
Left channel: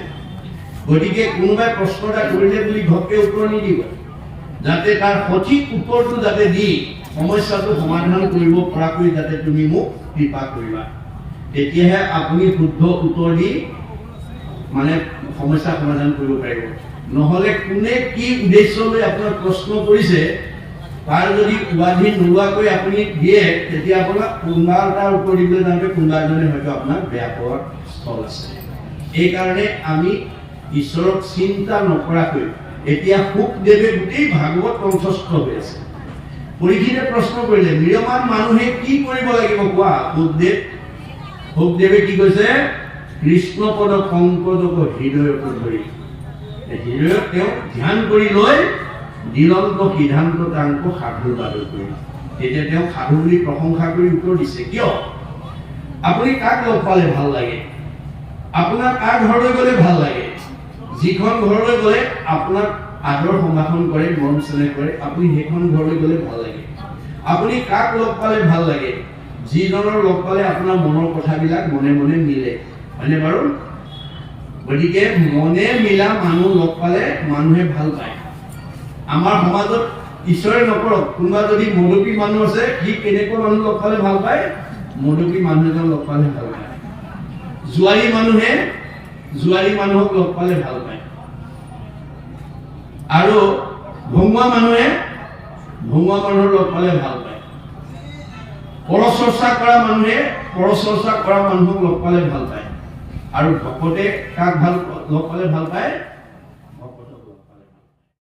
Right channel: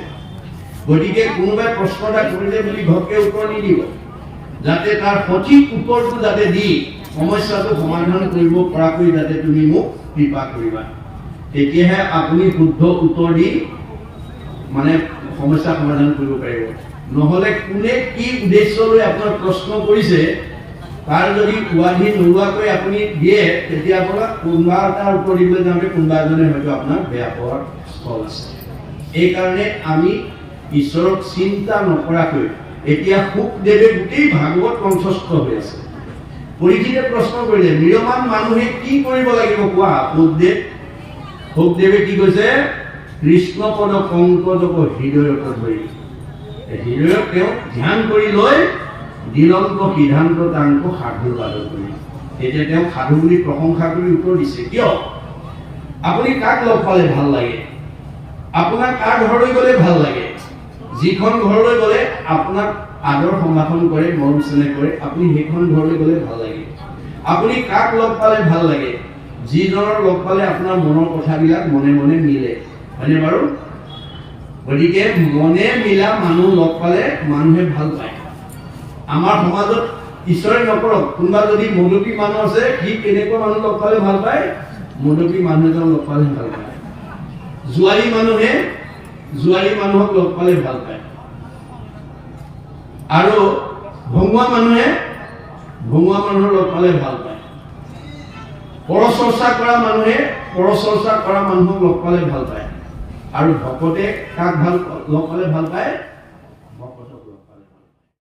গতিকে কোনোবাই প্ৰশ্ন এটা কৰিলে বুলি ঘপকে উত্তৰ নিদিব, যাতে তাৰ সঠিক উত্তৰটো যাতে দি সমস্যাটো সমাধান কৰিব পৰাকৈ যাতে তুমি মোক কৃপা কৰিবা, তেতিয়াহে আপুনি শুদ্ধ উত্তৰ দি মানে সমস্যা সমাধান কৰিব পাৰিব। নহ'লে কোনে কি উদ্দেশ্য লৈ আপোনাক প্ৰশ্ন কৰিছে তাৰ যদি উৱাধি নোলোৱাকৈ আপুনি দিয়ে, তেতিয়া আপোনাক কোনোবা এটাৰ উত্তৰ দিবলৈ যাওঁতে কোনোবা এজনে হয়তো আপোনাক বেয়া পোৱাৰ স্থল আছে। এইকাৰণে আমি ঈশ্বৰক চিন্তা নকৰাকৈ, এতিয়া শুকদেৱে গোটেই ভাগৱত কণ্ঠস্থ হৈ আছে। পৰীক্ষিতে প্ৰশ্ন কৰিলে নিৰমান মানুহে কি কৰিব লাগিব কোৱা? শুকদেৱে কি কৈছে? কৃষ্ণপদ পংকজক হৃদয়ত ধৰি, হৃদয়ত তেওঁ ধ্যান কৰি লৈ দিলন্ত সিদ্ধান্ত তাংক সাধু বাদ কৰি, তেতিয়া তেওঁ সাধু বুলি প্ৰশংসা কৰি উত্তৰ দিছে। কিয়? আপুনি কাক লগ পালে ভাল লাগে? আপোনাৰ কাৰ ঘৰলৈ গ'লে ভাল লাগে? যিখন ঘৰলৈ গ'লে আপোনাক আদৰ সম্ভাষণ কৰে, মৰম চেনেহ কৰে, আপুনি সেইখন ঘৰলৈ গ'লে ভাল লাগে। আপুনি কাক লগ পালে ভাল লাগে? যিজনৰ লগ পালে আপোনাৰ মনৰ কথাবিলাক মনে মনে মিলে, হয়নে বাৰু? গতিকে মনে মিলা মানুহ লগ পালে মানুহে ভাল পায়। আমাৰ সমাজত ঈশ্বৰে নকৰক, কোনোবা যদি মদপী মানুহ আছে, সি কেনেকুৱা মানুহ লগ পালে ভাল পায়? মদপী মানুহ এজন লগ পালে ভাল পায়। জোৱাৰী মানুহে জোৱাৰী মানুহক লগ পালে ভাল পায়। আৰু ভঙুৱা মানুহে ভঙুৱা মানুহক লগ পালে ভাল পায়। পৰচৰ্চা কৰা মানুহে পৰচৰ্চা কৰা মানুহক লগ পালে ভাল পায়। আৰু ভকতে কাক লগ পালে ভাল পায়?